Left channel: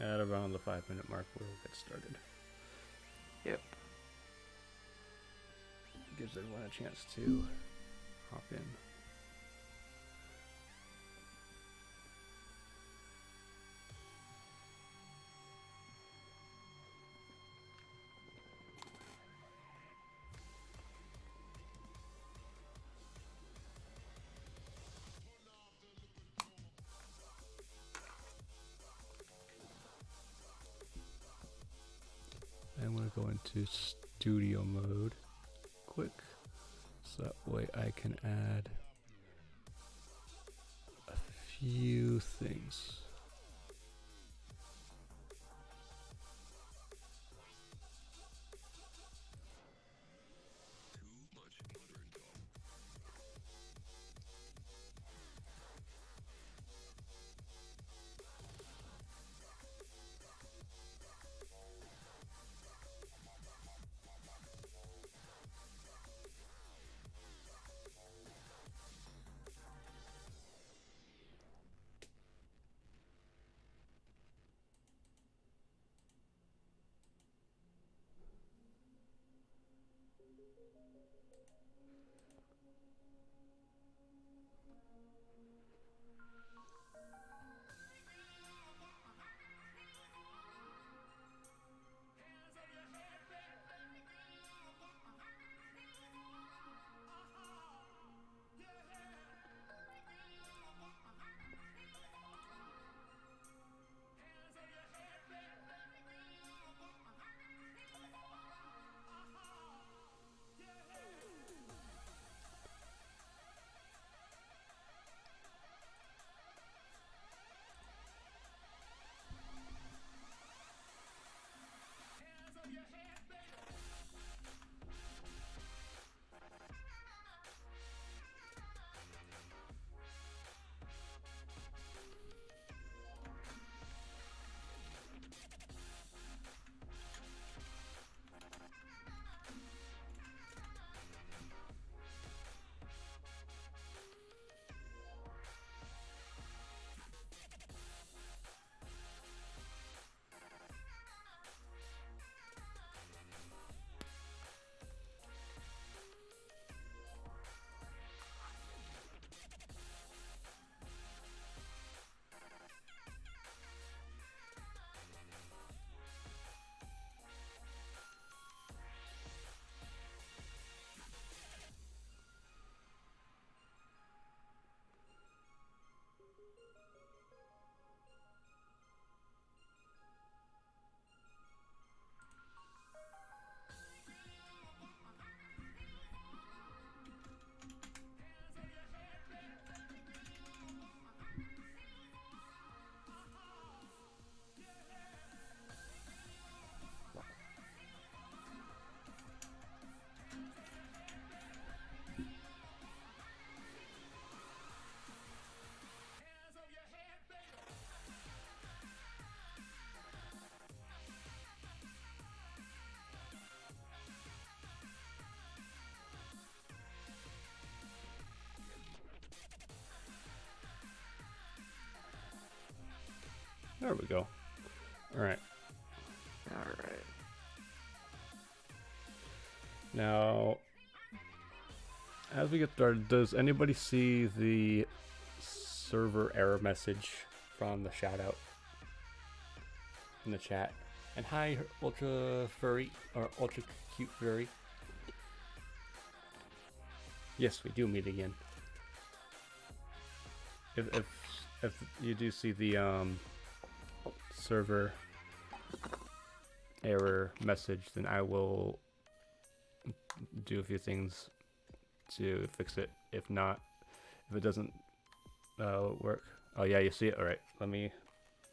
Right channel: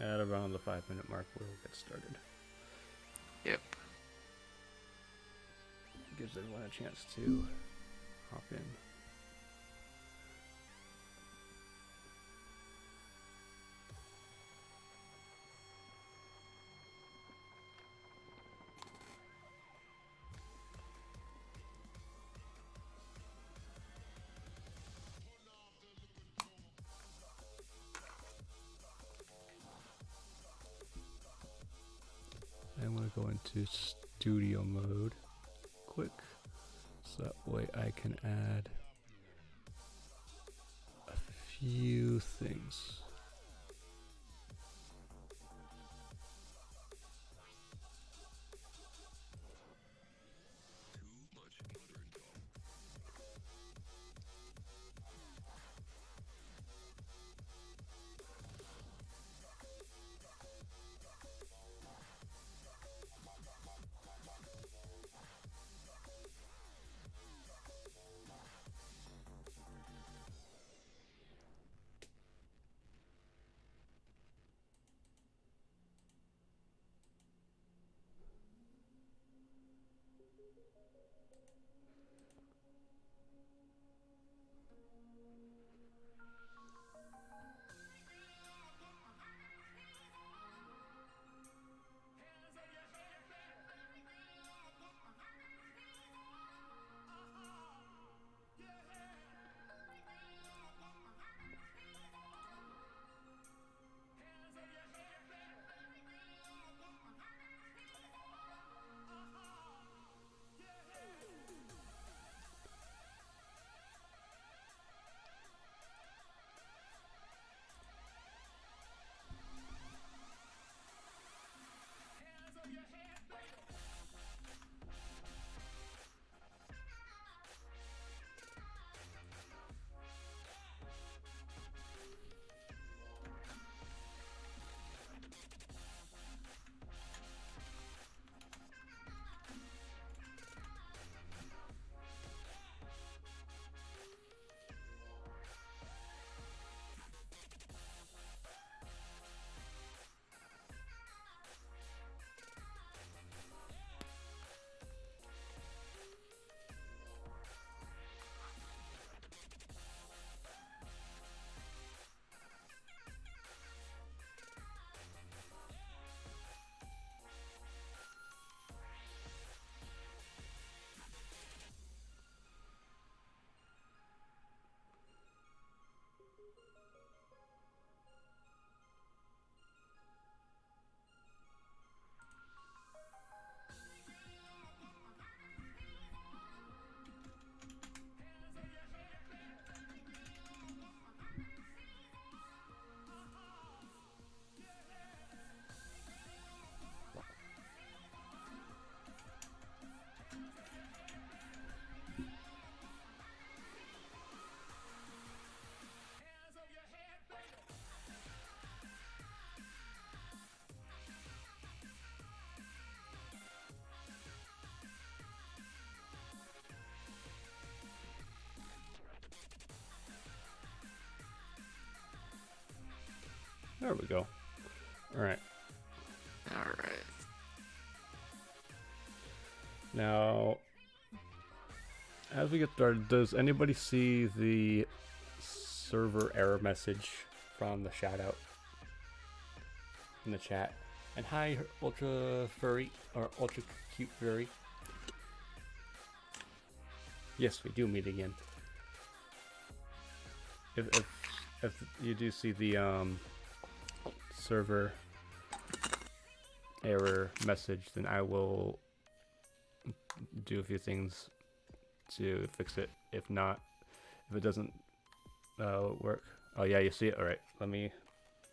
At around the 5-minute mark, we'll get started. Yep. Gives everyone a chance to hop in. I'm going to go into studio mode quick, so that way I can add a few things. There we go. All right. Alright. Now, as we get started, does anybody see the server error message from the shout out in the chat? And hi, Ultra Furry, or Ultra Cute Furry. Yes, we do meet again. If you do see the server error message, then I will do a few things to fix it. If not, if it doesn't work, oh yeah, you see it. All right,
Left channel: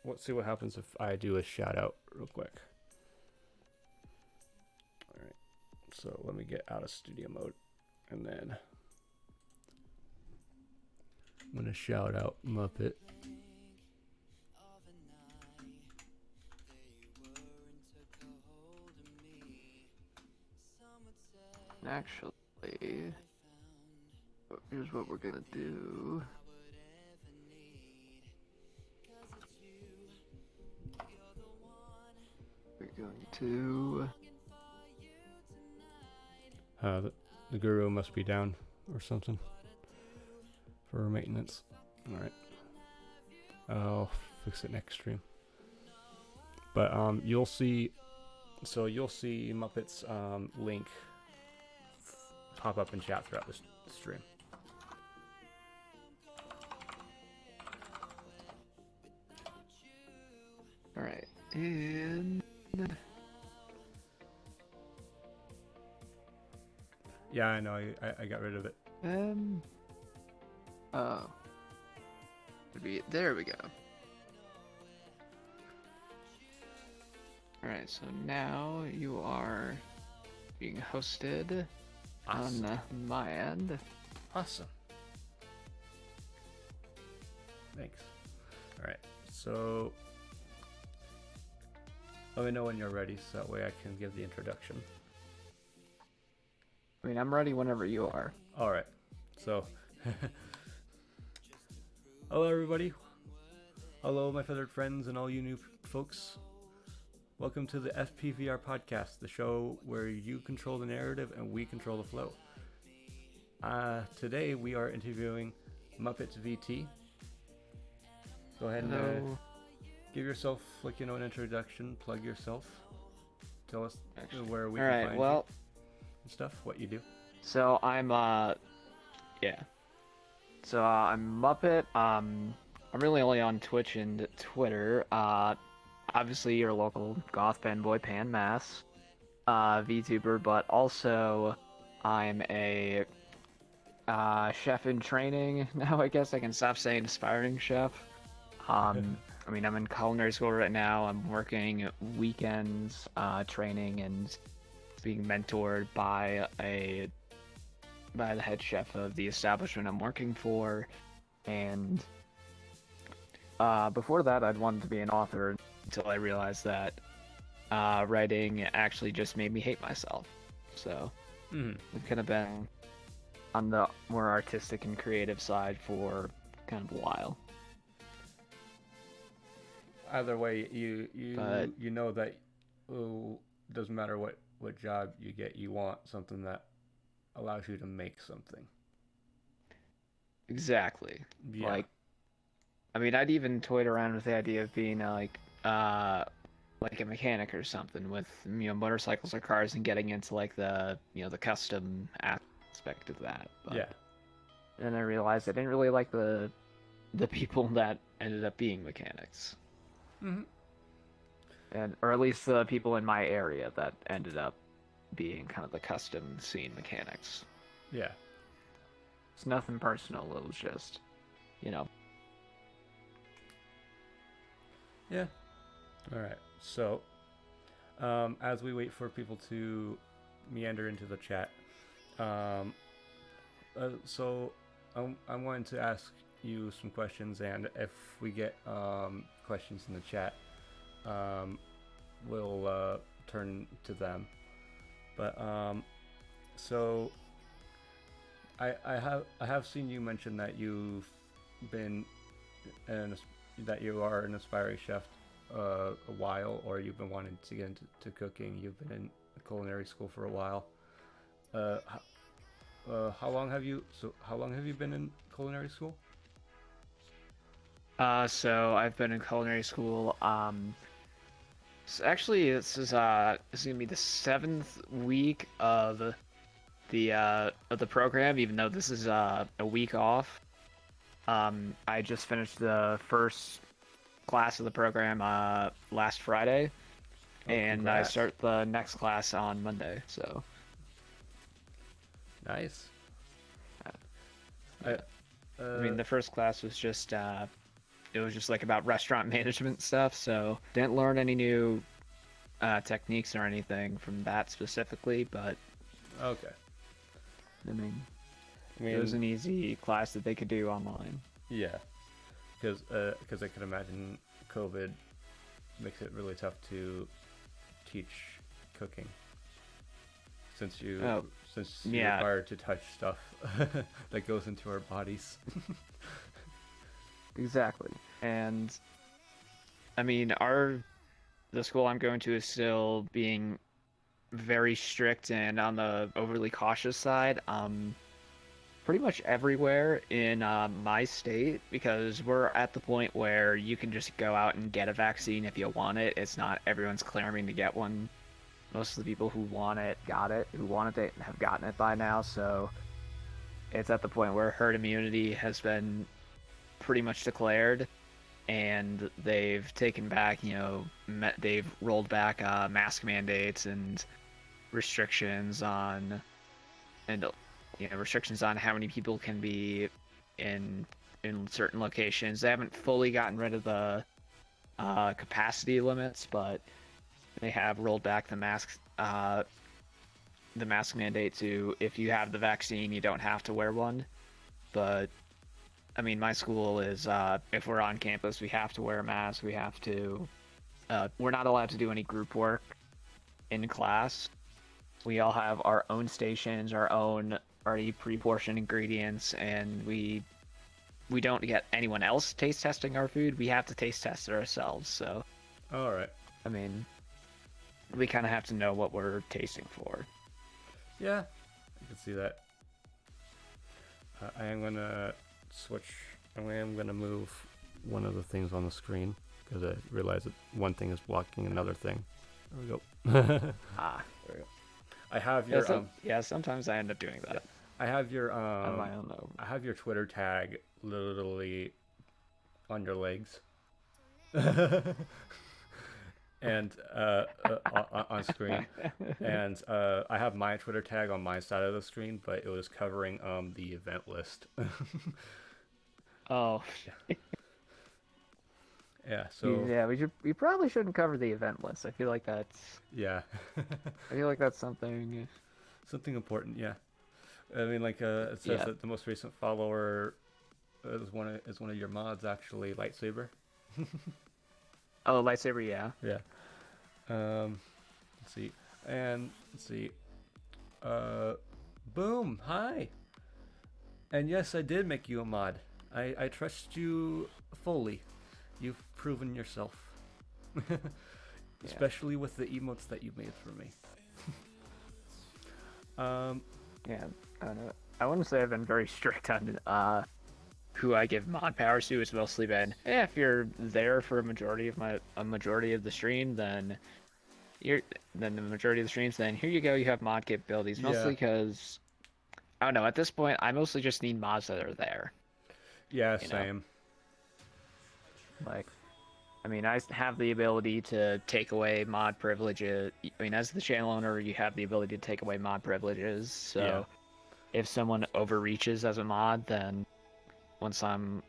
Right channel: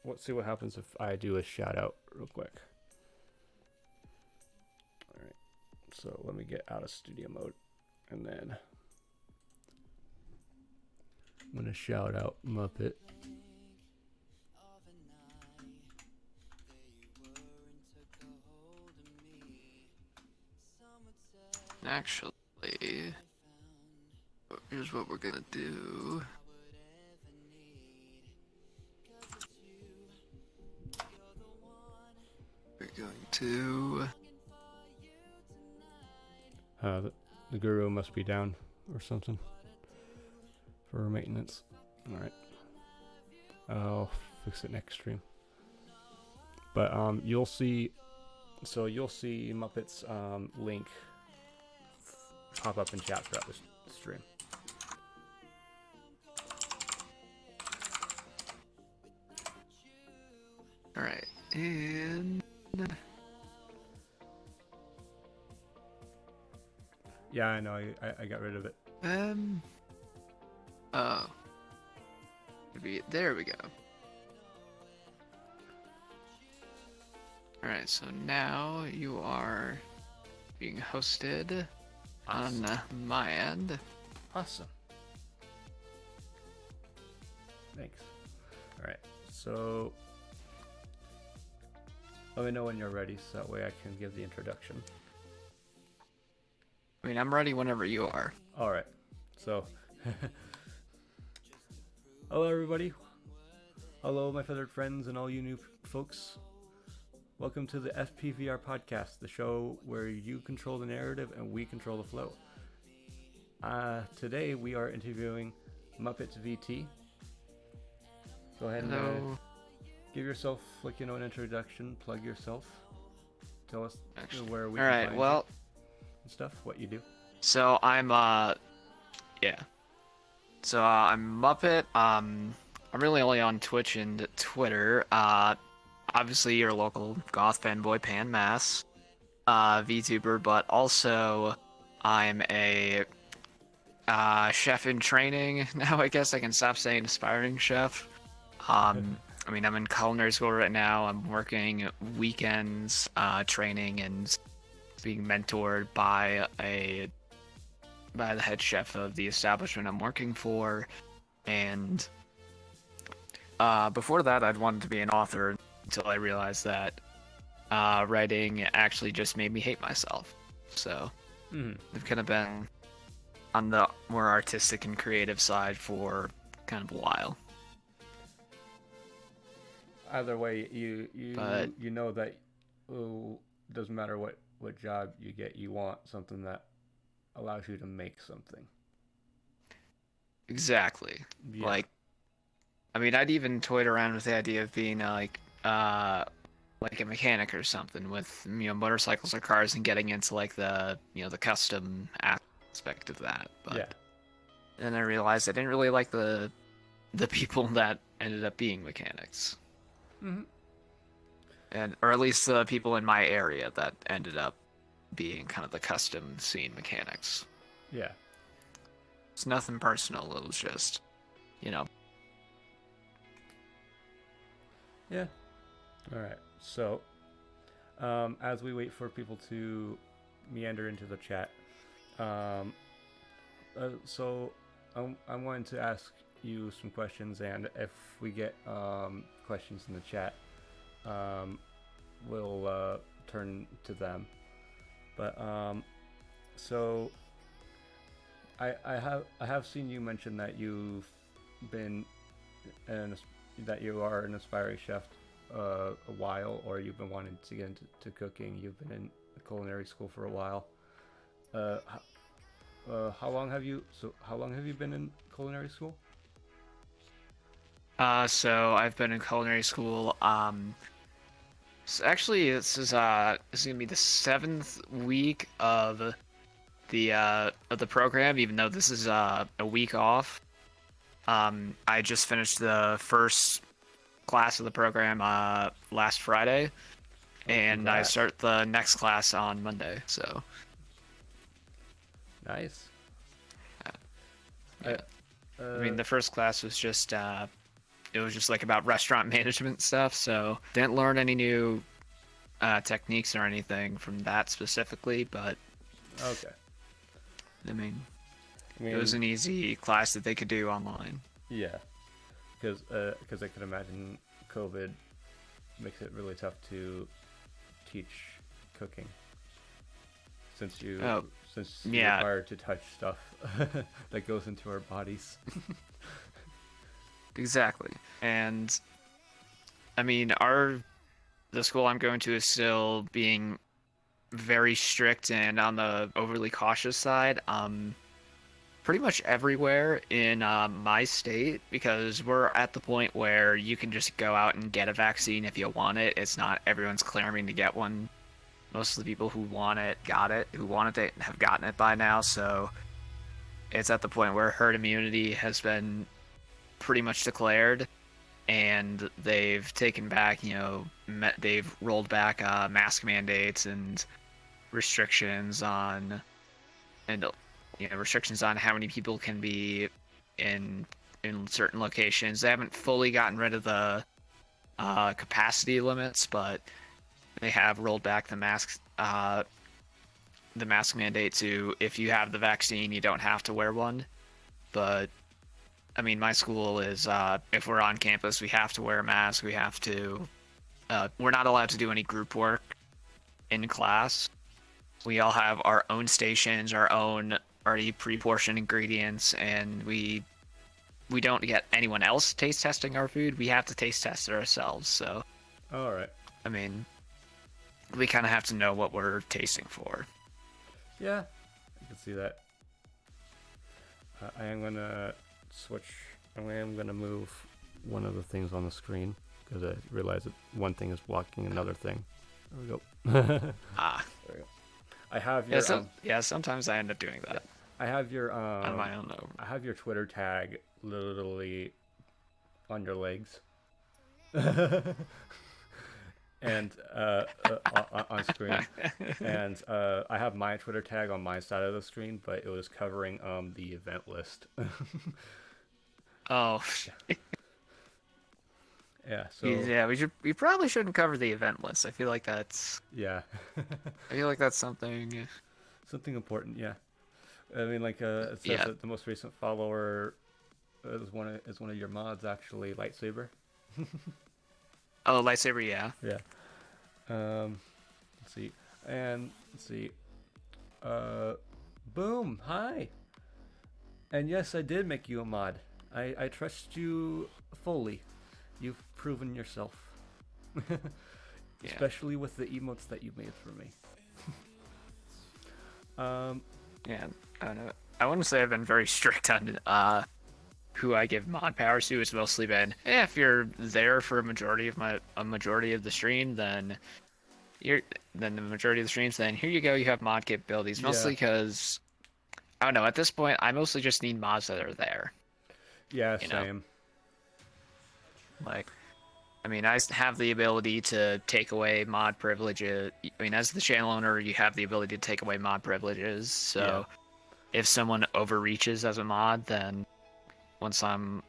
let's see what happens if I do a shout out real quick. All right, so let me get out of studio mode, and then I'm gonna shout out Muppet. Actually, here's what we're gonna do. to. The guru must be down or something for maintenance. All right. I'll fix it next stream. But you'll see Muppet's link pop up in chat throughout this stream. All right, and Yeah, I know. I got rid of it. oh, there we go. All right, so now you are being hosted Awesome. on my end. Awesome. Thanks. All right. So let me know when you're ready, so that way I can give the introduction. I mean, I'm ready whenever you are. All right. So, hello everybody. Hello, my feathered friends, and all you new folks. Welcome to the FPVR Podcast, the show where you control the narrative and we control the flow. Today we are interviewing Muppets VT. Go ahead and give yourself, an introduction. Plug yourself. Tell us where we can find you and stuff. What you do. So I'm So I'm Muppet. I'm really only on Twitch and Twitter. Obviously your local goth fanboy Pan Mass, VTuber, but also I'm a chef in training. Now I guess I can stop saying aspiring chef. I mean, I'm in culinary school right now. I'm working weekends, training and being mentored by the head chef of the establishment I'm working for. And before that, I'd wanted to be an author until I realized that writing actually just made me hate myself. So I've kind of been on the more artistic and creative side for kind of a while. Either way, you know that doesn't matter what job you get, you want something that allows you to make something. Exactly. Yeah. Like, I mean, I'd even toyed around with the idea of being like a mechanic or something with motorcycles or cars and getting into like the the custom aspect of that. But yeah. then I realized I didn't really like the people that ended up being mechanics. Or at least the people in my area that ended up being kind of the custom scene mechanics. Yeah. It's nothing personal. It was just, Yeah. All right. So, as we wait for people to meander into the chat, so I'm going to ask you some questions, and if we get questions in the chat, we'll turn to them. But so I have seen you mention that you've been that you are an aspiring chef a while, or you've been wanting to get into cooking. You've been in culinary school for a while. How long have you been in culinary school? So I've been in culinary school. So actually, this is gonna be the 7th week of the program, even though this is a week off. I just finished the first class of the program last Friday, and congrats. I start the next class on Monday. So Nice. I mean, the first class was just it was just like about restaurant management stuff, so didn't learn any new techniques or anything from that specifically, but okay. I mean, it was an easy class that they could do online. Yeah, because I could imagine COVID makes it really tough to teach cooking, since you're required to touch stuff that goes into our bodies. Exactly. And I mean, our the school I'm going to is still being very strict and on the overly cautious side. Pretty much everywhere in my state, because we're at the point where you can just go out and get a vaccine if you want it. It's not everyone's clamoring to get one. Most of the people who want it got it, who wanted it have gotten it by now. So it's at the point where herd immunity has been pretty much declared, and they've taken back, they've rolled back mask mandates and restrictions on, and restrictions on how many people can be in certain locations. They haven't fully gotten rid of the capacity limits, but they have rolled back the mask mandate to, if you have the vaccine, you don't have to wear one. But I mean, my school is, if we're on campus, we have to wear a mask. We have to, we're not allowed to do any group work in class. We all have our own stations, our own already pre-portioned ingredients, and we don't get anyone else taste testing our food. We have to taste test it ourselves. So, all right. I mean, we kind of have to know what we're tasting for. Yeah, I can see that. I am gonna switch. I am gonna move one of the things on the screen because I realize that one thing is blocking another thing. There we go. There we go. I have your sometimes I end up doing that. Yeah. I have your I don't know. I have your Twitter tag literally on your legs. And on screen, and I have my Twitter tag on my side of the screen, but it was covering the event list. Oh. Yeah. So yeah, we probably shouldn't cover the event list. I feel like that's something important. Yeah. I mean, like it says that the most recent follower is one of your mods, actually, Lightsaber. Oh, Lightsaber, yeah. Yeah. Let's see. Boom. Hi. And yes, I did make you a mod. I trust you fully. You've proven yourself. Especially with the emotes that you made for me. Yeah, I don't know. I wouldn't say I've been very strict on who I give mod powers to. It's mostly been, if you're there for a majority of the stream, then the majority of the streams, then here you go, you have mod capabilities. Mostly because, I don't know, at this point, I mostly just need mods that are there. Yeah, same. Like, I mean, I have the ability to take away mod privileges. I mean, as the channel owner, you have the ability to take away mod privileges. So if someone overreaches as a mod, then once I'm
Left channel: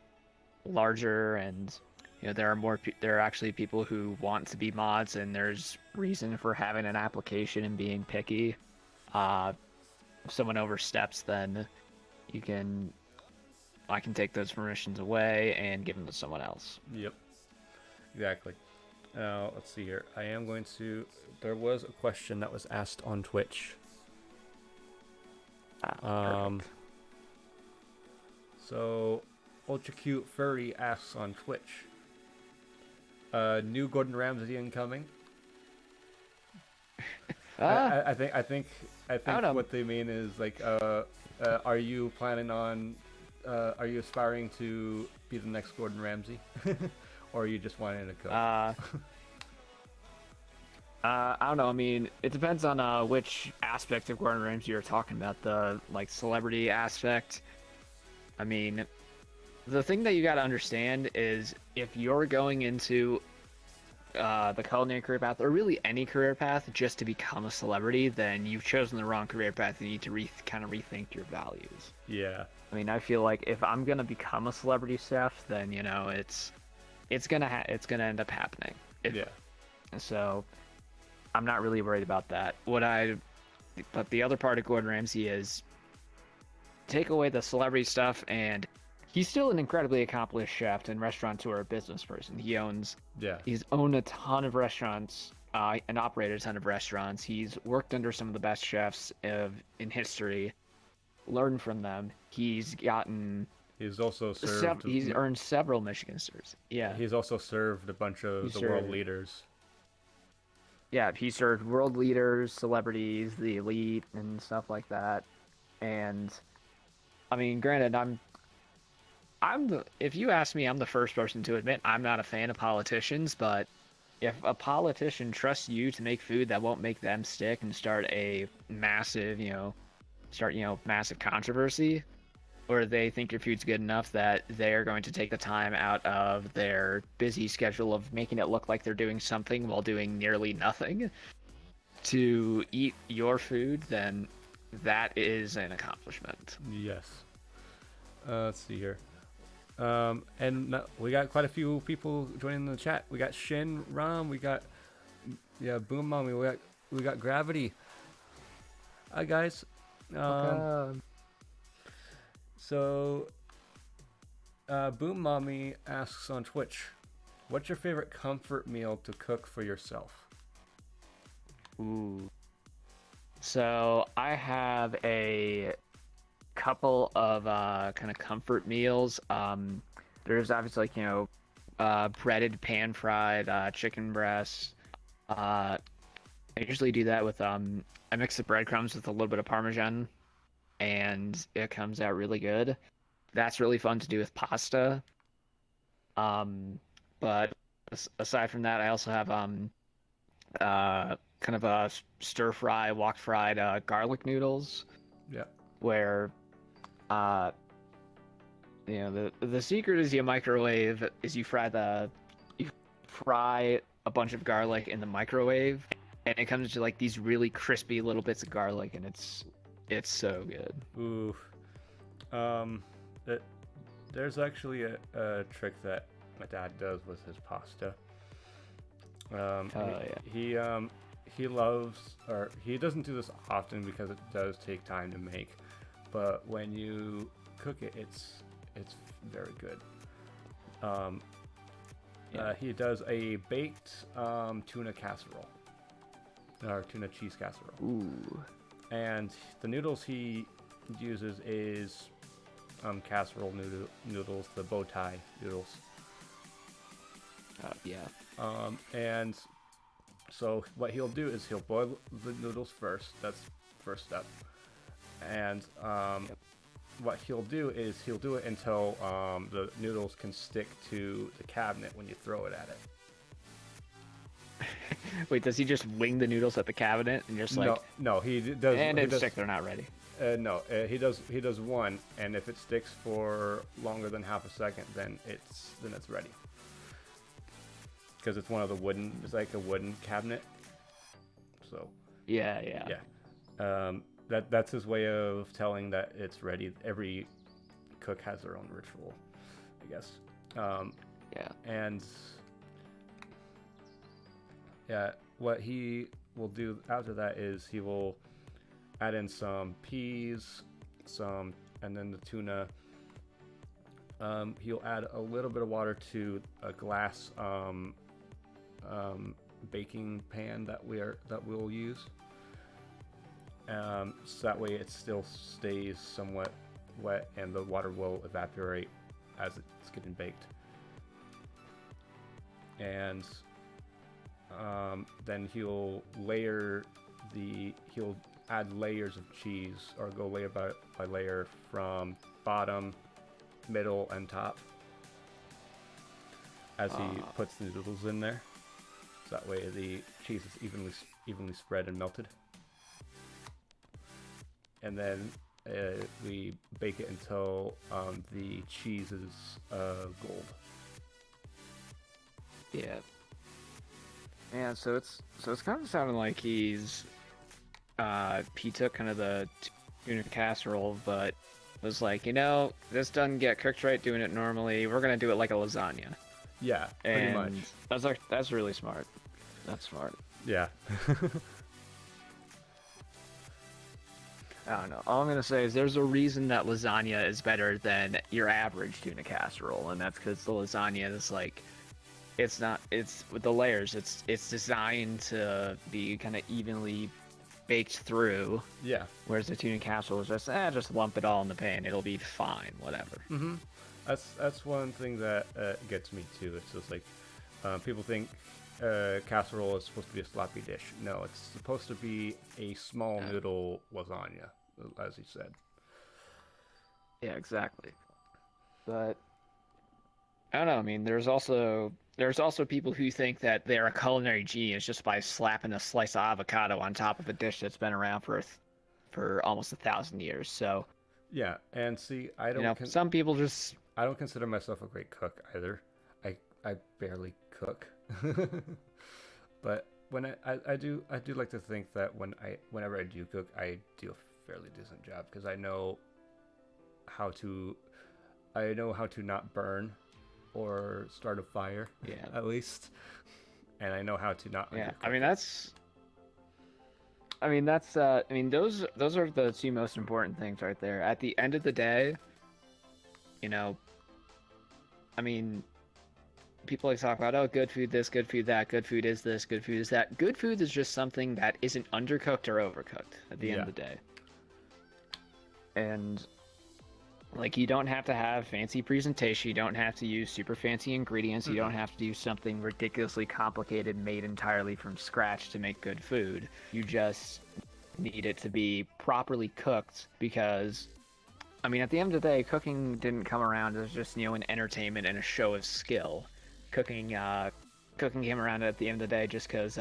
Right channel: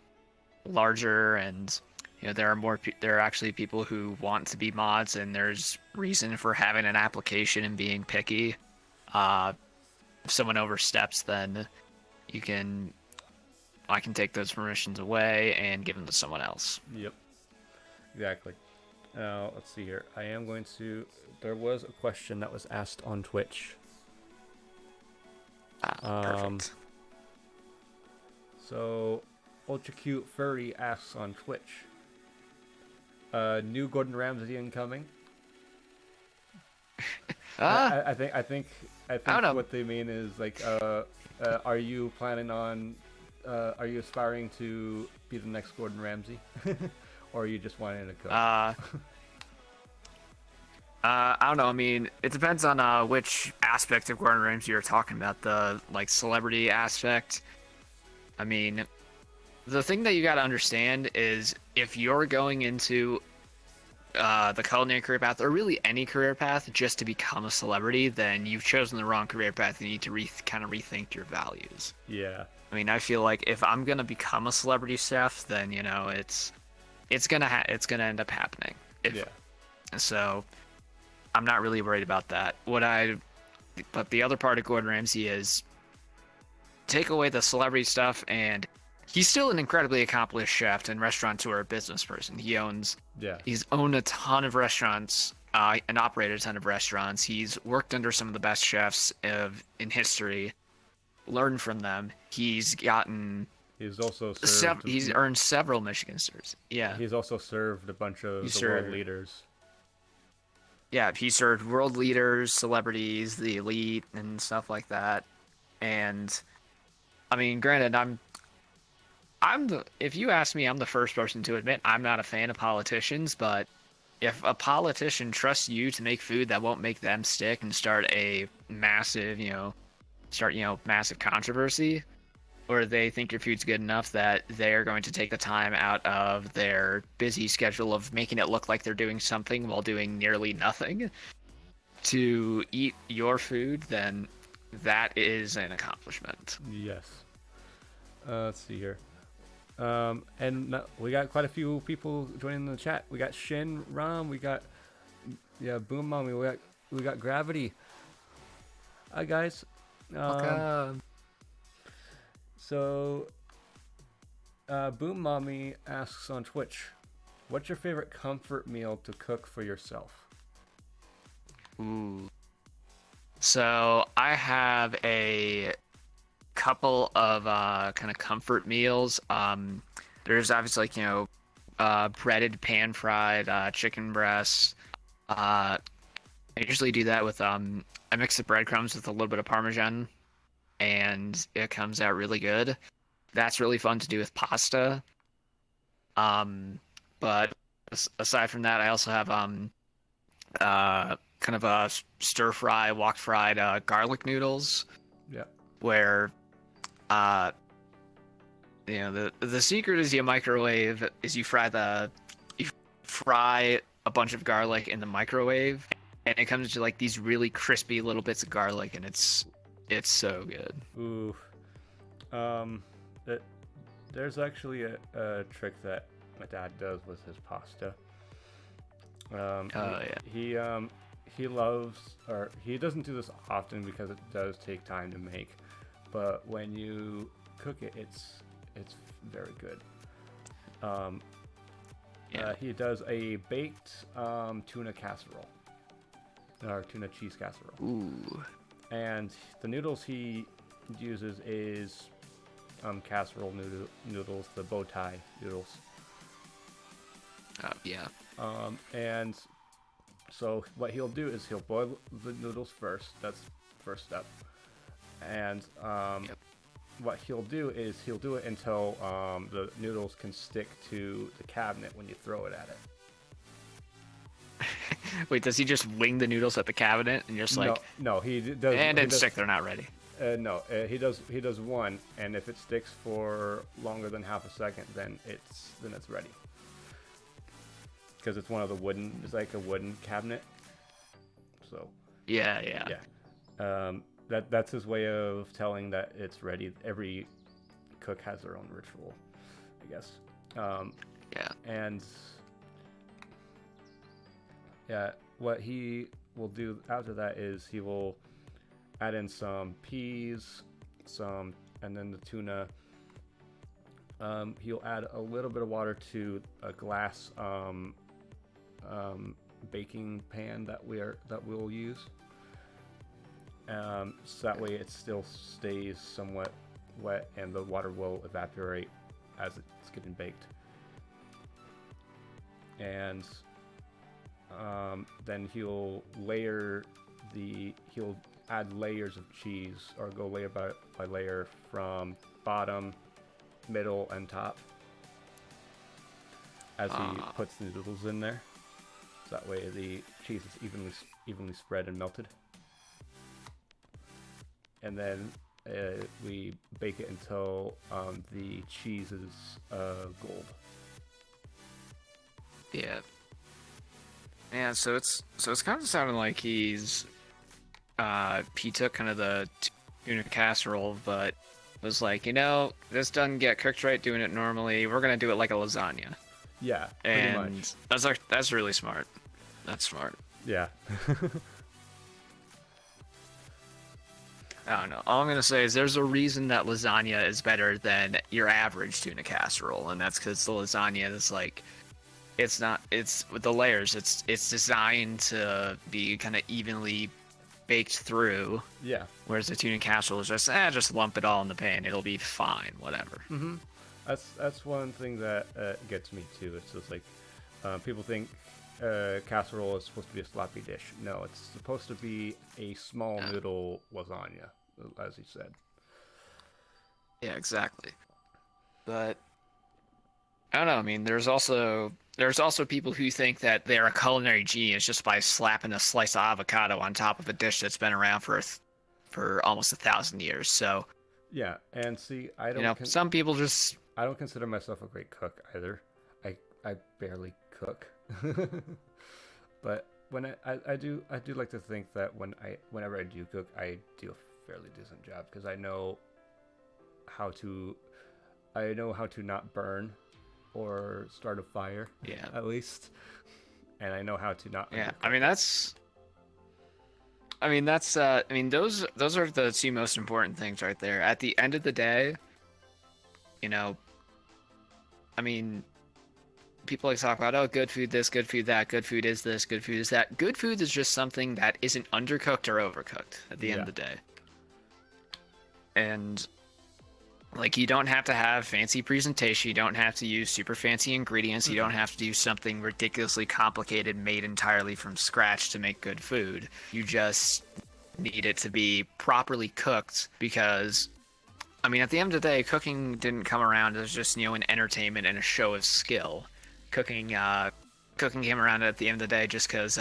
larger and there are actually people who want to be mods, and there's reason for having an application and being picky. If someone oversteps, then I can take those permissions away and give them to someone else. Yep. Exactly. Now, let's see here. There was a question that was asked on Twitch. Perfect. So, Ultra Cute Furry asks on Twitch, new Gordon Ramsay incoming? I think what they mean is, like, are you planning on, are you aspiring to be the next Gordon Ramsay? Or are you just wanting to cook? I don't know. I mean, it depends on which aspect of Gordon Ramsay you're talking about. The celebrity aspect. I mean, the thing that you got to understand is, if you're going into the culinary career path, or really any career path, just to become a celebrity, then you've chosen the wrong career path. You need to kind of rethink your values. Yeah. I mean, I feel like if I'm gonna become a celebrity chef, then it's gonna end up happening. So I'm not really worried about that. But the other part of Gordon Ramsay is, take away the celebrity stuff, and he's still an incredibly accomplished chef and restaurateur, business person. He's owned a ton of restaurants and operated a ton of restaurants. He's worked under some of the best chefs in history, learned from them. He's also served. He's earned several Michigan stars. Yeah. He's also served a bunch of the world leaders. yeah, he served world leaders, celebrities, the elite, and stuff like that. And I mean, granted, if you ask me, I'm the first person to admit I'm not a fan of politicians, but if a politician trusts you to make food that won't make them stick and start a massive, massive controversy, or they think your food's good enough that they're going to take the time out of their busy schedule of making it look like they're doing something while doing nearly nothing to eat your food, then that is an accomplishment. Yes. Let's see here. We got quite a few people joining the chat. We got Shin Ram. We got Boom Mommy. We got Gravity. Hi guys. So, Boom Mommy asks on Twitch, "What's your favorite comfort meal to cook for yourself?" Ooh. So I have a couple of kind of comfort meals. There's obviously breaded pan fried chicken breasts. I usually do that with I mix the breadcrumbs with a little bit of Parmesan, and it comes out really good. That's really fun to do with pasta. But aside from that, I also have kind of a stir fry, wok fried garlic noodles. Yeah. Where the secret is you fry a bunch of garlic in the microwave, and it comes to like these really crispy little bits of garlic, and it's so good. Ooh. There's actually a trick that my dad does with his pasta. He loves, or he doesn't do this often because it does take time to make, but when you cook it, it's very good. He does a baked tuna casserole, or tuna cheese casserole. Ooh. And the noodles he uses is casserole noodles, the bow tie noodles. And so what he'll do is he'll boil the noodles first. That's the first step. And what he'll do is he'll do it until the noodles can stick to the cabinet when you throw it at it. Wait, does he just wing the noodles at the cabinet and just like? No, he does. And it's sick, they're not ready. He does one, and if it sticks for longer than half a second, then it's ready. Because it's one of the it's like a wooden cabinet. So. Yeah. That's his way of telling that it's ready. Every cook has their own ritual, I guess. And what he will do after that is he will add in some peas, and then the tuna. He'll add a little bit of water to a glass baking pan that we'll use. So that way it still stays somewhat wet and the water will evaporate as it's getting baked. And then he'll add layers of cheese, or go layer by layer from bottom, middle, and top as he puts the noodles in there. So that way the cheese is evenly spread and melted. And then we bake it until the cheese is gold. Yeah, so it's kind of sounding like he took kind of the tuna casserole, but was like, this doesn't get cooked right doing it normally. We're gonna do it like a lasagna. Yeah, pretty much. That's really smart. That's smart. Yeah. I don't know. All I'm gonna say is there's a reason that lasagna is better than your average tuna casserole, and that's because the lasagna is like, it's with the layers. It's designed to be kind of evenly baked through. Yeah. Whereas the tuna casserole is just lump it all in the pan. It'll be fine. Whatever. Mm-hmm. That's one thing that gets me too. It's just like people think casserole is supposed to be a sloppy dish. No, it's supposed to be a small noodle lasagna, as you said. Yeah, exactly. But I don't know. I mean, there's also people who think that they're a culinary genius just by slapping a slice of avocado on top of a dish that's been around for almost 1,000 years. So Yeah, and see, some people just I don't consider myself a great cook either. I barely cook. But when I do like to think that whenever I do cook, I do a fairly decent job because I know how to not burn or start a fire. Yeah. At least, and I know how to not. Yeah. undercook it. Those are the two most important things right there. At the end of the day, you know, I mean, people like to talk about, oh, good food this, good food that, good food is this, good food is that. Good food is just something that isn't undercooked or overcooked at the end of the day. And like, you don't have to have fancy presentation, you don't have to use super fancy ingredients, you don't have to do something ridiculously complicated made entirely from scratch to make good food. You just need it to be properly cooked because, I mean, at the end of the day, cooking didn't come around as just, an entertainment and a show of skill. Cooking came around at the end of the day just because,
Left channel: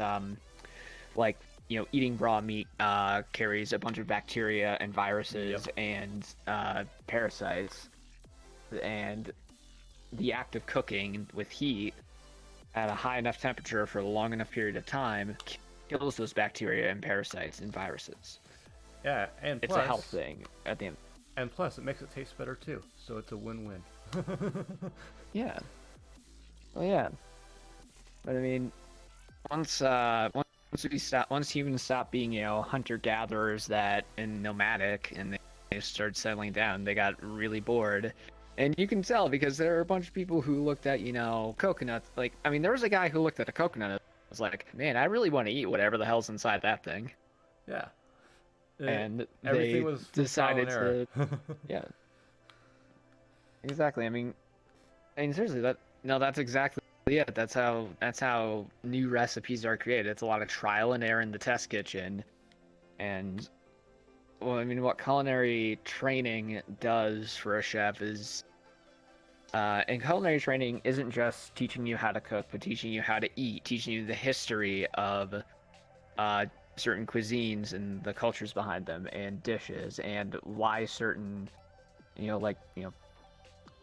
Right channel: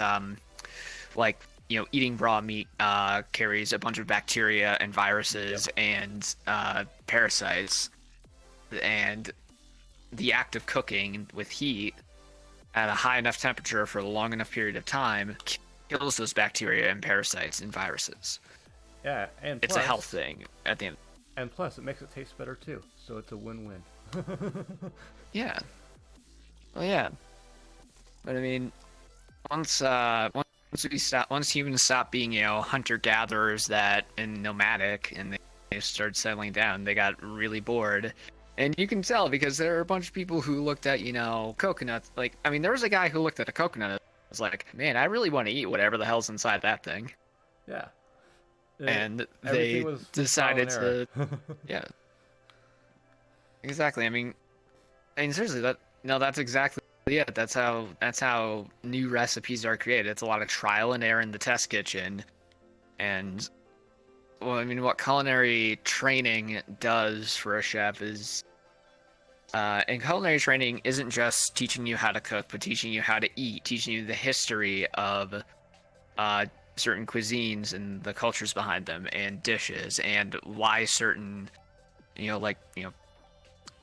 eating raw meat carries a bunch of bacteria and viruses and parasites. And the act of cooking with heat at a high enough temperature for a long enough period of time kills those bacteria and parasites and viruses. Yeah, and it's a health thing at the end. And plus, it makes it taste better too, so it's a win-win. Yeah. Well, yeah. But I mean, once humans stop being, hunter-gatherers and nomadic, and they started settling down, they got really bored. And you can tell because there are a bunch of people who looked at, coconuts. Like, I mean, there was a guy who looked at a coconut and was like, man, I really want to eat whatever the hell's inside that thing. Yeah. And everything they was decided to... Yeah. Exactly. I mean, seriously, that's exactly... Yeah, that's how new recipes are created. It's a lot of trial and error in the test kitchen. And, well, I mean, what culinary training does for a chef is... and culinary training isn't just teaching you how to cook, but teaching you how to eat, teaching you the history of certain cuisines and the cultures behind them, and dishes, and why certain,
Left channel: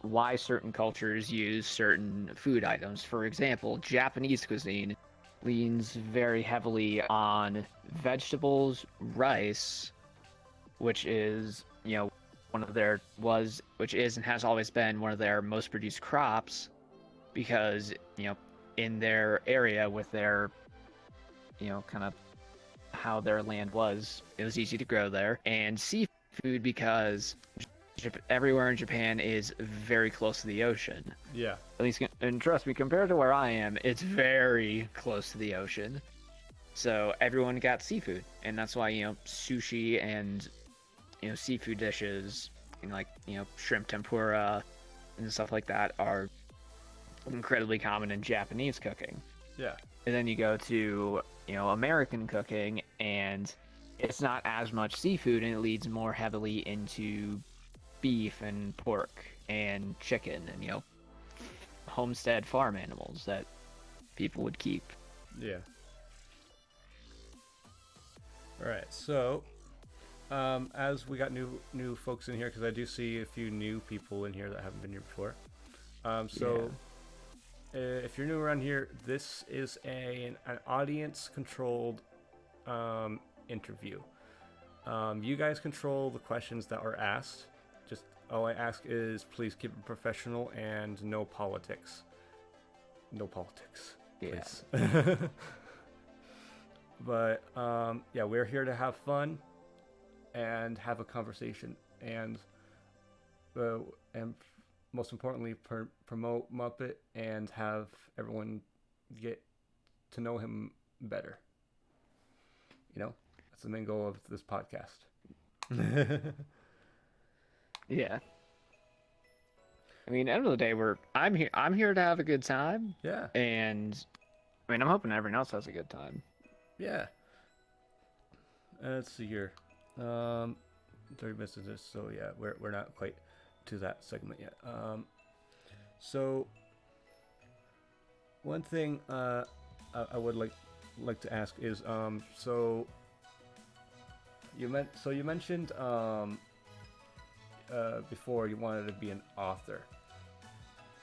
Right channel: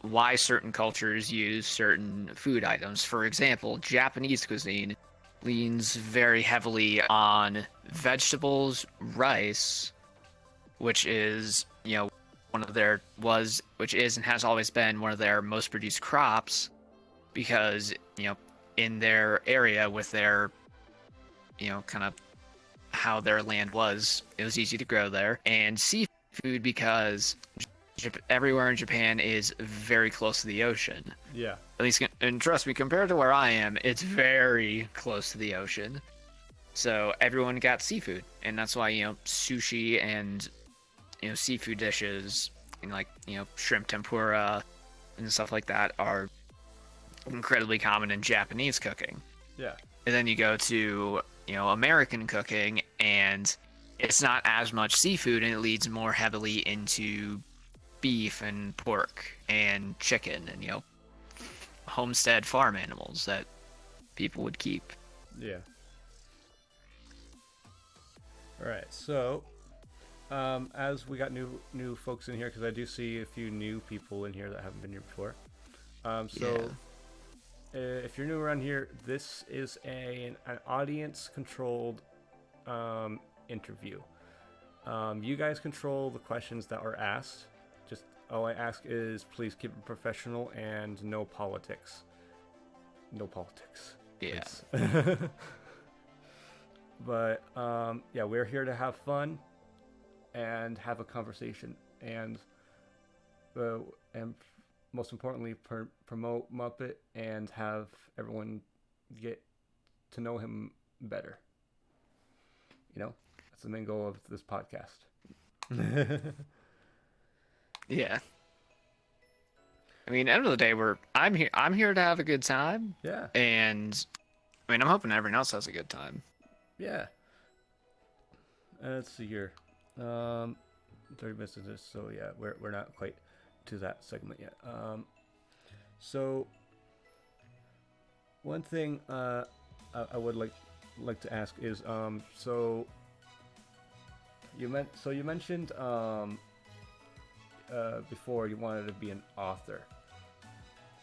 why certain cultures use certain food items. For example, Japanese cuisine leans very heavily on vegetables, rice, which is, which is and has always been one of their most produced crops, because, in their area with their, kind of how their land was, it was easy to grow there. And seafood because everywhere in Japan is very close to the ocean. Yeah. At least, and trust me, compared to where I am, it's very close to the ocean. So everyone got seafood, and that's why, sushi and, seafood dishes, and shrimp tempura and stuff like that are incredibly common in Japanese cooking. Yeah. And then you go to, American cooking, and it's not as much seafood, and it leads more heavily into beef and pork and chicken and, homestead farm animals that people would keep. Yeah. All right. So, as we got new folks in here, because I do see a few new people in here that haven't been here before. If you're new around here, this is an audience-controlled interview. You guys control the questions that are asked. Just all I ask is please keep it professional and no politics. No politics. Yes. But we're here to have fun and have a conversation, and most importantly, promote Muppet and have everyone get to know him better. That's the main goal of this podcast. Yeah. I mean, end of the day, I'm here to have a good time. Yeah. And mean, I'm hoping everyone else has a good time. Yeah. Let's see here. 30 minutes into this, so yeah, we're not quite to that segment yet. So one thing I would like to ask is so you mentioned before you wanted to be an author.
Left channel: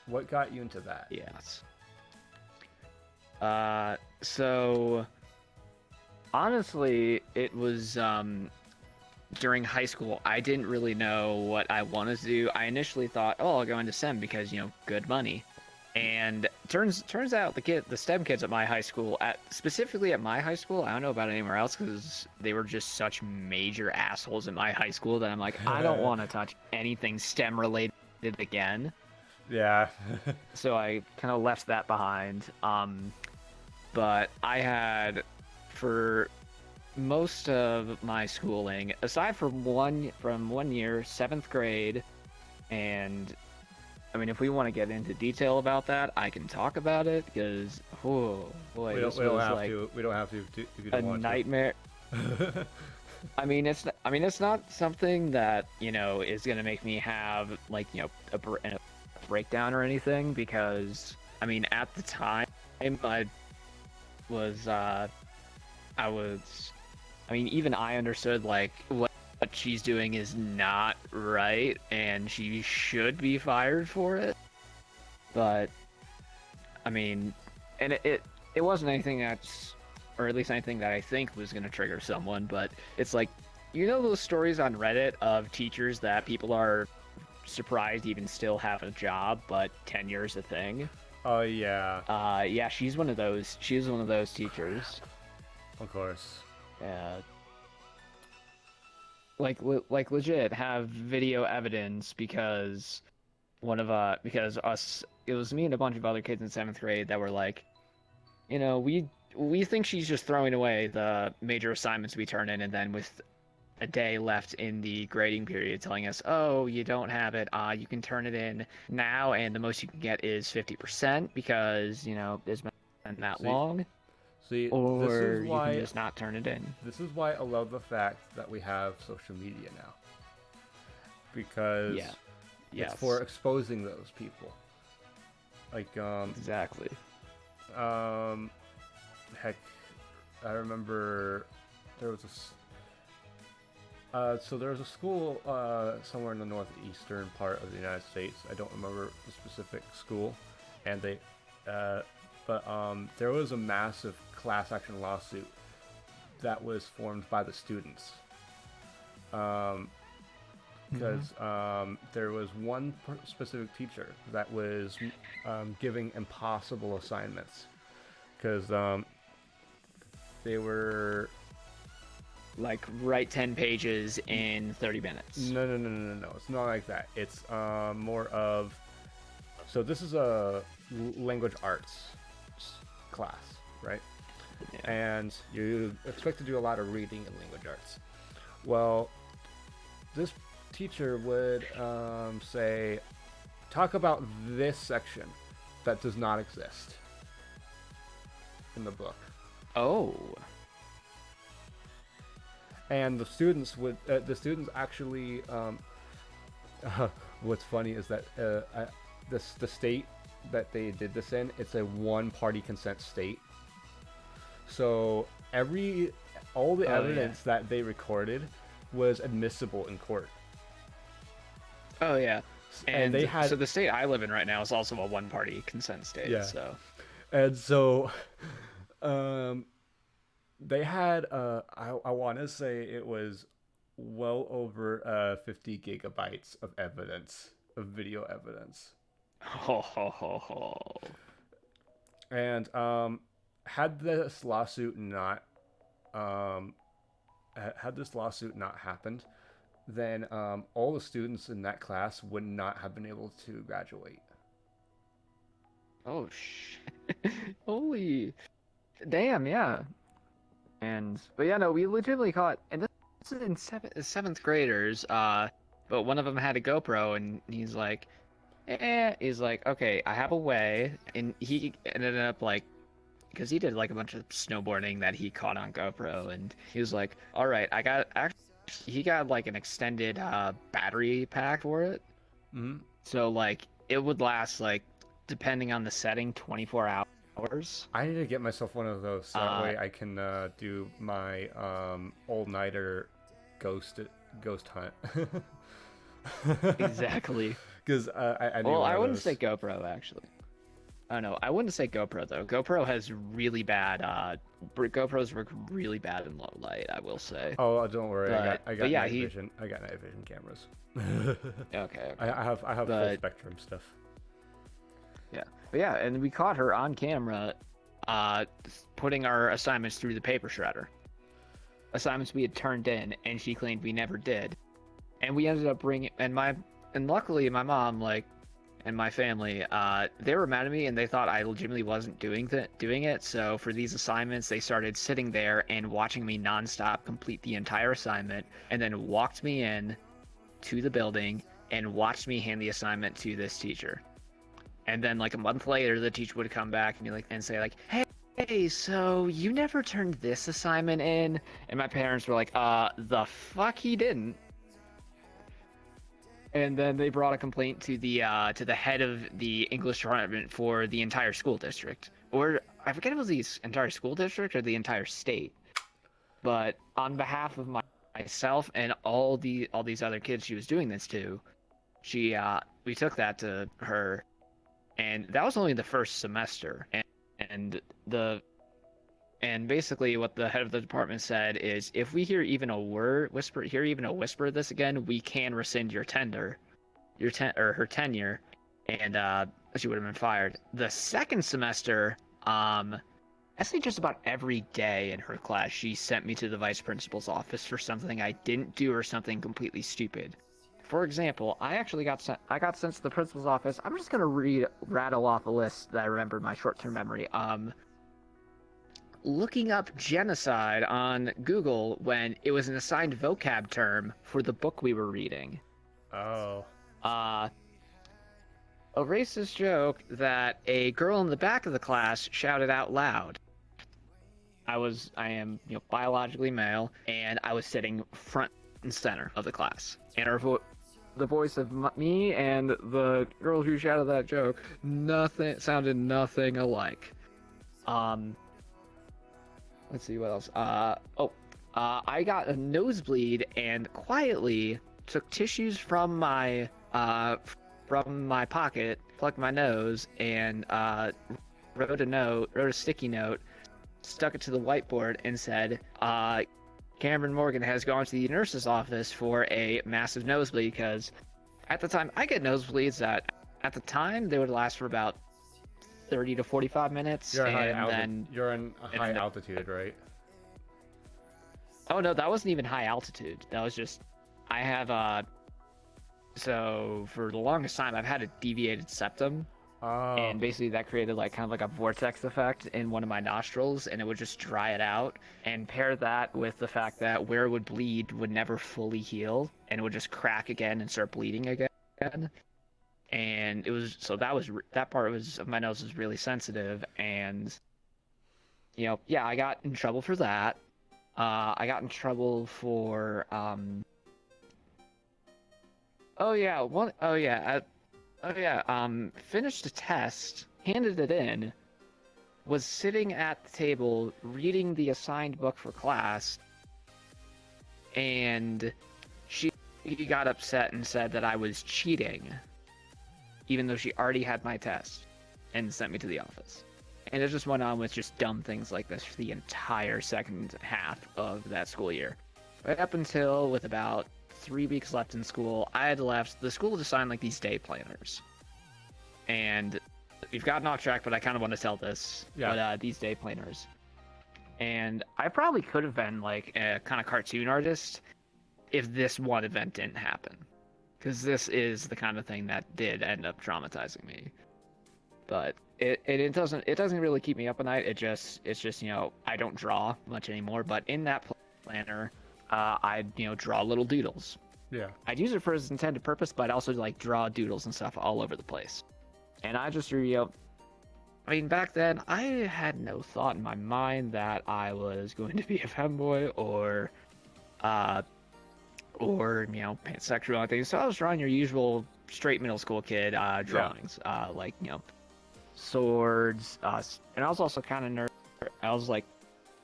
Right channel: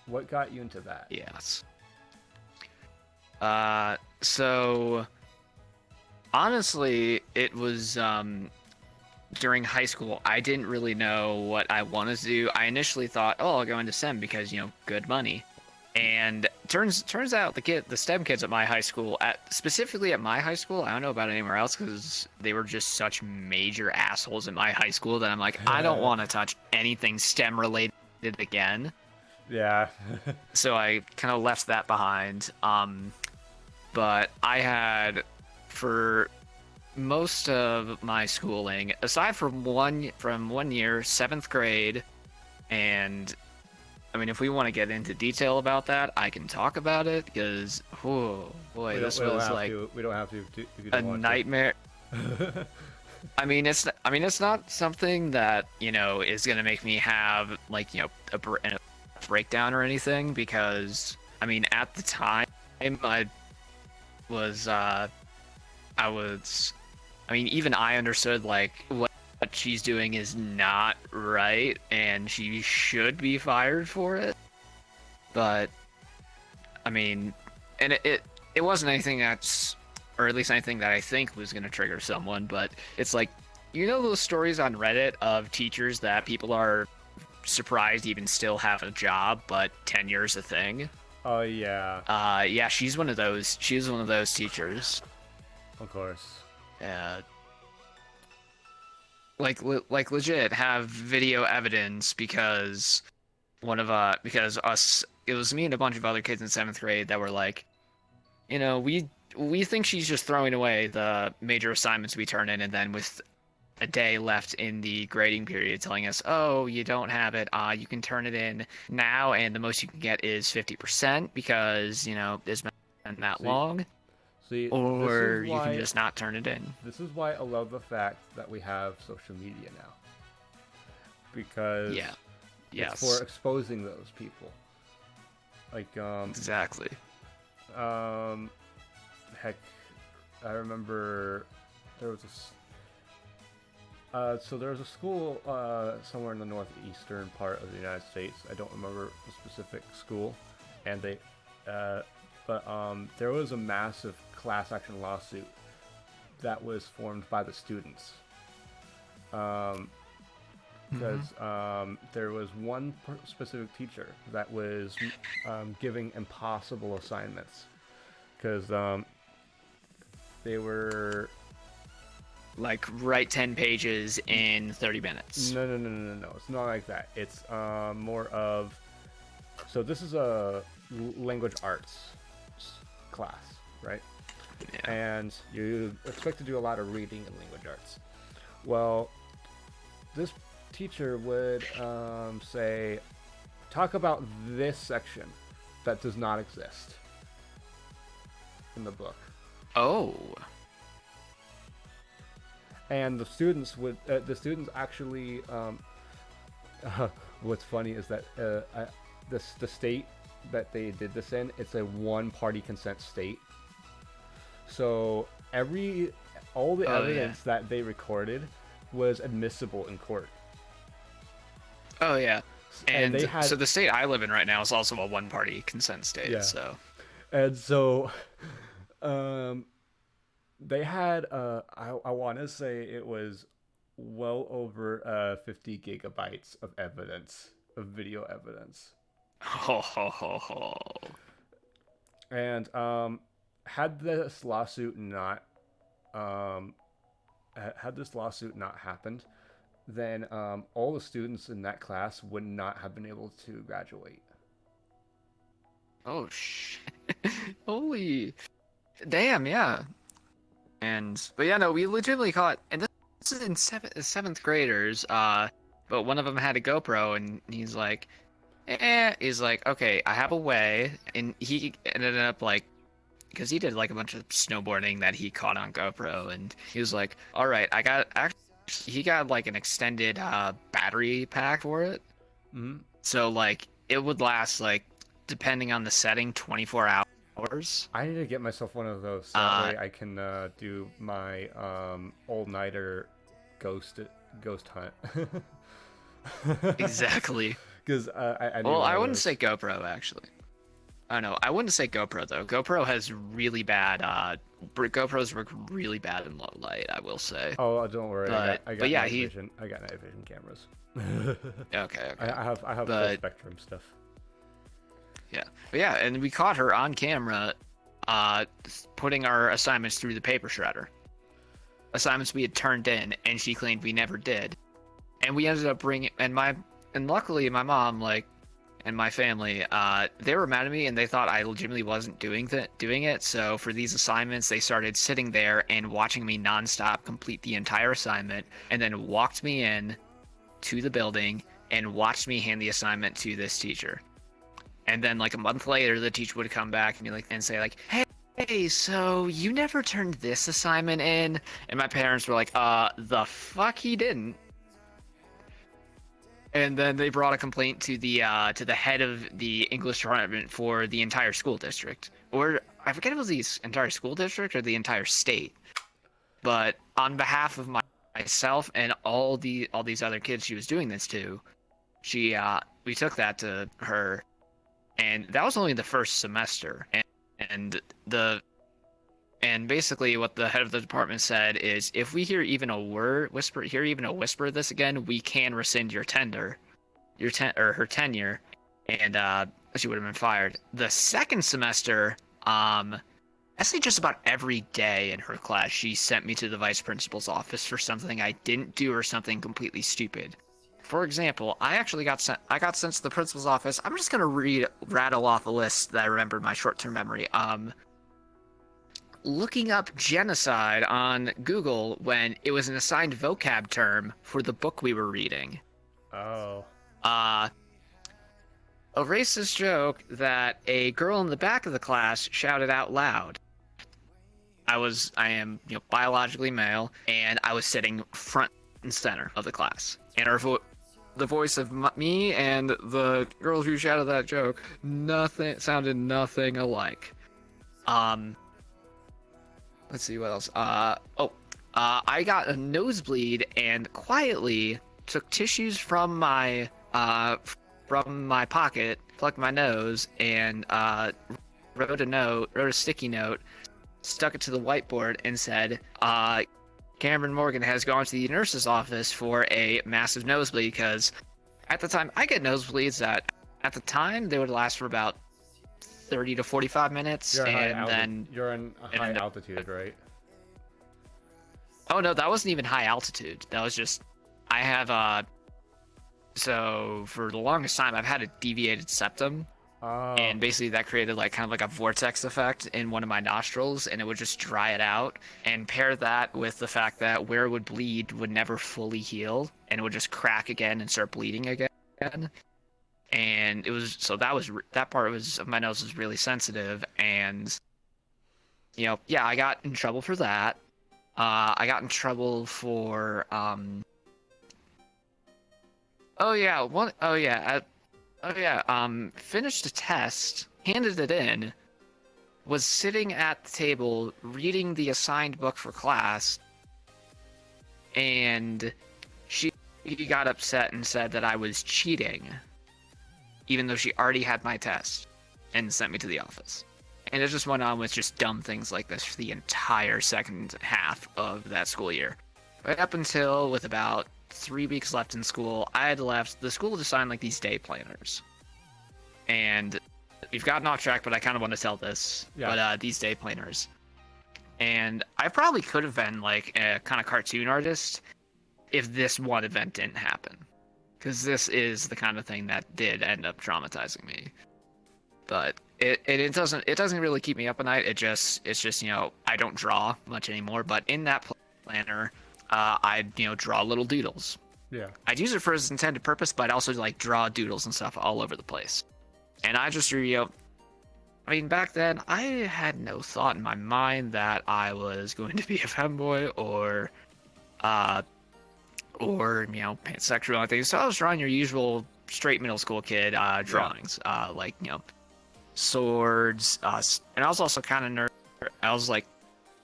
What got you into that? Yes. So honestly, it was during high school. I didn't really know what I wanted to do. I initially thought, oh, I'll go into STEM because, you know, good money. And turns out the STEM kids at my high school, specifically at my high school, I don't know about anywhere else because they were just such major assholes in my high school that I'm like, I don't want to touch anything STEM related again. Yeah. So I kind of left that behind. But I had, for most of my schooling, aside from one year, 7th grade, and I mean, if we want to get into detail about that, I can talk about it because, oh boy, we don't have to if you don't want nightmare. I mean, it's not something that, you know, is gonna make me have, like, you know, a breakdown or anything, because I mean, at the time I mean, even I understood, like, what she's doing is not right and she should be fired for it. But I mean, and it wasn't anything that's, or at least anything that I think was going to trigger someone, but it's like, you know, those stories on Reddit of teachers that people are surprised even still have a job, but tenure's a thing. Oh yeah. Yeah, she's one of those. She was one of those teachers. Of course. Yeah. Like legit have video evidence because it was me and a bunch of other kids in 7th grade that were like, you know, we think she's just throwing away the major assignments we turn in, and then with a day left in the grading period telling us, oh, you don't have it, you can turn it in now, and the most you can get is 50% because, you know, it's been that long. See, or you can just not turn it in. This is why I love the fact that we have social media now, because it's for exposing those people. Like exactly. Heck, I remember there was a school somewhere in the northeastern part of the United States. I don't remember the specific school, and but there was a massive class action lawsuit that was formed by the students. Because there was one specific teacher that was giving impossible assignments, because they were like, write 10 pages in 30 minutes. No. It's not like that. It's more of, so this is a language arts class, right? Yeah. And you expect to do a lot of reading in language arts. Well, this teacher would say, talk about this section that does not exist in the book. Oh. And the students actually, what's funny is that the state that they did this in, it's a one-party consent state. So all the evidence that they recorded was admissible in court. Oh yeah, and they had, so the state I live in right now is also a one-party consent state. Yeah. So, and so, they had I want to say it was well over 50 gigabytes of evidence, of video evidence. And had this lawsuit not happened, then all the students in that class would not have been able to graduate. Oh shit! Holy damn! Yeah. But yeah, no, we legitimately caught, and this is in 7th graders. But one of them had a GoPro, and he's like, okay, I have a way, and he ended up like because he did like a bunch of snowboarding that he caught on GoPro, and he was like, all right, he got like an extended battery pack for it. Mm-hmm. So like it would last, like, depending on the setting, 24 hours. I need to get myself one of those, so that way I can do my all-nighter ghost hunt. Exactly. Because I need Well, one I of wouldn't those. say GoPro, actually. I don't know. I wouldn't say GoPro, though. GoPro has really bad GoPros work really bad in low light, I will say. Oh, don't worry. I got yeah, night vision. I got night vision cameras. Okay. I have full spectrum stuff. Yeah. But yeah, and we caught her on camera putting our assignments through the paper shredder. Assignments we had turned in, and she claimed we never did. And we ended up bringing, and luckily my mom, like, and my family, they were mad at me, and they thought I legitimately wasn't doing it. So for these assignments, they started sitting there and watching me nonstop complete the entire assignment, and then walked me in to the building and watched me hand the assignment to this teacher. And then like a month later, the teacher would come back and be like, and say like, hey, so you never turned this assignment in? And my parents were like, the fuck he didn't. And then they brought a complaint to the head of the English department for the entire school district, or I forget if it was the entire school district or the entire state. But on behalf of myself and all these other kids she was doing this to, we took that to her, and that was only the first semester. And basically what the head of the department said is, if we hear even a whisper of this again, we can rescind her tenure, and she would have been fired. The second semester, I say just about every day in her class, she sent me to the vice principal's office for something I didn't do or something completely stupid. For example, I got sent to the principal's office. I'm just gonna rattle off a list that I remember in my short-term memory. Looking up genocide on Google when it was an assigned vocab term for the book we were reading. Oh. A racist joke that a girl in the back of the class shouted out loud. I am biologically male, and I was sitting front and center of the class. And the voice of me and the girl who shouted that joke sounded nothing alike. Let's see what else. I got a nosebleed and quietly took tissues from my pocket, plugged my nose, and wrote a sticky note, stuck it to the whiteboard, and said, Cameron Morgan has gone to the nurse's office for a massive nosebleed, because at the time, I get nosebleeds that at the time they would last for about 30 to 45 minutes. You're in high altitude, right? Oh no, that wasn't even high altitude. That was just, I have so for the longest time I've had a deviated septum. Oh. And basically that created like kind of like a vortex effect in one of my nostrils, and it would just dry it out. And pair that with the fact that where it would bleed would never fully heal, and it would just crack again and start bleeding again. And it was, so that part of my nose was really sensitive, and I got in trouble for that. I got in trouble for finished a test, handed it in, was sitting at the table reading the assigned book for class, and she got upset and said that I was cheating, even though she already had my test, and sent me to the office. And it just went on with just dumb things like this for the entire second half of that school year. Right up until, with about 3 weeks left in school, I had left. The school had assigned like these day planners. And we've gotten off track, but I kind of want to tell this. Yeah. But these day planners. And I probably could have been like a kind of cartoon artist if this one event didn't happen. Because this is the kind of thing that did end up traumatizing me. But it doesn't really keep me up at night. It's just I don't draw much anymore. But in that planner, I draw little doodles. Yeah. I'd use it for its intended purpose, but I'd also like draw doodles and stuff all over the place. And I just I mean, back then, I had no thought in my mind that I was going to be a femboy or pansexual or anything. So I was drawing your usual straight middle school kid drawings, like swords. And I was also kind of nerd. I was like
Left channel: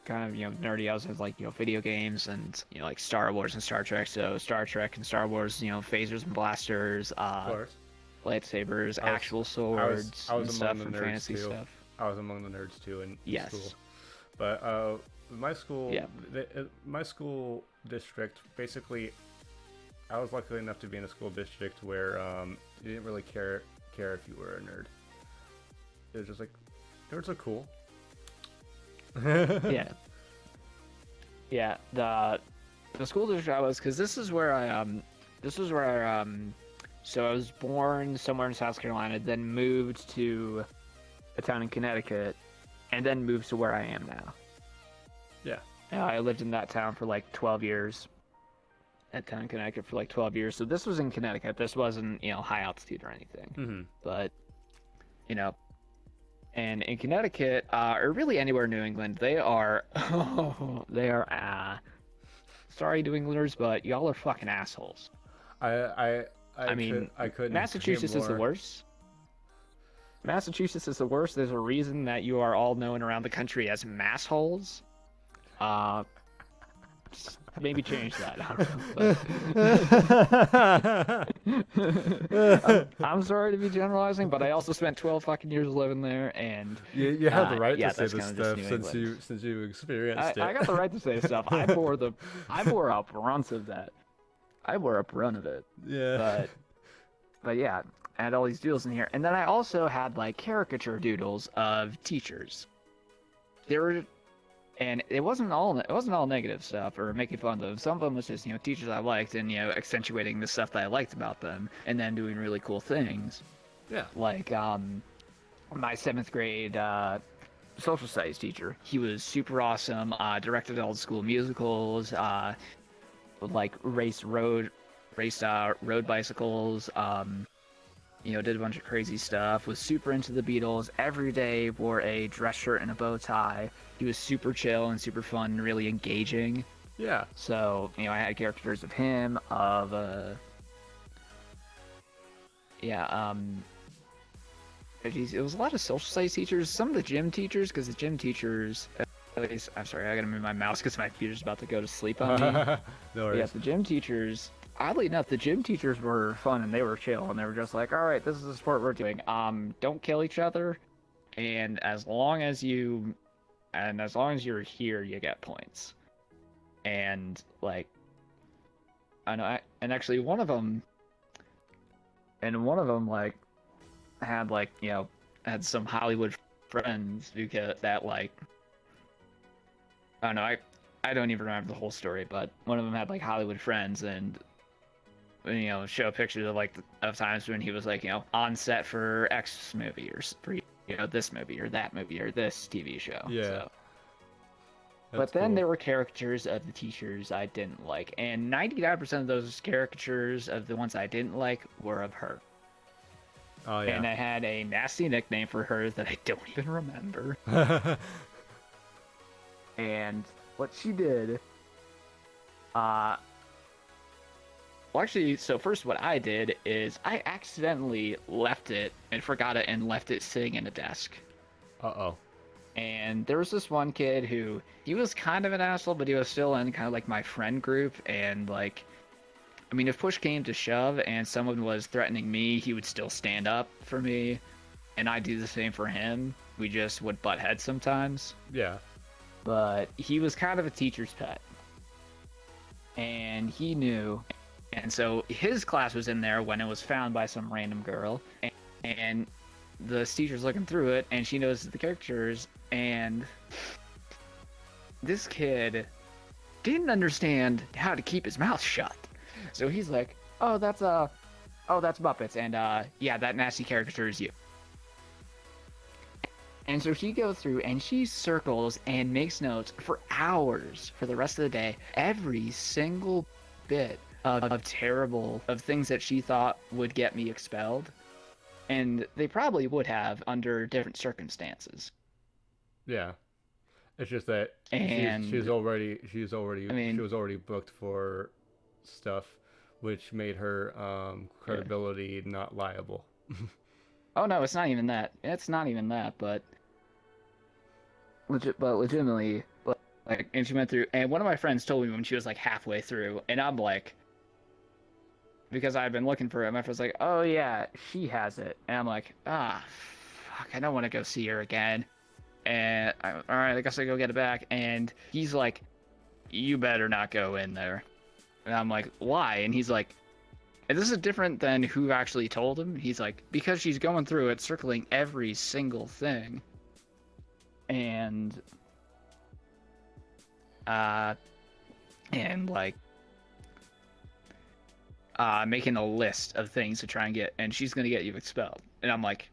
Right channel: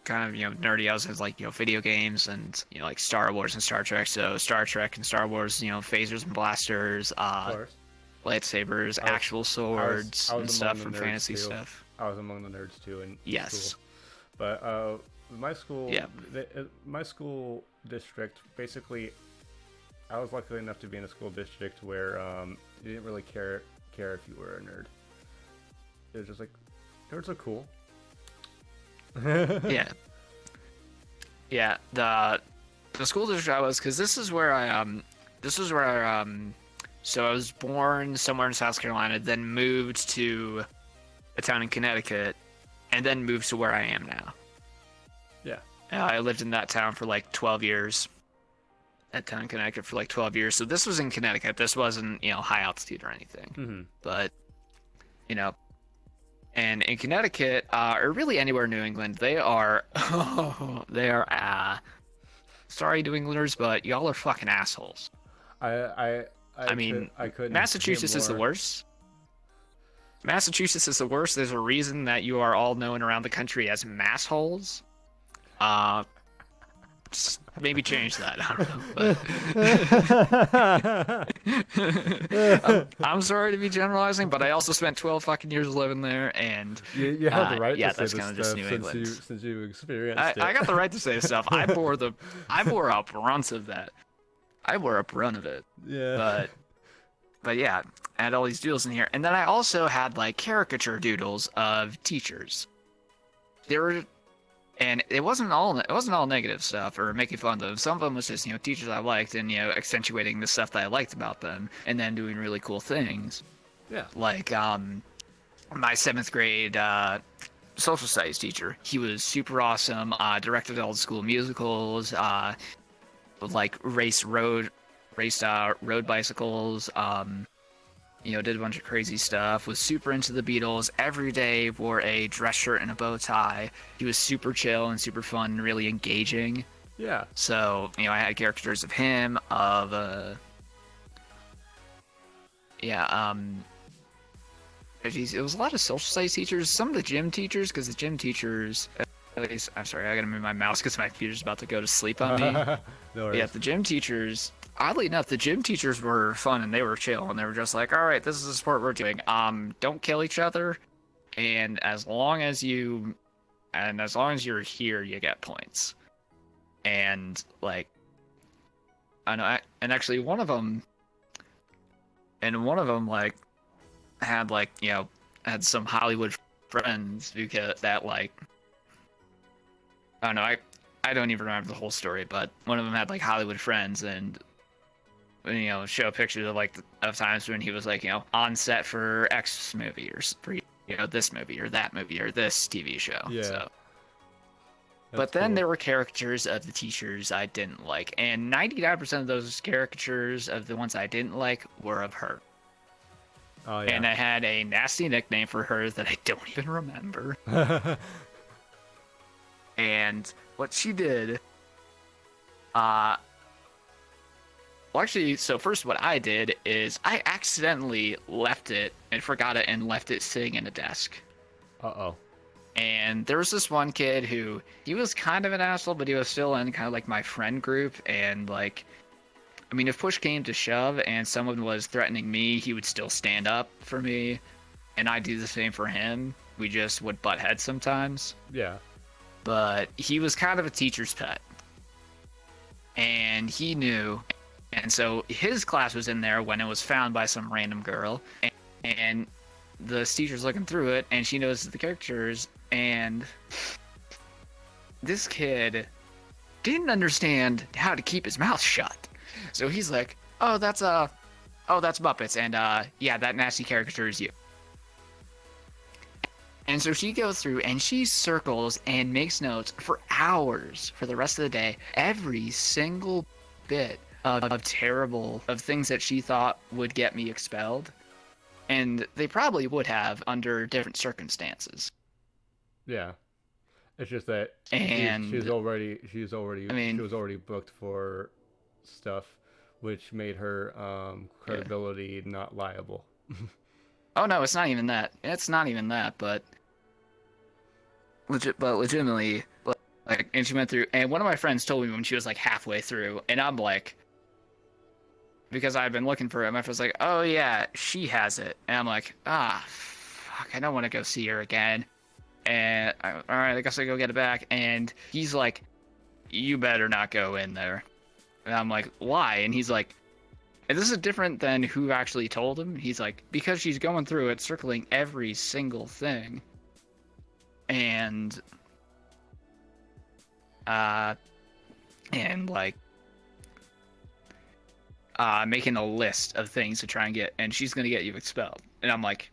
kind of nerdy. I was into, like video games and like Star Wars and Star Trek. So Star Trek and Star Wars, phasers and blasters. Of course. Lightsabers, actual swords, I was and stuff among from the nerds fantasy too. stuff. I was among the nerds too in Yes. school. But my school, Yeah. my school district, basically, I was lucky enough to be in a school district where you didn't really care if you were a nerd. It was just like, nerds are cool. Yeah. Yeah. The school district I was, because this is where so I was born somewhere in South Carolina, then moved to a town in Connecticut, and then moved to where I am now. Yeah. I lived in that town for like 12 years. That town in Connecticut for like 12 years. So this was in Connecticut. This wasn't, high altitude or anything. Mm-hmm. But, and in Connecticut, or really anywhere in New England, they are, sorry, New Englanders, but y'all are fucking assholes. I mean, I couldn't. Massachusetts is the worst. Massachusetts is the worst. There's a reason that you are all known around the country as massholes. Just maybe change that. I don't know. I'm sorry to be generalizing, but I also spent 12 fucking years living there, and you have the right to say that's this kinda just stuff since you experienced it. I got the right to say stuff. I bore a brunt of that. I wore a brunt of it. Yeah. But yeah, I had all these doodles in here, and then I also had like caricature doodles of teachers. And it wasn't all negative stuff or making fun of them. Some of them was just teachers I liked and accentuating the stuff that I liked about them, and then doing really cool things. Yeah. Like my 7th grade social studies teacher. He was super awesome. Directed all the school musicals. Like raced road bicycles. Did a bunch of crazy stuff. Was super into the Beatles. Every day wore a dress shirt and a bow tie. He was super chill and super fun and really engaging. Yeah. So I had characters of him. It was a lot of social studies teachers. Some of the gym teachers, because the gym teachers. At least, I'm sorry, I gotta move my mouse because my computer's about to go to sleep on me. No worries. Yeah, the gym teachers. Oddly enough, the gym teachers were fun and they were chill and they were just like, all right, this is the sport we're doing. Don't kill each other, and as long as you're here, you get points. And like, I know, and actually one of them like had some Hollywood friends because that like. I don't know, I don't even remember the whole story, but one of them had like Hollywood friends and show pictures of of times when he was on set for X movie or for this movie or that movie or this TV show. Yeah. So. But then there were caricatures of the teachers I didn't like, and 99% of those caricatures of the ones I didn't like were of her. Oh yeah. And I had a nasty nickname for her that I don't even remember. And what she did, well, actually, so first what I did is I accidentally left it and forgot it and left it sitting in a desk. Uh-oh. And there was this one kid who, he was kind of an asshole, but he was still in kind of like my friend group. And if push came to shove and someone was threatening me, he would still stand up for me. And I'd do the same for him. We just would butt heads sometimes. Yeah. But he was kind of a teacher's pet. And he knew. And so his class was in there when it was found by some random girl. And the teacher's looking through it, and she knows the characters. And this kid didn't understand how to keep his mouth shut. So he's like, oh, that's Muppets. And yeah, that nasty caricature is you. And so she goes through and she circles and makes notes for hours for the rest of the day. Every single bit of things that she thought would get me expelled. And they probably would have under different circumstances. Yeah. It's just that And she was already I mean, booked for stuff, which made her credibility not liable. oh no, it's not even that. It's not even that, but legitimately, like, and she went through, and one of my friends told me when she was like halfway through, and I'm like, because I've been looking for it, my friend's like, oh yeah, she has it, and I'm like, fuck, I don't want to go see her again, and all right, I guess I go get it back, and he's like, you better not go in there, and I'm like, why? And he's like, and this is different than who actually told him. He's like, because she's going through it, circling every single thing. And like making a list of things to try and get, and she's gonna get you expelled. And I'm like,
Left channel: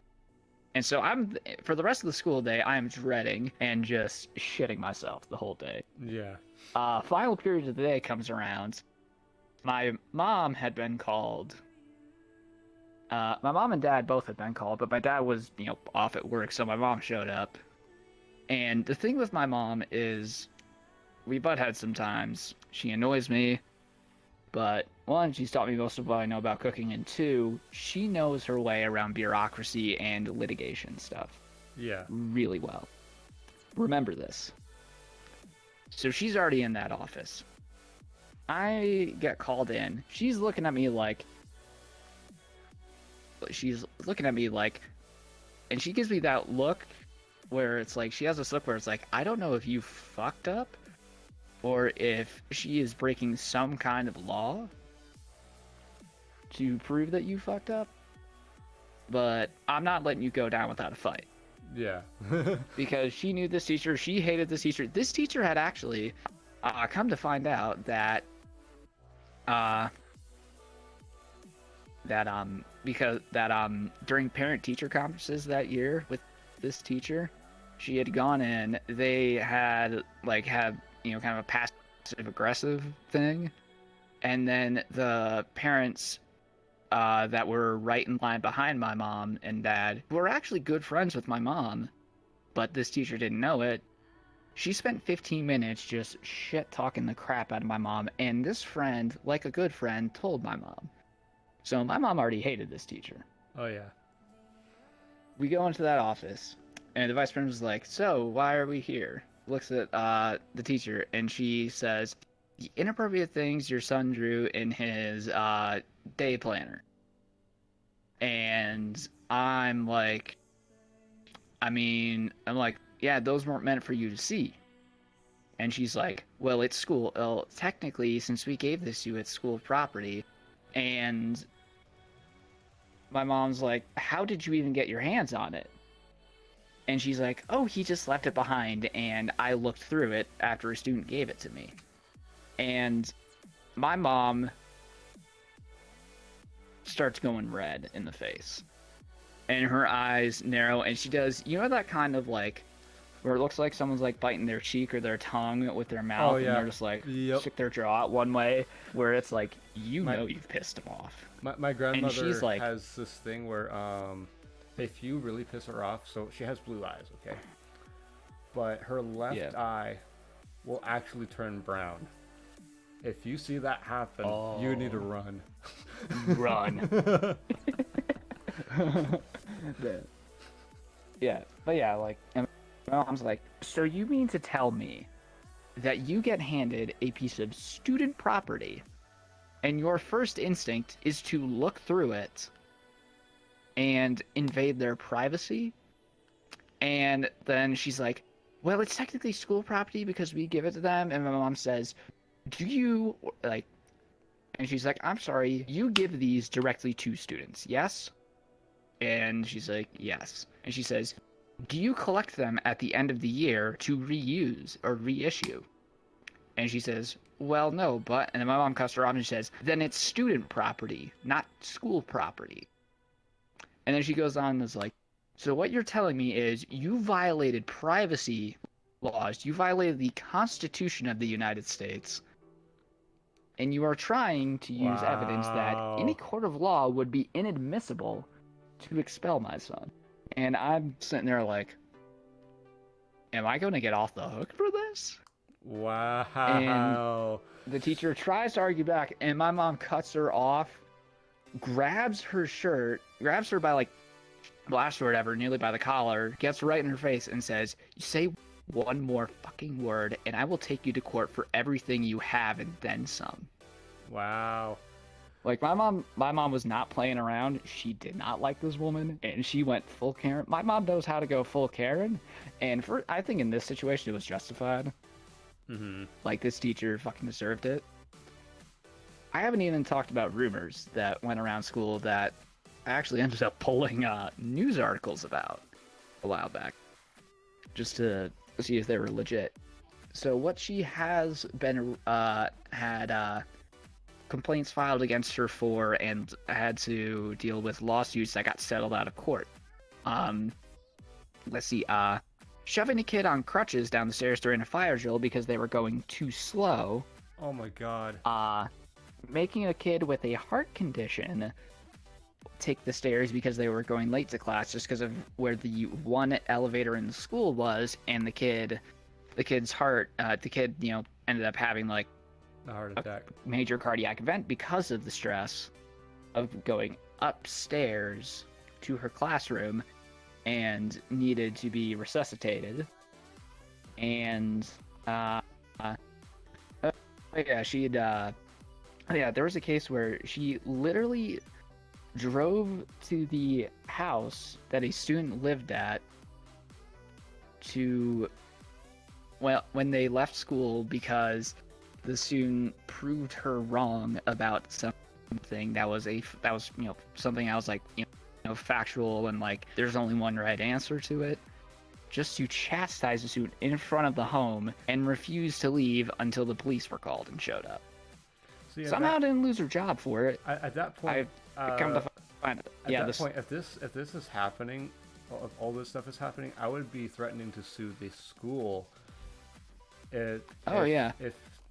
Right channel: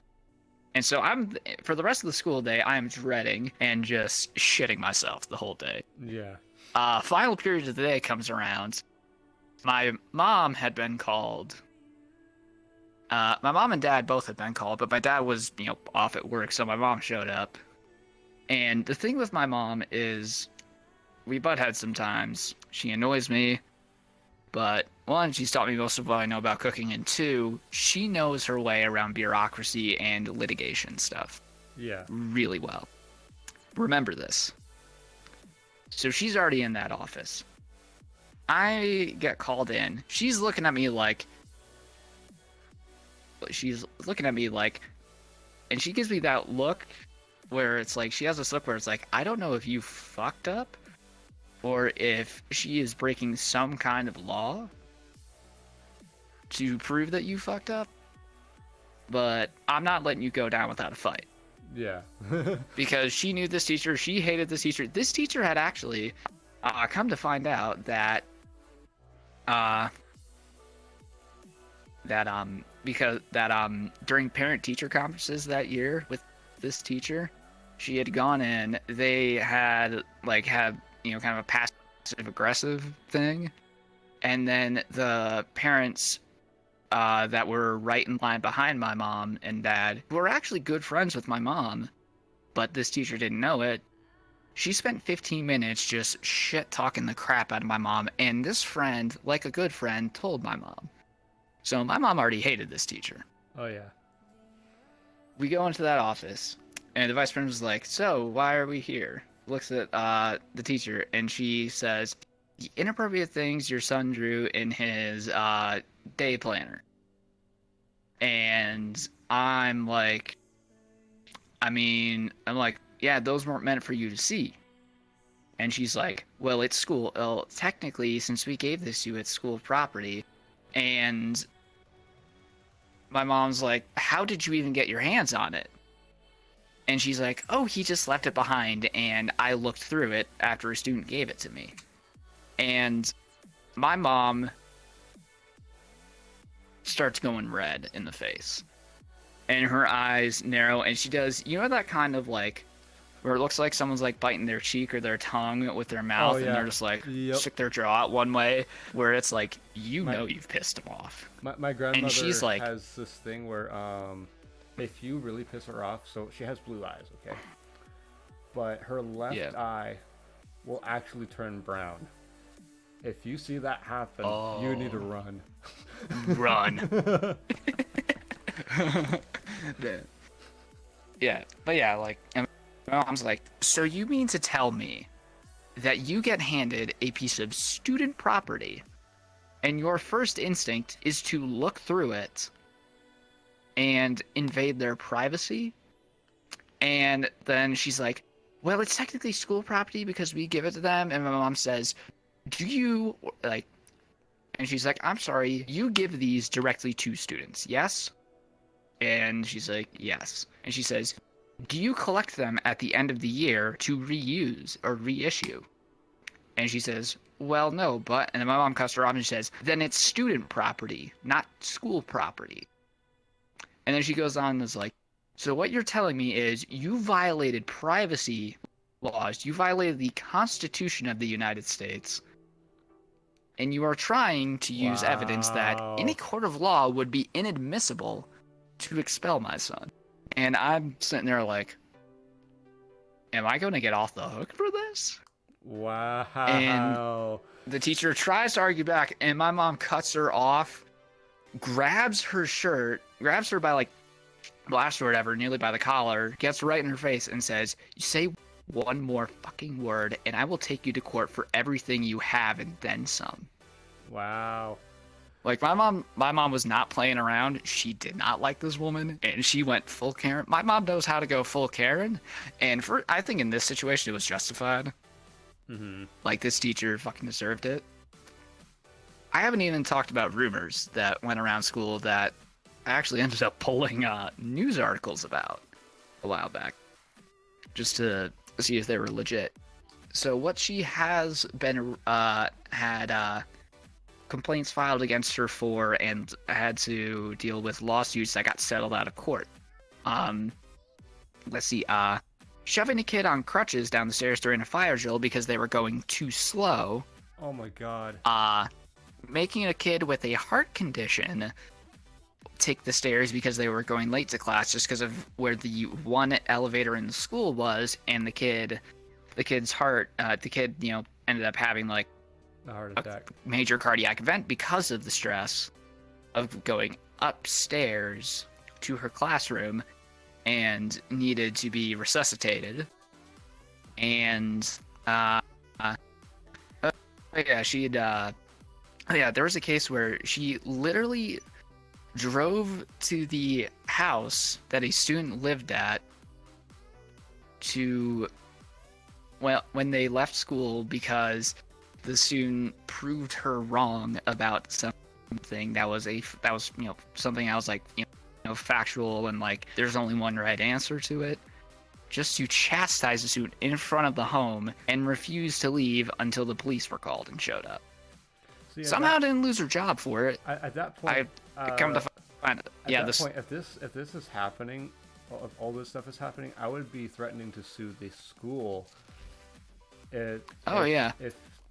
and so I'm, for the rest of the school day, I am dreading and just shitting myself the whole day. Yeah. Final period of the day comes around. My mom had been called. My mom and dad both had been called, but my dad was, off at work, so my mom showed up. And the thing with my mom is, we butt heads sometimes. She annoys me, but one, she's taught me most of what I know about cooking, and two, she knows her way around bureaucracy and litigation stuff. Yeah. Really well. Remember this. So she's already in that office. I get called in. She's looking at me like, and she gives me that look where it's like, she has this look where it's like, I don't know if you fucked up or if she is breaking some kind of law to prove that you fucked up, but I'm not letting you go down without a fight. Yeah. Because she knew this teacher, she hated this teacher. This teacher had actually come to find out that during parent-teacher conferences that year with this teacher, she had gone in, they had kind of a passive-aggressive thing, and then the parents that were right in line behind my mom and dad, who were actually good friends with my mom, but this teacher didn't know it, she spent 15 minutes just shit-talking the crap out of my mom, and this friend, like a good friend, told my mom. So my mom already hated this teacher. Oh, yeah. We go into that office, and the vice principal's like, so, why are we here? Looks at the teacher, and she says, inappropriate things your son drew in his day planner. And I'm like, yeah, those weren't meant for you to see. And she's like, well, it's school. Well, technically, since we gave this to you, it's school property. And my mom's like, how did you even get your hands on it? And she's like, oh, he just left it behind, and I looked through it after a student gave it to me. And my mom starts going red in the face. And her eyes narrow, and she does, that kind of like, where it looks like someone's like biting their cheek or their tongue with their mouth, and they're just like, stick their jaw out one way, where it's like, you've pissed them off. My grandmother has this thing where, if you really piss her off, so she has blue eyes, okay? But her left eye will actually turn brown. If you see that happen, you need to run. Run. Yeah, but yeah, like, and my mom's like, so you mean to tell me that you get handed a piece of student property and your first instinct is to look through it and invade their privacy? And then she's like, well, it's technically school property because we give it to them. And my mom says, do you, like, and she's like, I'm sorry, you give these directly to students, yes? And she's like, yes. And she says, do you collect them at the end of the year to reuse or reissue? And she says, well, no, but, and then my mom cuts her off and she says, then it's student property, not school property. And then she goes on and is like, so what you're telling me is you violated privacy laws, you violated the Constitution of the United States, and you are trying to use evidence that in a court of law would be inadmissible to expel my son. And I'm sitting there like, am I going to get off the hook for this? Wow. And the teacher tries to argue back, and my mom cuts her off, grabs her shirt, grabs her by like blast or whatever, nearly by the collar, gets right in her face and says, "You say one more fucking word and I will take you to court for everything you have and then some." Wow. Like my mom was not playing around. She did not like this woman and she went full Karen. My mom knows how to go full Karen, and I think in this situation it was justified. Like this teacher fucking deserved it. I haven't even talked about rumors that went around school that I actually ended up pulling news articles about a while back, just to see if they were legit. So what she has been had complaints filed against her for, and had to deal with lawsuits that got settled out of court. Let's see. Shoving a kid on crutches down the stairs during a fire drill because they were going too slow. Oh my god. Making a kid with a heart condition take the stairs because they were going late to class just because of where the one elevator in the school was, and the kid's heart, the kid, ended up having like A heart attack. a major cardiac event because of the stress of going upstairs to her classroom, and needed to be resuscitated. And there was a case where she literally drove to the house that a student lived at when they left school, because the student proved her wrong about something that was something I was like, factual, and like there's only one right answer to it, just to chastise the student in front of the home, and refuse to leave until the police were called and showed up. See, Somehow didn't lose her job for it. At that point, I come to find it. At that point, if this is happening, if all this stuff is happening, I would be threatening to sue the school. If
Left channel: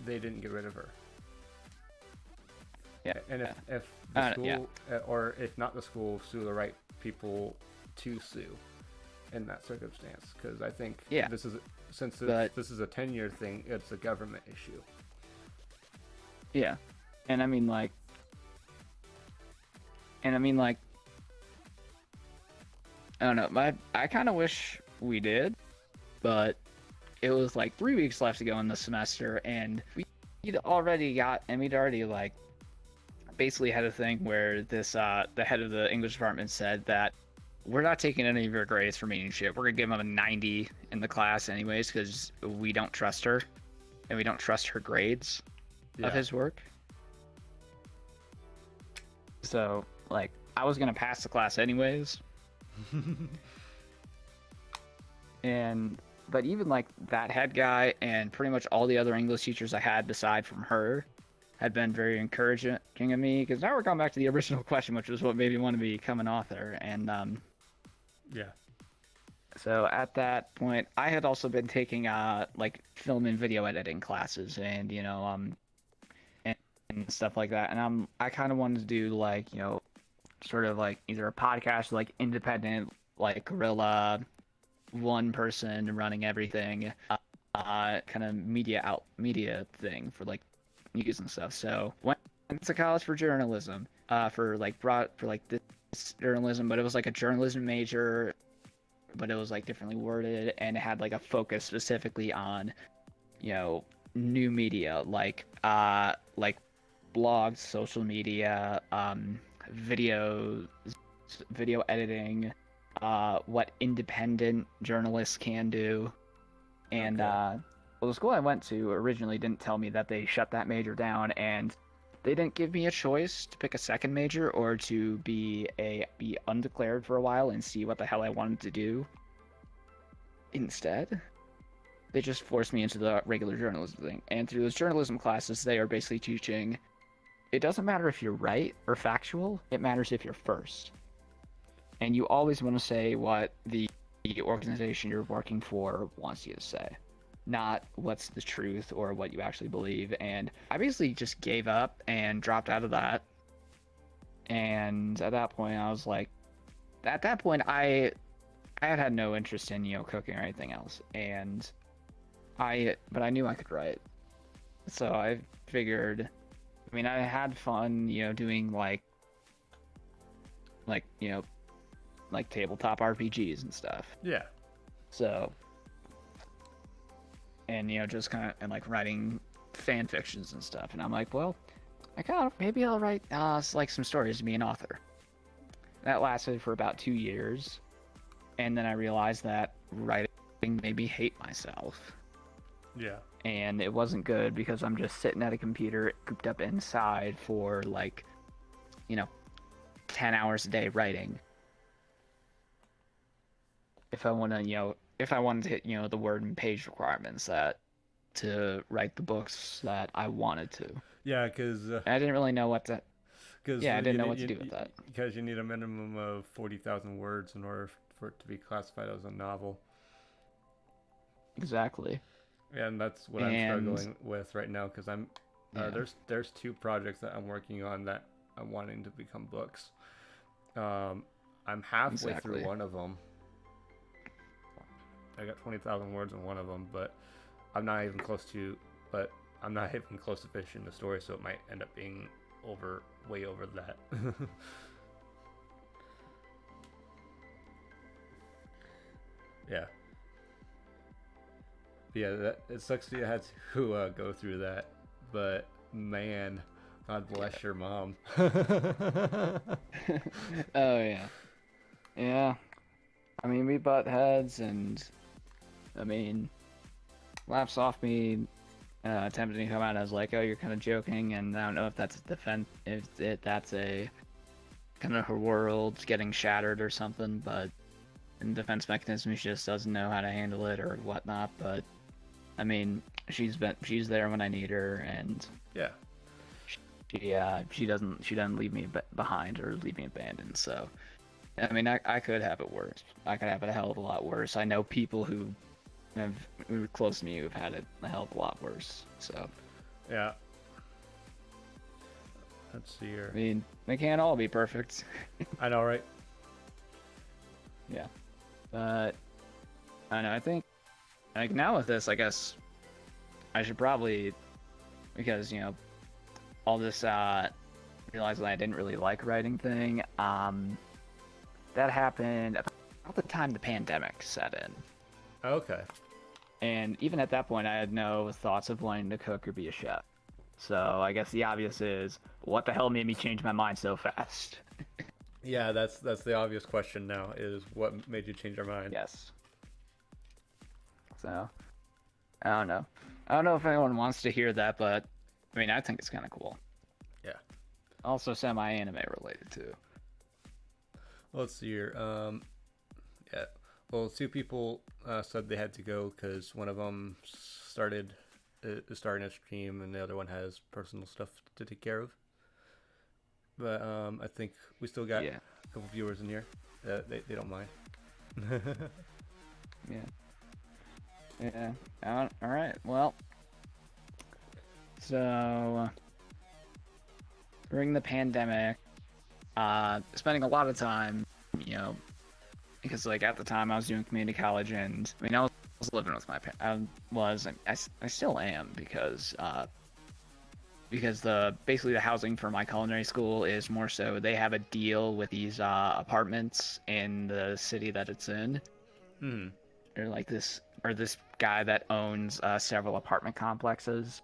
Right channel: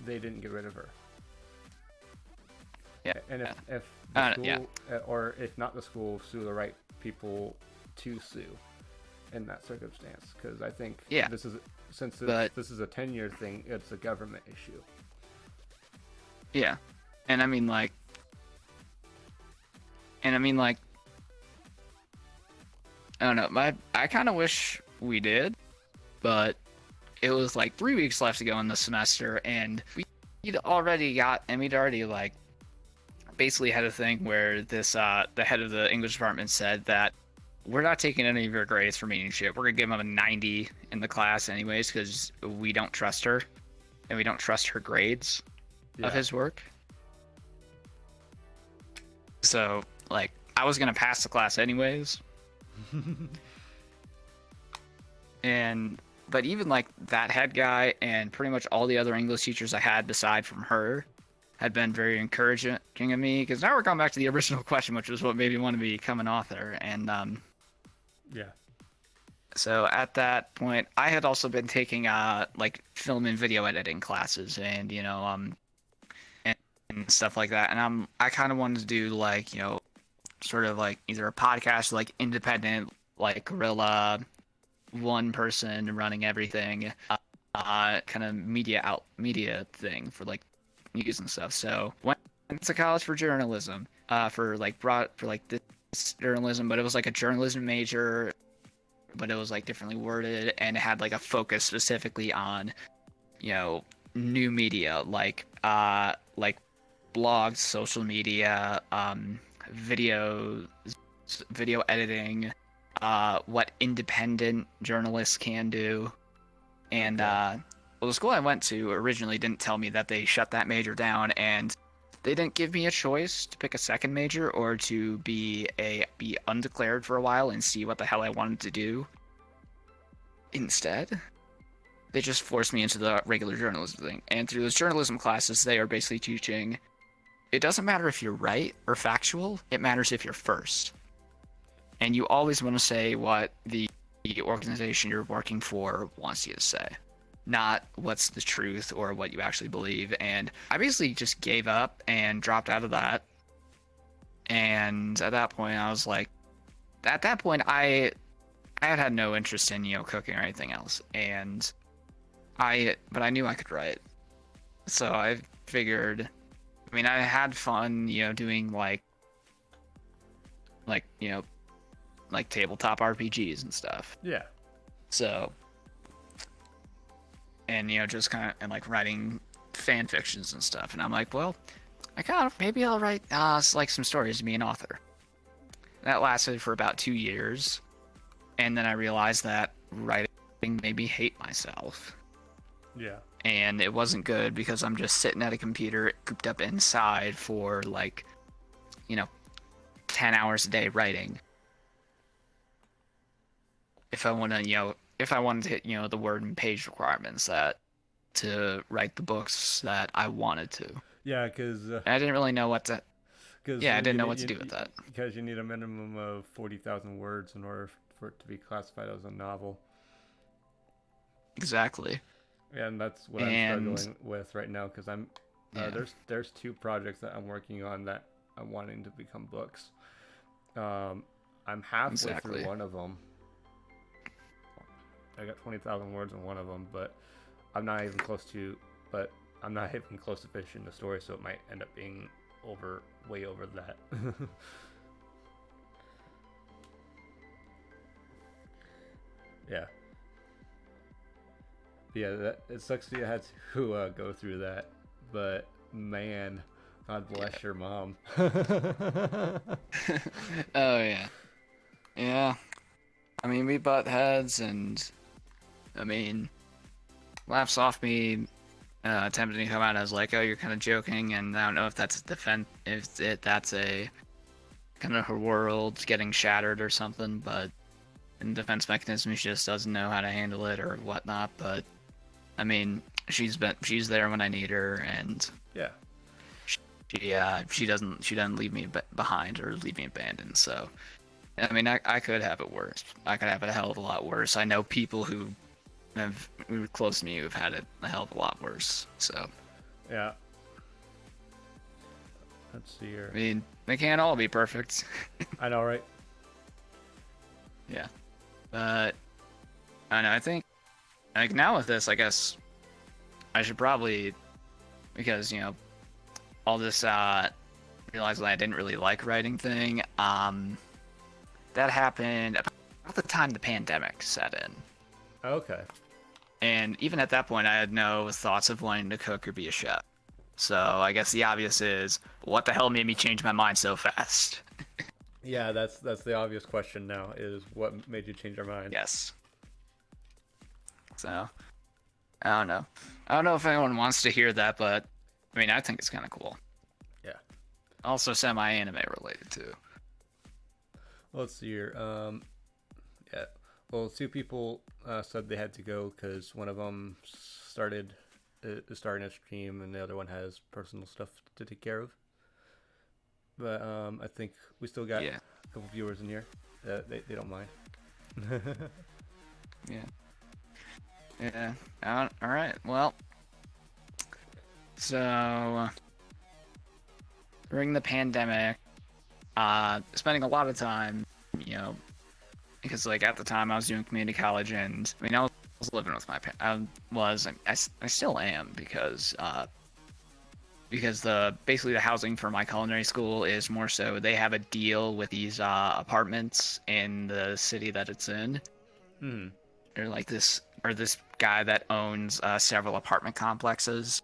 they didn't get rid of her. Yeah. And if the school, or if not the school, sue the right people to sue in that circumstance, because I think this is, since this is a 10-year thing, it's a government issue. Yeah, and I mean like, I don't know. I kind of wish we did, but it was like 3 weeks left to go in the semester, and we'd already like basically had a thing where this the head of the English department said that we're not taking any of your grades for meaning shit. We're gonna give him a 90 in the class anyways, because we don't trust her, and we don't trust her grades of his work. So like I was gonna pass the class anyways. But even like that head guy and pretty much all the other English teachers I had beside from her had been very encouraging of me, because now we're going back to the original question, which was what made me want to become an author. And so at that point, I had also been taking like film and video editing classes, and and stuff like that. And I kind of wanted to do like sort of like either a podcast, like independent, like guerrilla, one person running everything, kind of media thing for like news and stuff. So went to college for journalism, for this journalism, but it was like a journalism major, but it was like differently worded, and it had like a focus specifically on new media, like blogs, social media, video editing, what independent journalists can do. And well, the school I went to originally didn't tell me that they shut that major down, and they didn't give me a choice to pick a second major or to be undeclared for a while and see what the hell I wanted to do. Instead, they just forced me into the regular journalism thing. And through those journalism classes, they are basically teaching, it doesn't matter if you're right or factual, it matters if you're first. And you always want to say what the organization you're working for wants you to say, not what's the truth or what you actually believe. And I basically just gave up and dropped out of that. And at that point, I was like, at that point, I had no interest in cooking or anything else, but I knew I could write, so I figured. I mean, I had fun, doing like tabletop RPGs and stuff. Yeah. So, and just kind of and like writing fan fictions and stuff, and I'm like, well, maybe I'll write like some stories to be an author. That lasted for about 2 years, and then I realized that writing made me hate myself. Yeah. And it wasn't good because I'm just sitting at a computer cooped up inside for 10 hours a day writing. If I want to, if I wanted to hit, the word and page requirements to write the books that I wanted to. Yeah, because I didn't really know what to. I didn't know what to do with that. Because you need a minimum of 40,000 words in order for it to be classified as a novel. Exactly. And that's what I'm struggling with right now, because I'm there's 2 projects that I'm working on that I'm wanting to become books. I'm halfway through one of them. I got 20,000 words in one of them, but I'm not even close to finishing the story, so it might end up being way over that. Yeah. Yeah, it sucks that you had to go through that, but man, God bless your mom. Oh yeah, yeah. I mean, we butt heads, and I mean, laughs off me, attempting to come out as like, oh, you're kind of joking, and I don't know if that's that's a kind of her world getting shattered or something, but in defense mechanism, she just doesn't know how to handle it or whatnot. But I mean, she's there when I need her, and yeah, she doesn't leave me behind or leave me abandoned. So, I mean, I could have it worse. I could have it a hell of a lot worse. I know people who were close to me who've had it a hell of a lot worse. So, yeah. Let's see here. I mean, they can't all be perfect. I know, right? Yeah, but I don't know. I think like now with this, I guess I should probably, because all this realizing I didn't really like writing thing. That happened about the time the pandemic set in. Okay. And even at that point, I had no thoughts of wanting to cook or be a chef. So I guess the obvious is, what the hell made me change my mind so fast? Yeah, that's the obvious question now, is what made you change your mind? Yes. So, I don't know. I don't know if anyone wants to hear that, but I mean, I think it's kind of cool. Yeah. Also semi-anime related too. Let's see here. Yeah. Well, 2 people said they had to go because one of them started starting a stream, and the other one has personal stuff to take care of. But I think we still got a couple viewers in here. They don't mind. Yeah. All right. Well, so during the pandemic, spending a lot of time, because like at the time I was doing community college, and I mean I was living with my parents. I still am, because basically the housing for my culinary school is more so they have a deal with these apartments in the city that it's in. Or like this guy that owns several apartment complexes,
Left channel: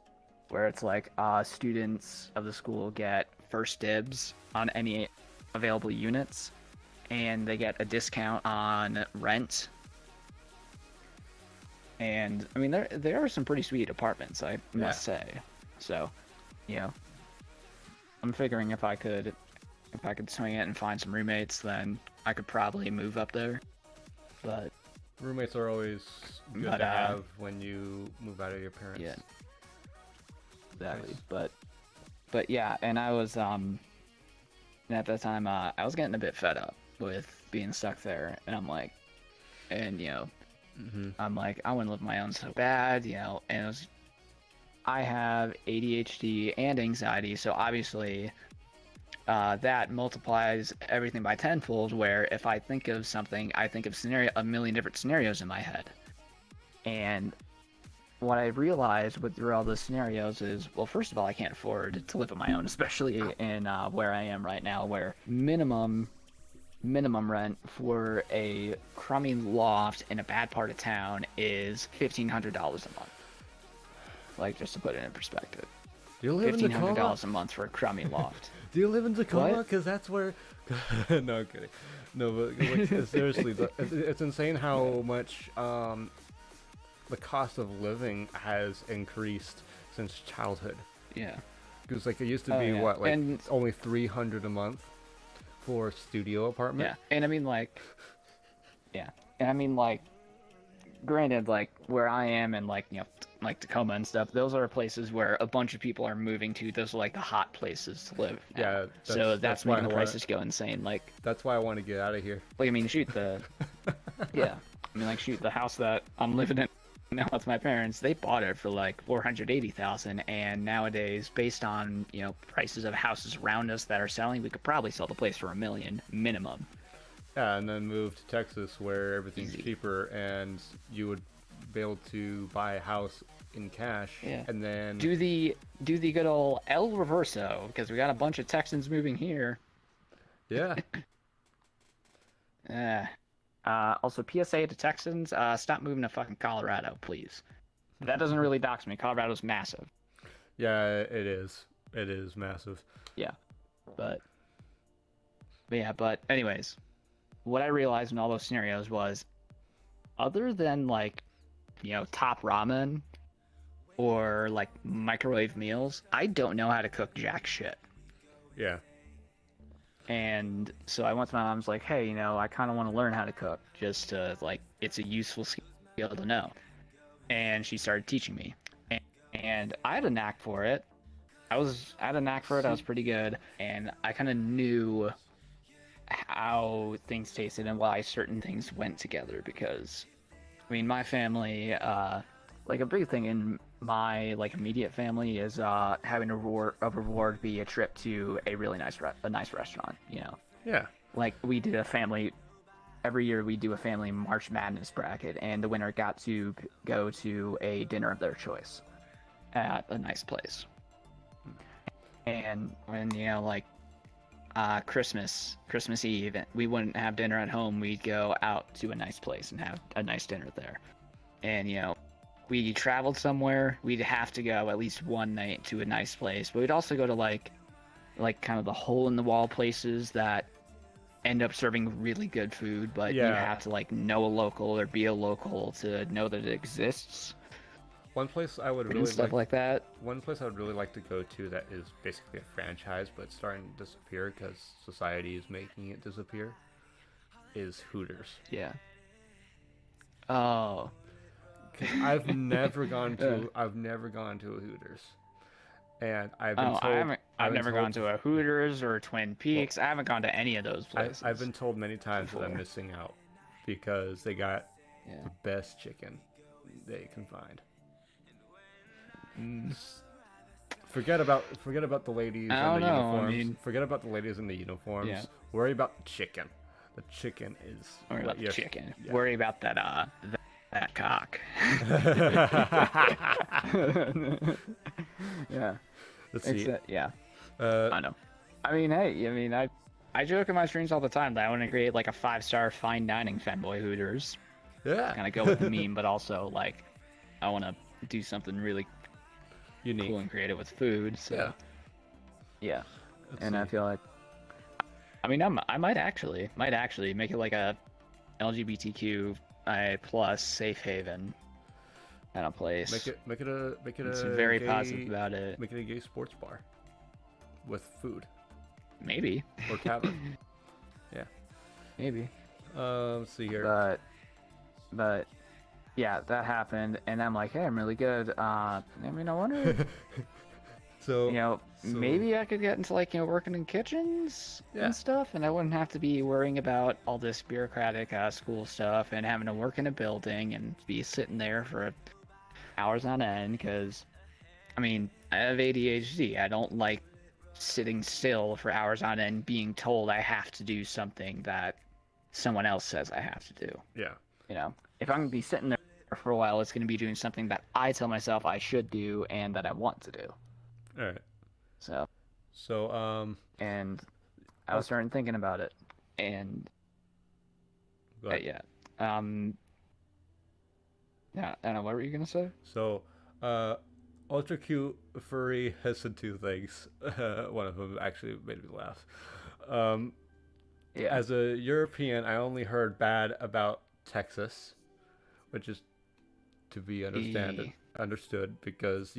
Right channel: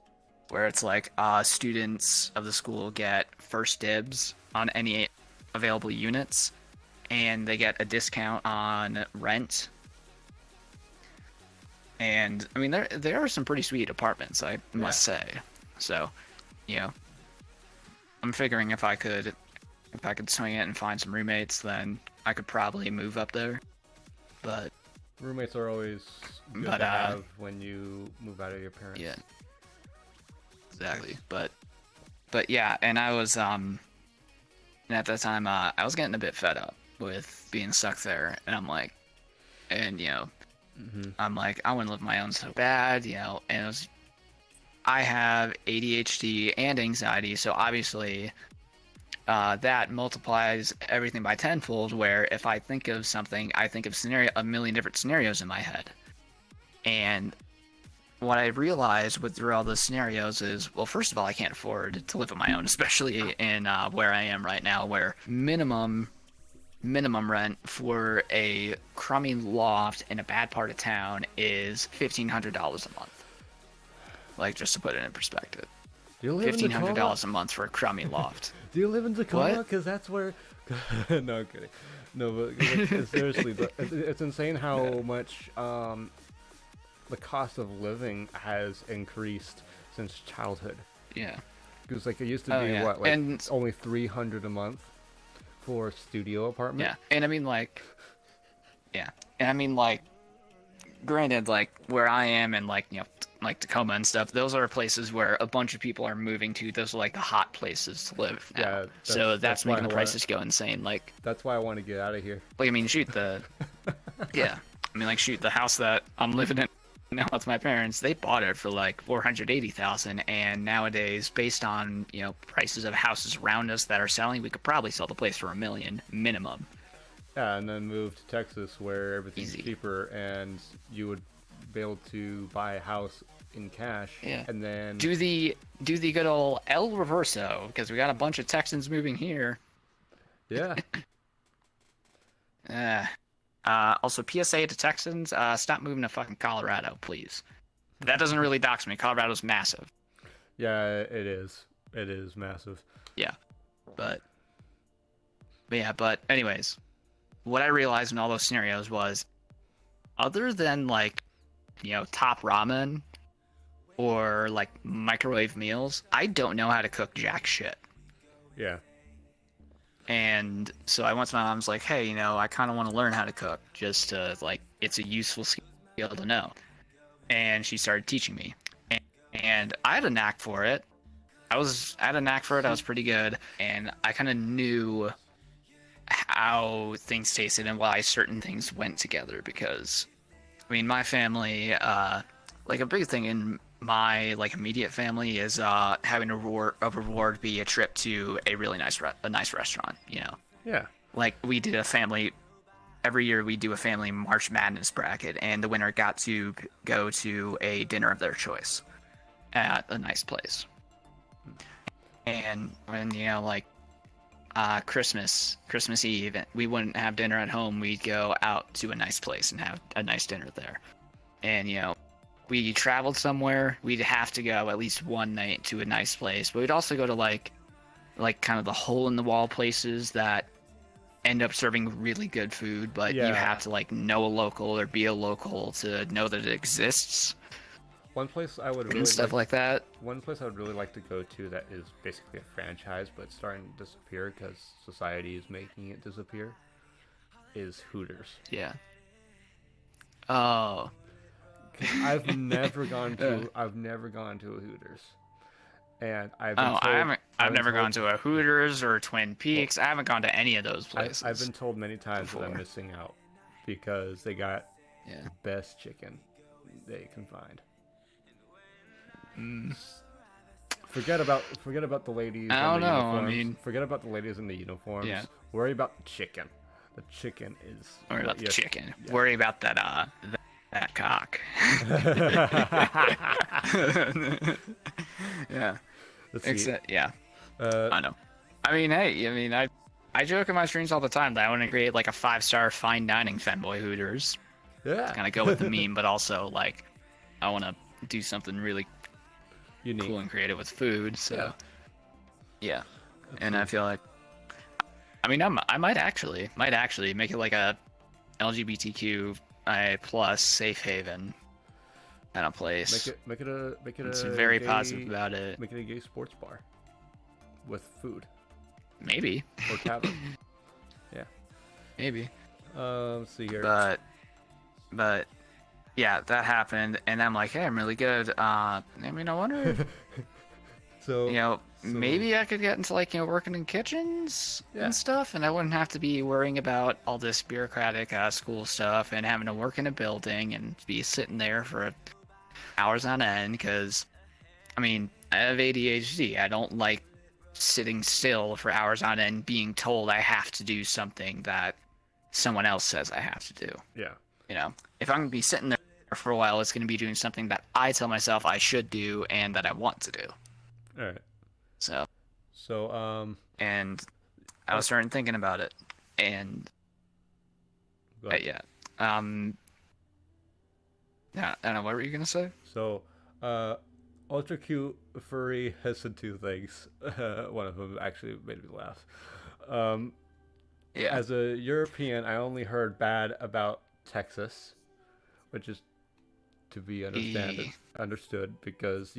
where it's like students of the school get first dibs on any available units, and they get a discount on rent. And I mean, there are some pretty sweet apartments, I must say. So, I'm figuring if I could swing it and find some roommates, then I could probably move up there. But roommates are always good to have when you move out of your parents. Yeah. Exactly. But yeah, and I was and at that time I was getting a bit fed up with being stuck there, and I'm like, I'm like, I want to live my own so bad, and I have ADHD and anxiety, so obviously that multiplies everything by tenfold, where if I think of something, I think of a million different scenarios in my head. And what I realized through all those scenarios is, well, first of all, I can't afford to live on my own, especially in where I am right now, where minimum rent for a crummy loft in a bad part of town is $1,500 a month. Like, just to put it in perspective. Do you live in Tacoma? $1,500 a month for a crummy loft. Do you live in Tacoma? Because that's where... No, I'm kidding. No, but like, seriously, it's insane how much the cost of living has increased since childhood. Yeah. Because like it used to be only $300 a month for a studio apartment. Yeah, and I mean like, granted, like where I am and like like Tacoma and stuff, those are places where a bunch of people are moving to. Those are like the hot places to live now. Yeah, so that's why the prices go insane. Like, that's why I want to get out of here. Like, I mean, the house that I'm living in now with my parents, they bought it for like $480,000, and nowadays, based on prices of houses around us that are selling, we could probably sell the place for $1 million minimum. Yeah, and then move to Texas where everything's cheaper, and you would be able to buy a house in cash. Yeah. And then do the good old El Reverso, because we got a bunch of Texans moving here. Yeah. Also, PSA to Texans, stop moving to fucking Colorado, please. That doesn't really dox me. Colorado's massive. Yeah, it is. It is massive. Yeah. But anyways, what I realized in all those scenarios was, other than like, top ramen or like microwave meals, I don't know how to cook jack shit. Yeah. And so I went to my mom's like, hey, I kind of want to learn how to cook, just to, like, it's a useful skill to know. And she started teaching me. And I had a knack for it. I had a knack for it. I was pretty good. And I kind of knew how things tasted and why certain things went together. Because, I mean, my family, like, a big thing in my immediate family is having a reward be a trip to a really nice restaurant. Yeah. Like, we did every year we do a family March Madness bracket, and the winner got to go to a dinner of their choice at a nice place. And when Christmas Eve, we wouldn't have dinner at home. We'd go out to a nice place and have a nice dinner there. And we traveled somewhere, we'd have to go at least one night to a nice place, but we'd also go to like kind of the hole in the wall places that end up serving really good food, but you have to know a local or be a local to know that it exists. One place I would really One place I would really like to go to that is basically a franchise, but it's starting to disappear because society is making it disappear, is Hooters. Yeah. Oh. I've never gone to a Hooters, and I've been told I've never gone to a Hooters or Twin Peaks. I haven't gone to any of those places. I've been told many times that I'm missing out because they got the best chicken they can find. Forget about the ladies in the uniforms. Forget about the ladies in the uniforms. Yeah. Worry about the chicken. The chicken is. Worry about the chicken. Yeah. Worry about that that cock. Yeah. Let's see. Yeah. I know. I mean, hey, I joke in my streams all the time that I want to create like a 5-star fine dining fanboy Hooters. Yeah. Kind of go with the meme, but also I want to do something really unique, cool and creative with food. So. Yeah. And I feel like, I might actually make it like a LGBTQ plus safe haven kind of place. Make it it's a very gay, positive about it. Make it a gay sports bar with food. Maybe. Or tavern. Yeah. Maybe. Let's see here. But yeah, that happened, and I'm like, hey, I'm really good. I wonder. So maybe I could get into working in kitchens and stuff, and I wouldn't have to be worrying about all this bureaucratic school stuff and having to work in a building and be sitting there for hours on end. Because, I have ADHD. I don't like sitting still for hours on end being told I have to do something that someone else says I have to do. Yeah. You know, if I'm going to be sitting there for a while, it's going to be doing something that I tell myself I should do and that I want to do. All right. So, and I was starting thinking about it, and yeah, I don't know, what were you gonna say? So, Ultra Cute Furry has said two things. One of them actually made me laugh. Yeah. As a European, I only heard bad about Texas, which is to be understood because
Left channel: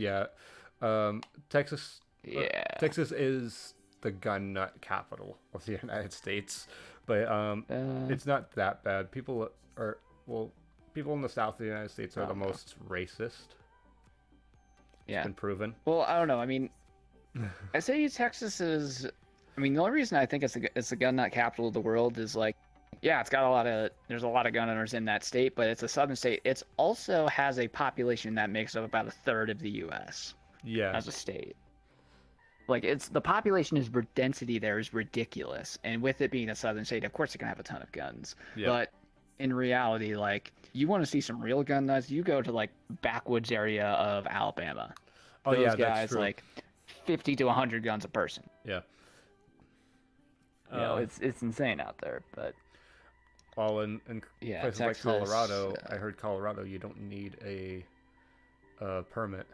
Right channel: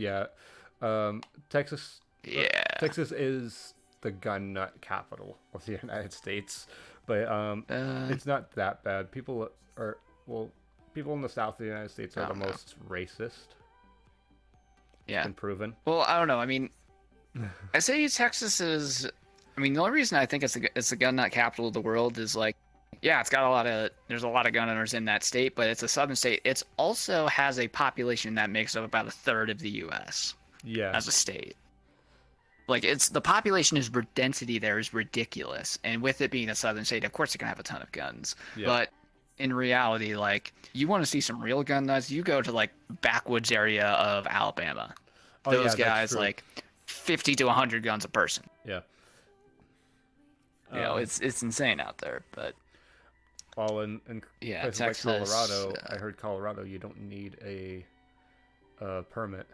Texas. Yeah. Texas is the gun nut capital of the United States, but it's not that bad. People in the South of the United States are the most racist. Yeah. It's been proven. Well, I don't know. I mean, I say Texas is. I mean, the only reason I think it's the gun nut capital of the world is like, yeah, there's a lot of gun owners in that state, but it's a southern state. It's also has a population that makes up about a third of the U.S. Yeah. As a state. Like, the population density there is ridiculous, and with it being a southern state, of course, it can have a ton of guns. Yeah. But in reality, like, you want to see some real gun nuts, you go to like backwoods area of Alabama. Those guys, that's true. Like 50 to 100 guns a person. Yeah. You know, it's insane out there, but. Well, in places Texas, like Colorado, I heard Colorado, you don't need a permit.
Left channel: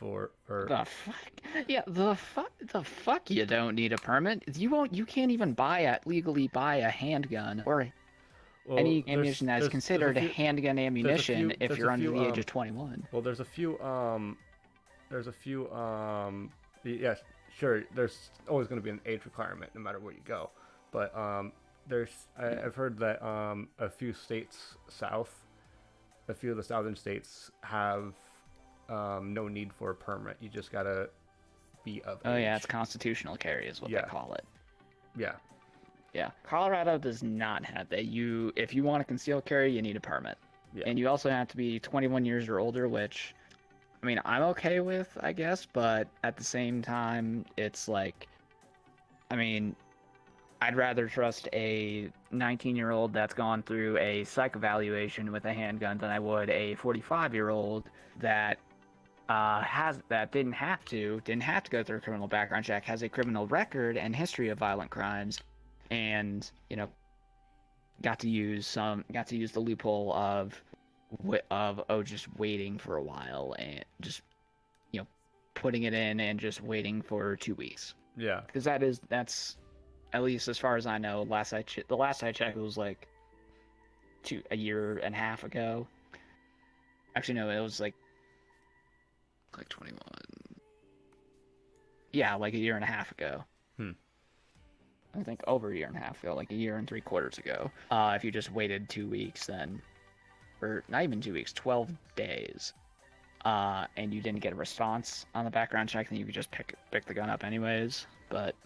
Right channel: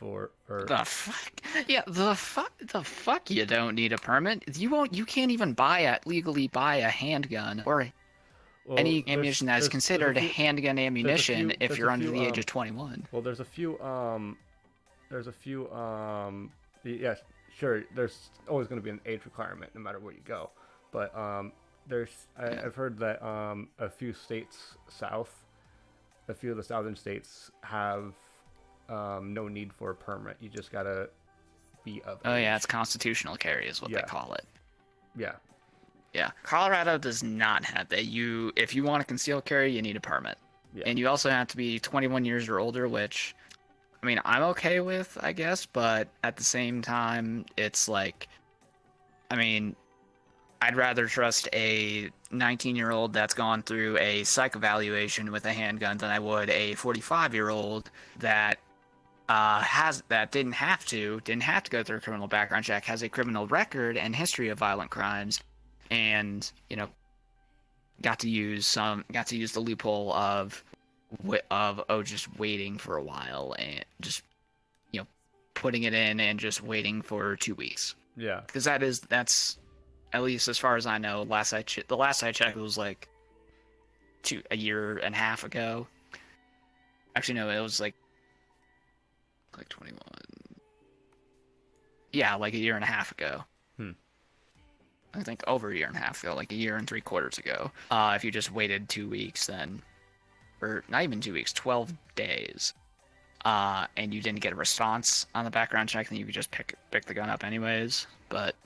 The fuck? Yeah, the fuck you don't need a permit. You can't even legally buy a handgun or any ammunition that is considered handgun ammunition if you're under the age of 21. Well, there's a few yeah, sure, there's always going to be an age requirement no matter where you go. But I've heard that a few of the southern states have no need for a permit. You just gotta be of age. Oh yeah, it's constitutional carry is what they call it. Yeah. Yeah. Colorado does not have that. If you want to conceal carry, you need a permit. Yeah. And you also have to be 21 years or older, which, I mean, I'm okay with, I guess, but at the same time, it's like, I mean, I'd rather trust a 19-year-old that's gone through a psych evaluation with a handgun than I would a 45-year-old that didn't have to go through a criminal background check, has a criminal record and history of violent crimes, and got to use the loophole of just waiting for a while and just putting it in and just waiting for 2 weeks. Yeah, because that's at least as far as I know. The last I checked was like a year and a half ago. Actually, no, it was like 21. Yeah, like a year and a half ago. I think over a year and a half ago, like a year and 3/4 ago. If you just waited 2 weeks, then, or not even 2 weeks, 12 days, and you didn't get a response on the background check, then you could just pick the gun up anyways. But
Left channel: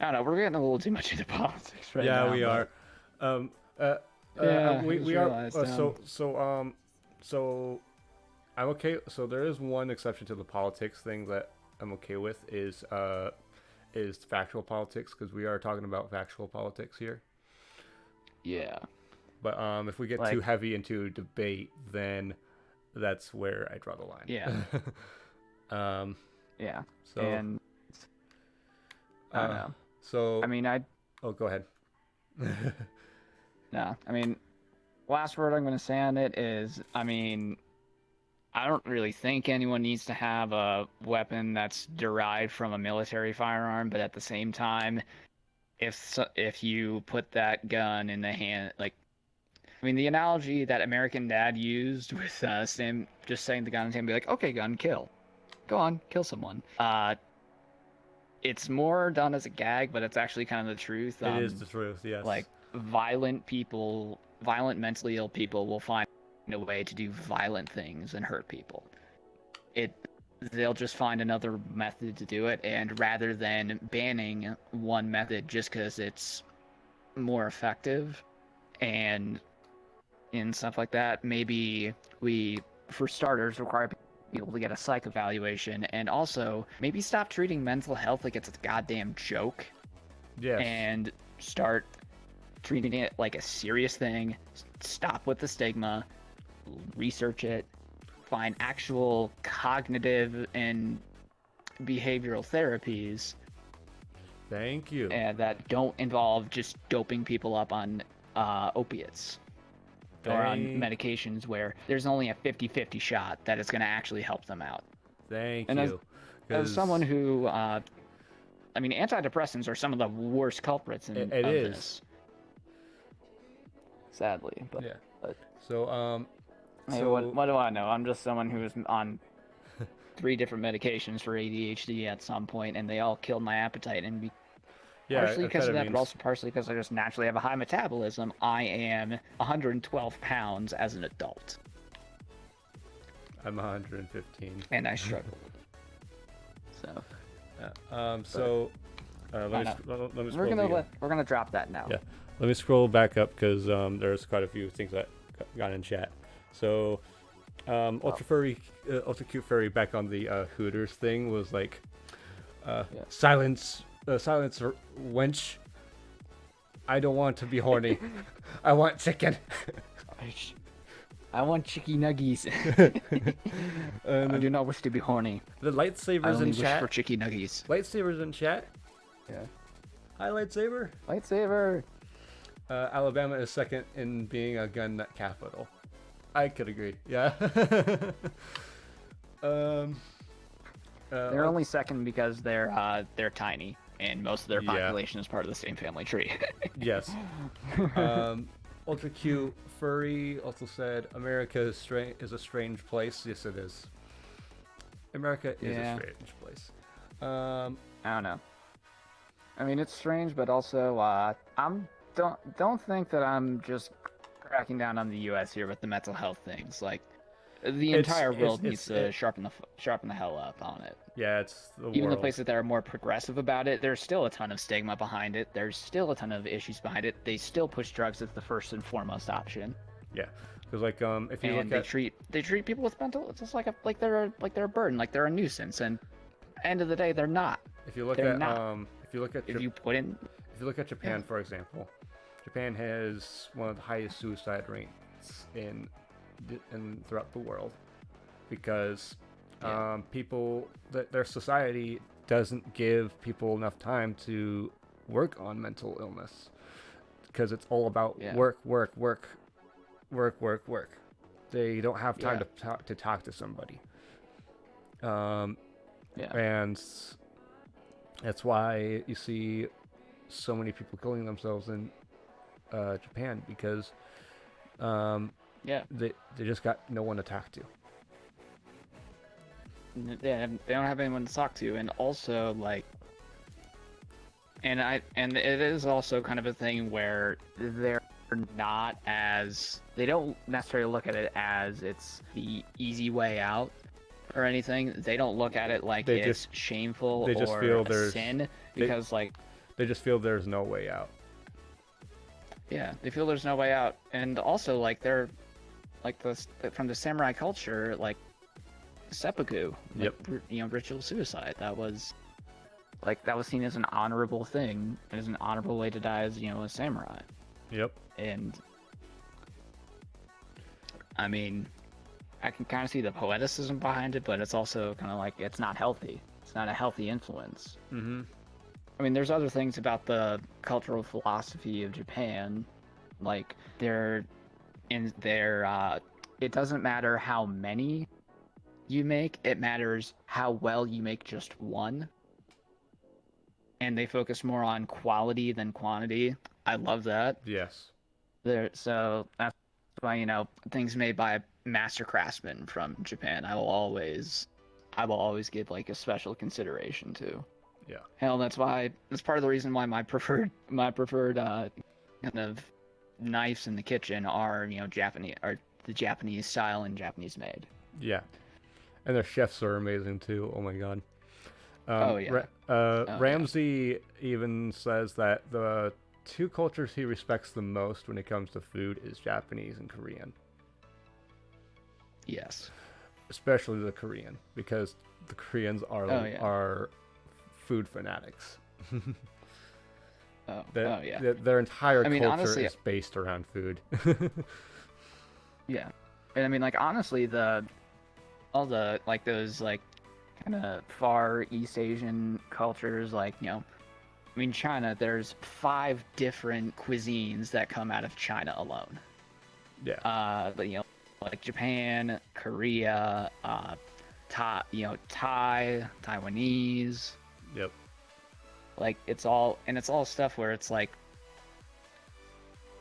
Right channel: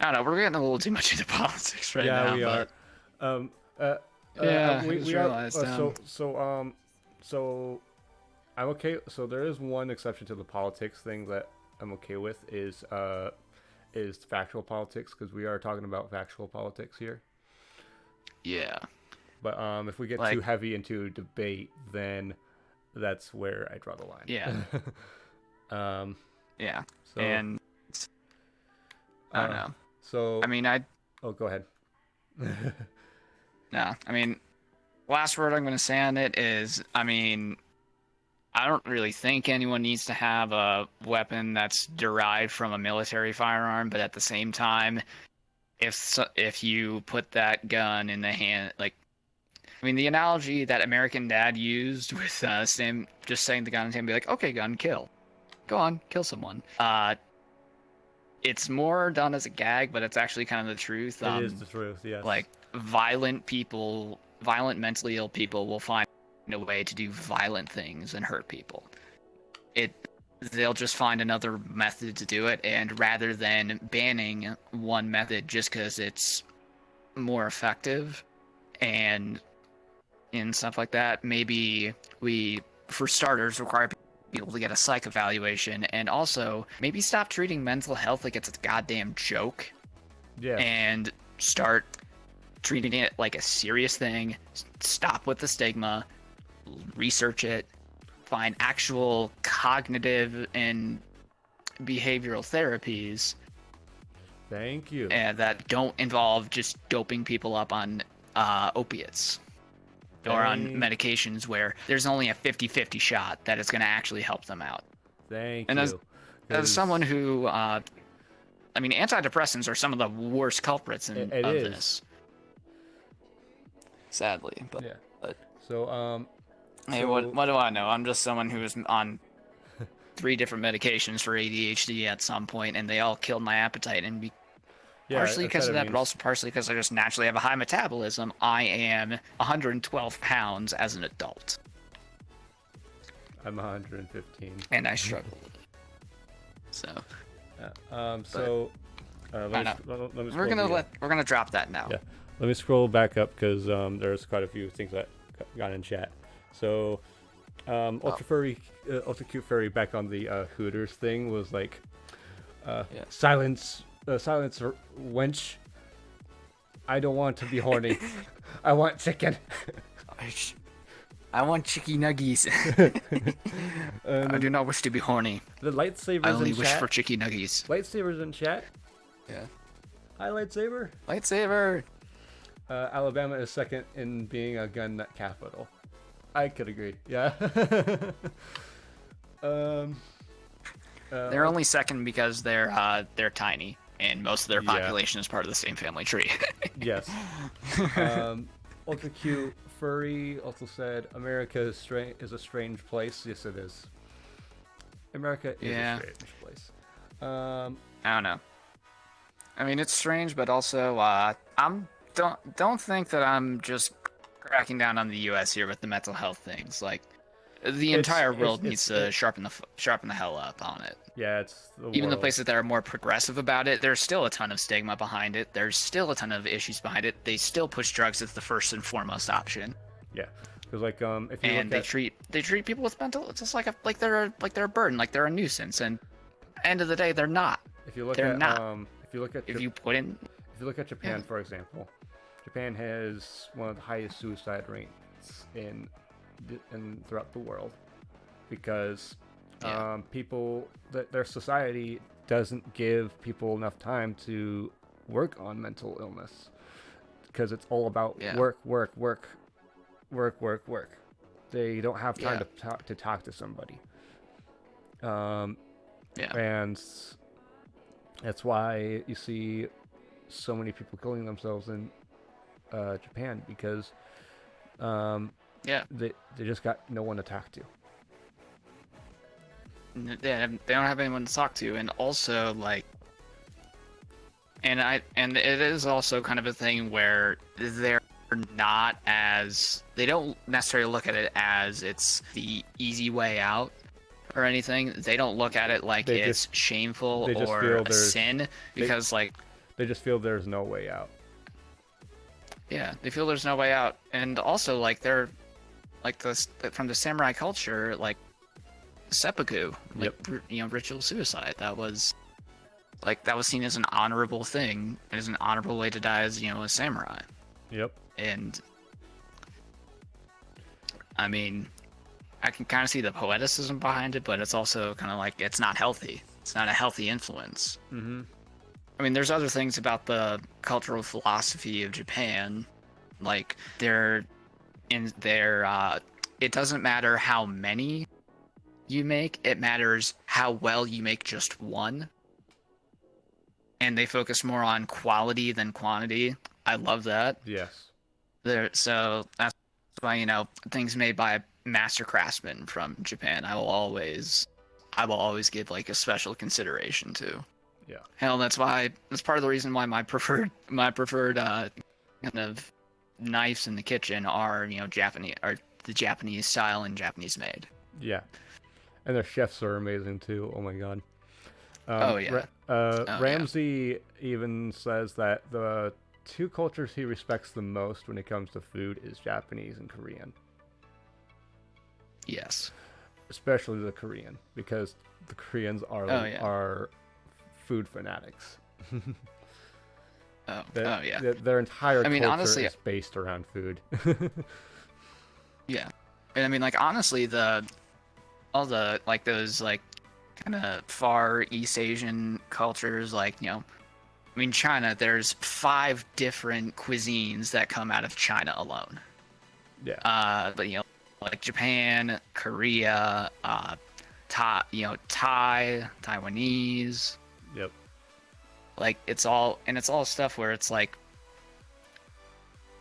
I don't know. We're getting a little too much into politics right now. Yeah, we are. We are. So I'm okay. So there is one exception to the politics thing that I'm okay with is factual politics, because we are talking about factual politics here. Yeah. But if we get too heavy into debate, then that's where I draw the line. Yeah. Yeah. So. And I don't know. So I mean, Oh, go ahead. No, I mean, last word I'm going to say on it is, I mean, I don't really think anyone needs to have a weapon that's derived from a military firearm, but at the same time, if you put that gun in the hand, like, I mean, the analogy that American Dad used with just saying the gun in his hand, be like, okay, gun, kill. Go on, kill someone. It's more done as a gag, but it's actually kind of the truth. It is the truth, yes. Like, violent mentally ill people will find a way to do violent things and hurt people. They'll just find another method to do it, and rather than banning one method just because it's more effective and stuff like that, maybe we, for starters, require people be able to get a psych evaluation, and also maybe stop treating mental health like it's a goddamn joke. Yeah. And start treating it like a serious thing. Stop with the stigma. Research it. Find actual cognitive and behavioral therapies. Thank you. And that don't involve just doping people up on opiates. Or on medications where there's only a 50-50 shot that it's going to actually help them out. Thank and you. As someone who, I mean, antidepressants are some of the worst culprits of this. Sadly, but yeah. But, so hey, so, what do I know? I'm just someone who was on 3 different medications for ADHD at some point, and they all killed my appetite. And partially because of that, but also partially because I just naturally have a high metabolism. I am 112 pounds as an adult. I'm 115. And I struggle. So. Let me we're gonna drop that now. Yeah. Let me scroll back up because there's quite a few things that got in chat. So, Ultra Cute Furry back on the Hooters thing was like, silence, wench. I don't want to be horny. I want chicken. I want chicky nuggies. I do not wish to be horny. The lightsabers I only in wish chat. For chicky nuggies. Lightsabers in chat. Yeah. Hi, lightsaber. Lightsaber. Alabama is second in being a gun nut capital. I could agree. Yeah. They're only second because they're tiny, and most of their population is part of the same family tree. Yes. Ultra Cute Furry also said, America is a strange place. Yes, it is. America is a strange place. I don't know. I mean, it's strange, but also, don't think that I'm just cracking down on the U.S. here with the mental health things. Like, the entire world needs to sharpen the hell up on it. Yeah, it's the Even world. the places that are more progressive about it, there's still a ton of stigma behind it. There's still a ton of issues behind it. They still push drugs as the first and foremost option. Yeah, because like if you look at they treat people with mental, it's just like they're a burden, like they're a nuisance. And end of the day, they're not. If you look at Japan, for example, Japan has one of the highest suicide rates in throughout the world because their society doesn't give people enough time to work on mental illness because it's all about work. They don't have time to talk to somebody. And that's why you see so many people killing themselves in Japan because they just got no one to talk to. They don't have anyone to talk to, and also and it is also kind of a thing where they don't necessarily look at it as it's the easy way out or anything. They don't look at it like it's shameful or a sin because they just feel there's no way out. Yeah, they feel there's no way out, and also they're from the samurai culture, like seppuku, ritual suicide. That was seen as an honorable thing, as an honorable way to die as a samurai. Yep. And I mean, I can kind of see the poeticism behind it, but it's also kind of it's not healthy. It's not a healthy influence. Mm-hmm. I mean, there's other things about the cultural philosophy of Japan, it doesn't matter how many you make, it matters how well you make just one. And they focus more on quality than quantity. I love that. Yes. So that's why, things made by master craftsmen from Japan, I will always give a special consideration to. Yeah. Hell, that's part of the reason why my preferred kind of knives in the kitchen are, Japanese, or the Japanese style and Japanese made. Yeah. And their chefs are amazing too. Oh my god. Ramsey even says that the two cultures he respects the most when it comes to food is Japanese and Korean. Yes. especially the Korean, because the Koreans are food fanatics. Their entire culture honestly, is based around food. Yeah, and I mean, like, honestly, all the like those like kind of far East Asian cultures, like, you know, I mean, China, there's 5 different cuisines that come out of China alone. Yeah. But you know, like Japan, Korea, Thai, Taiwanese. Yep. Like, it's all stuff where it's like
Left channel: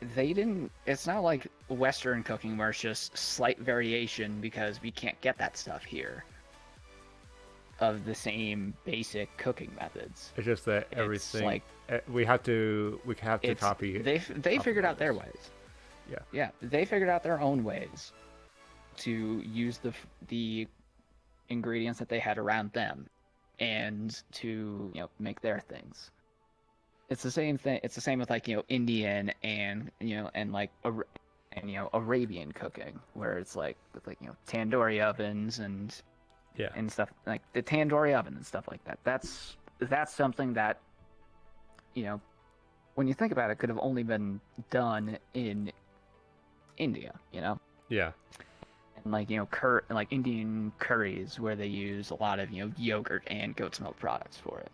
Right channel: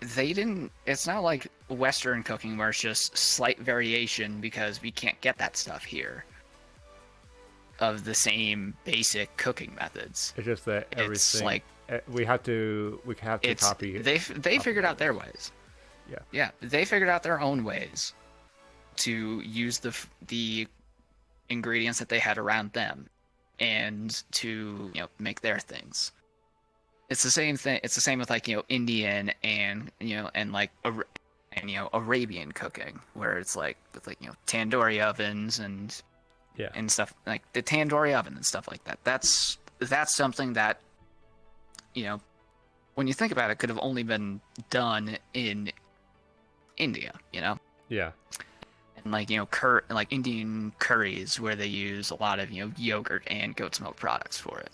it's not like Western cooking where it's just slight variation because we can't get that stuff here of the same basic cooking methods. It's just that everything like, we have to copy. They figured out their ways. Yeah. Yeah, they figured out their own ways to use the ingredients that they had around them and to, you know, make their things. It's the same thing. It's the same with, like, you know, Indian and, you know, and like Arabian cooking, where it's like with, like, you know, tandoori ovens and stuff, like the tandoori oven and stuff like that. That's something that, you know, when you think about it, could have only been done in India, you know. Yeah. And, like, you know, like Indian curries where they use a lot of, you know, yogurt and goat's milk products for it.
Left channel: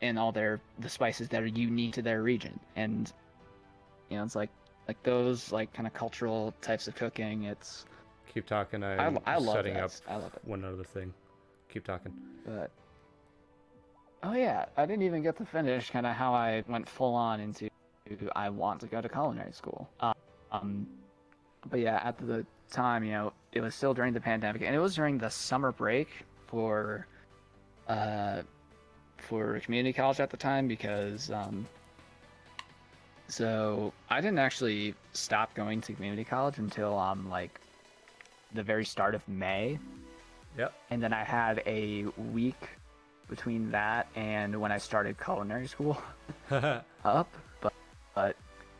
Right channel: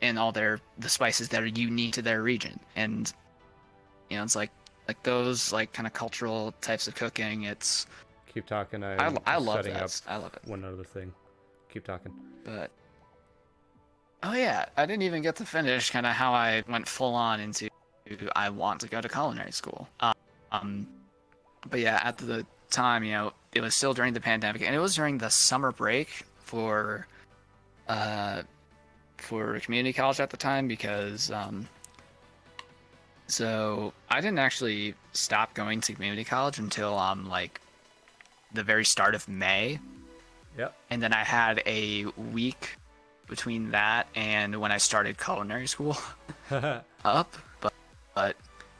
And all the spices that are unique to their region. And, you know, it's like those, like, kind of cultural types of cooking. It's keep talking. I love setting up one other thing. Keep talking. But oh yeah, I didn't even get to finish kind of how I went full on into I want to go to culinary school. But yeah, at the time, you know, it was still during the pandemic, and it was during the summer break for community college at the time, because so I didn't actually stop going to community college until like the very start of May. Yep. And then I had a week between that and when I started culinary school up. But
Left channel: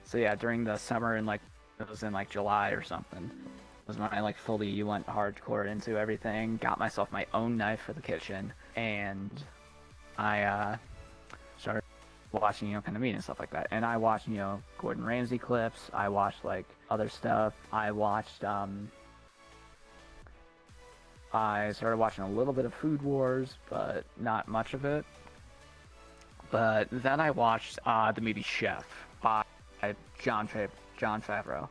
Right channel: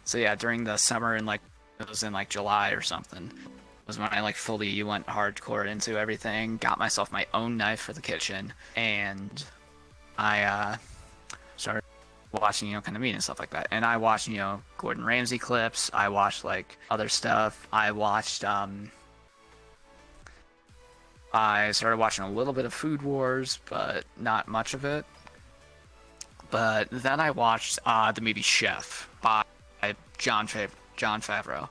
so yeah, during the summer, and like it was in like July or something, was when I like fully went hardcore into everything, got myself my own knife for the kitchen, and I started watching, you know, kind of meat and stuff like that. And I watched, you know, Gordon Ramsay clips. I watched like other stuff. I started watching a little bit of Food Wars, but not much of it. But then I watched the movie Chef by Jon Favreau.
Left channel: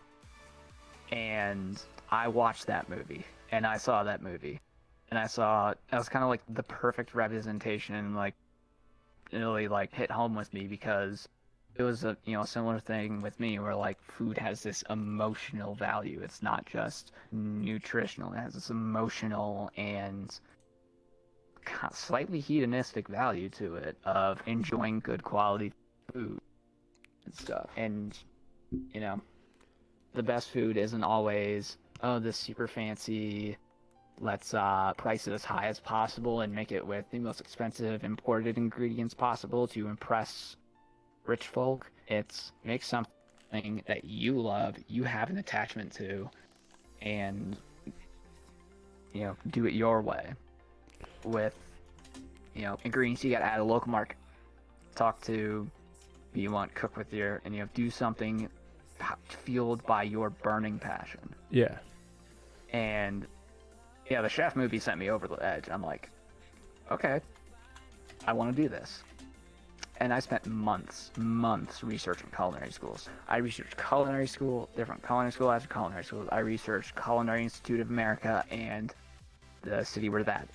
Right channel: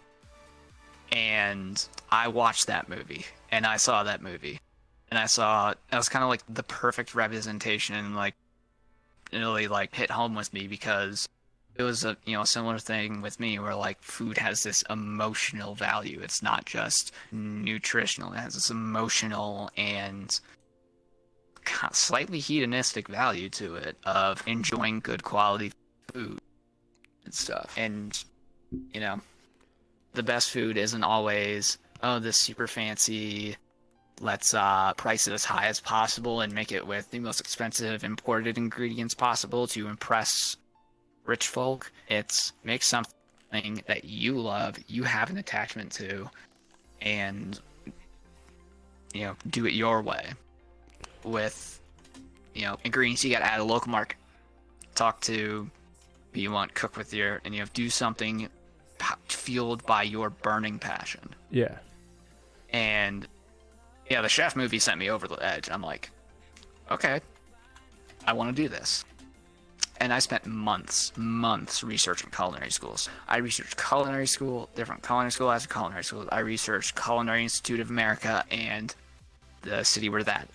And I watched that movie, and I saw that movie. And I saw, it was kind of like the perfect representation, and like it really like hit home with me, because it was a, you know, similar thing with me where like food has this emotional value. It's not just nutritional. It has this emotional and slightly hedonistic value to it of enjoying good quality food and stuff. And, you know, the best food isn't always, oh, this super fancy, let's price it as high as possible and make it with the most expensive imported ingredients possible to impress rich folk. It's make something that you love, you have an attachment to, and, you know, do it your way with, you know, ingredients you got at a local market. Talk to who you want, cook with your, and, you know, do something fueled by your burning passion. Yeah. And yeah, the Chef movie sent me over the edge. I'm like, okay, I want to do this. And I spent months researching culinary schools. I researched culinary school, different culinary school after culinary school. I researched Culinary Institute of America and the city where that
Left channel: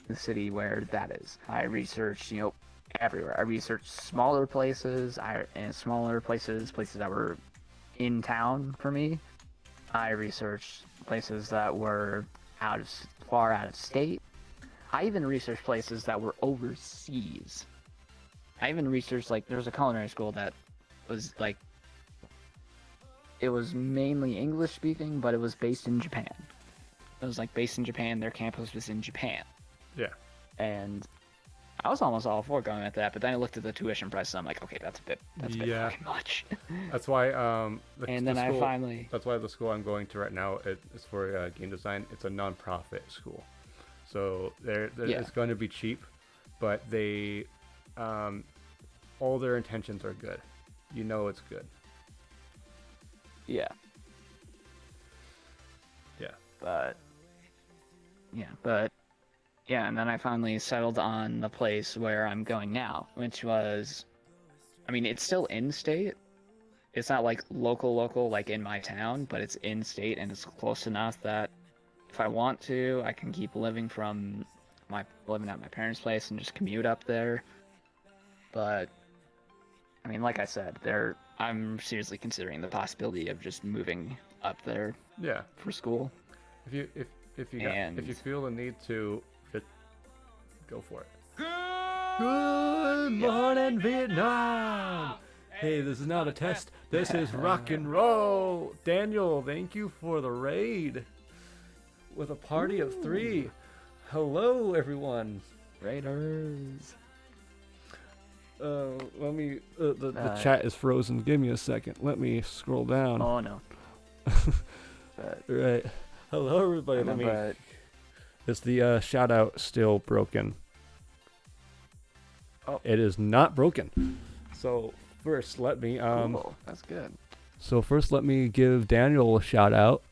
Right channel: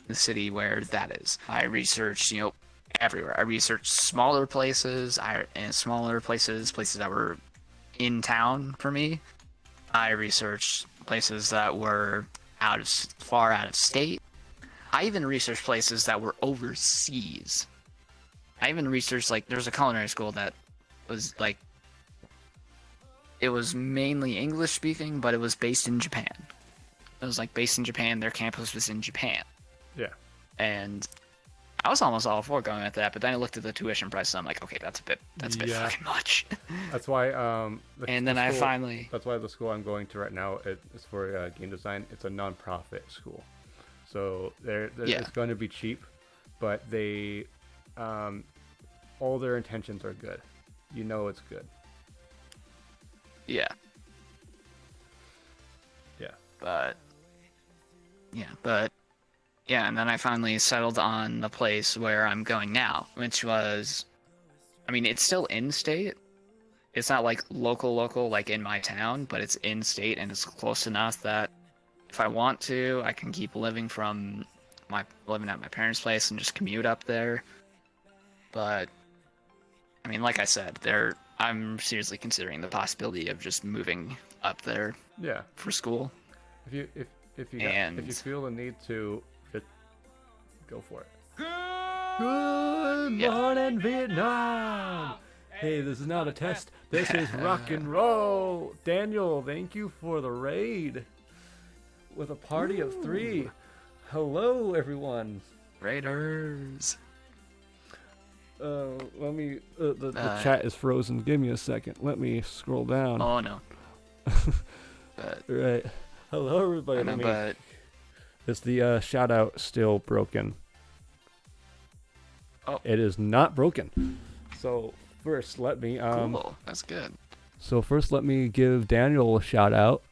is. I researched, you know, everywhere. I researched smaller places, places that were in town for me. I researched places that were far out of state. I even researched places that were overseas. I even researched, like, there's a culinary school that was, like, it was mainly English speaking, but it was based in Japan. It was, like, based in Japan. Their campus was in Japan. Yeah. And I was almost all for going with that, but then I looked at the tuition price, and I'm like, okay, that's a bit fucking much. That's why That's why the school I'm going to right now is for game design. It's a non-profit school, so it's going to be cheap, but they all their intentions are good. You know it's good. Yeah. Yeah, and then I finally settled on the place where I'm going now, which was, I mean, it's still in-state. It's not like local, like in my town, but it's in-state, and it's close enough that if I want to, I can keep living at my parents' place and just commute up there. But, I mean, like I said, I'm seriously considering the possibility of just moving up there. Yeah. For school. If you feel the need to, just go for it. Good morning, Vietnam. Hey, this is not a test. This is rock and roll. Daniel, thank you for the raid. With a party of 3. Hello, everyone. Raiders. Let me. The chat is frozen. Give me a second. Let me scroll down. Oh no. Right. Hello, everybody. Is the shout out still broken? Oh. It is not broken. So first, let me Cool. That's good. So first, let me give Daniel a shout out,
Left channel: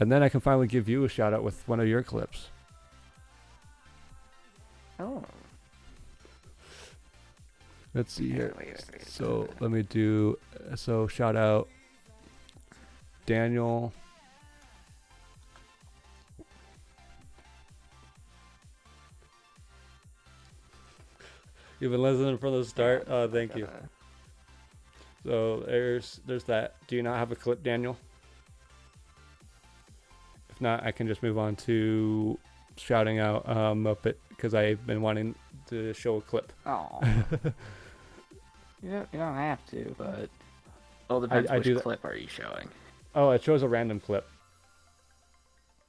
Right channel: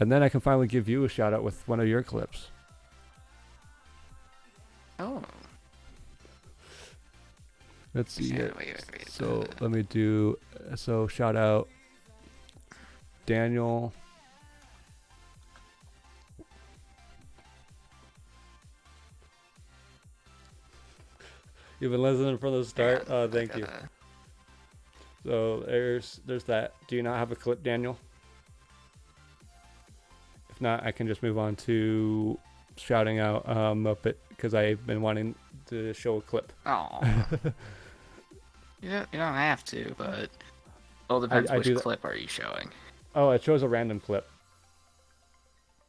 and then I can finally give you a shout out with one of your clips. Oh. Let's see here. Wait. So let me do. So shout out Daniel. You've been listening from the start. Thank you. So there's that. Do you not have a clip, Daniel? If not, I can just move on to shouting out Muppet, because I've been wanting to show a clip. Oh. You don't have to, but well, depends which clip are you showing. Oh, it shows a random clip.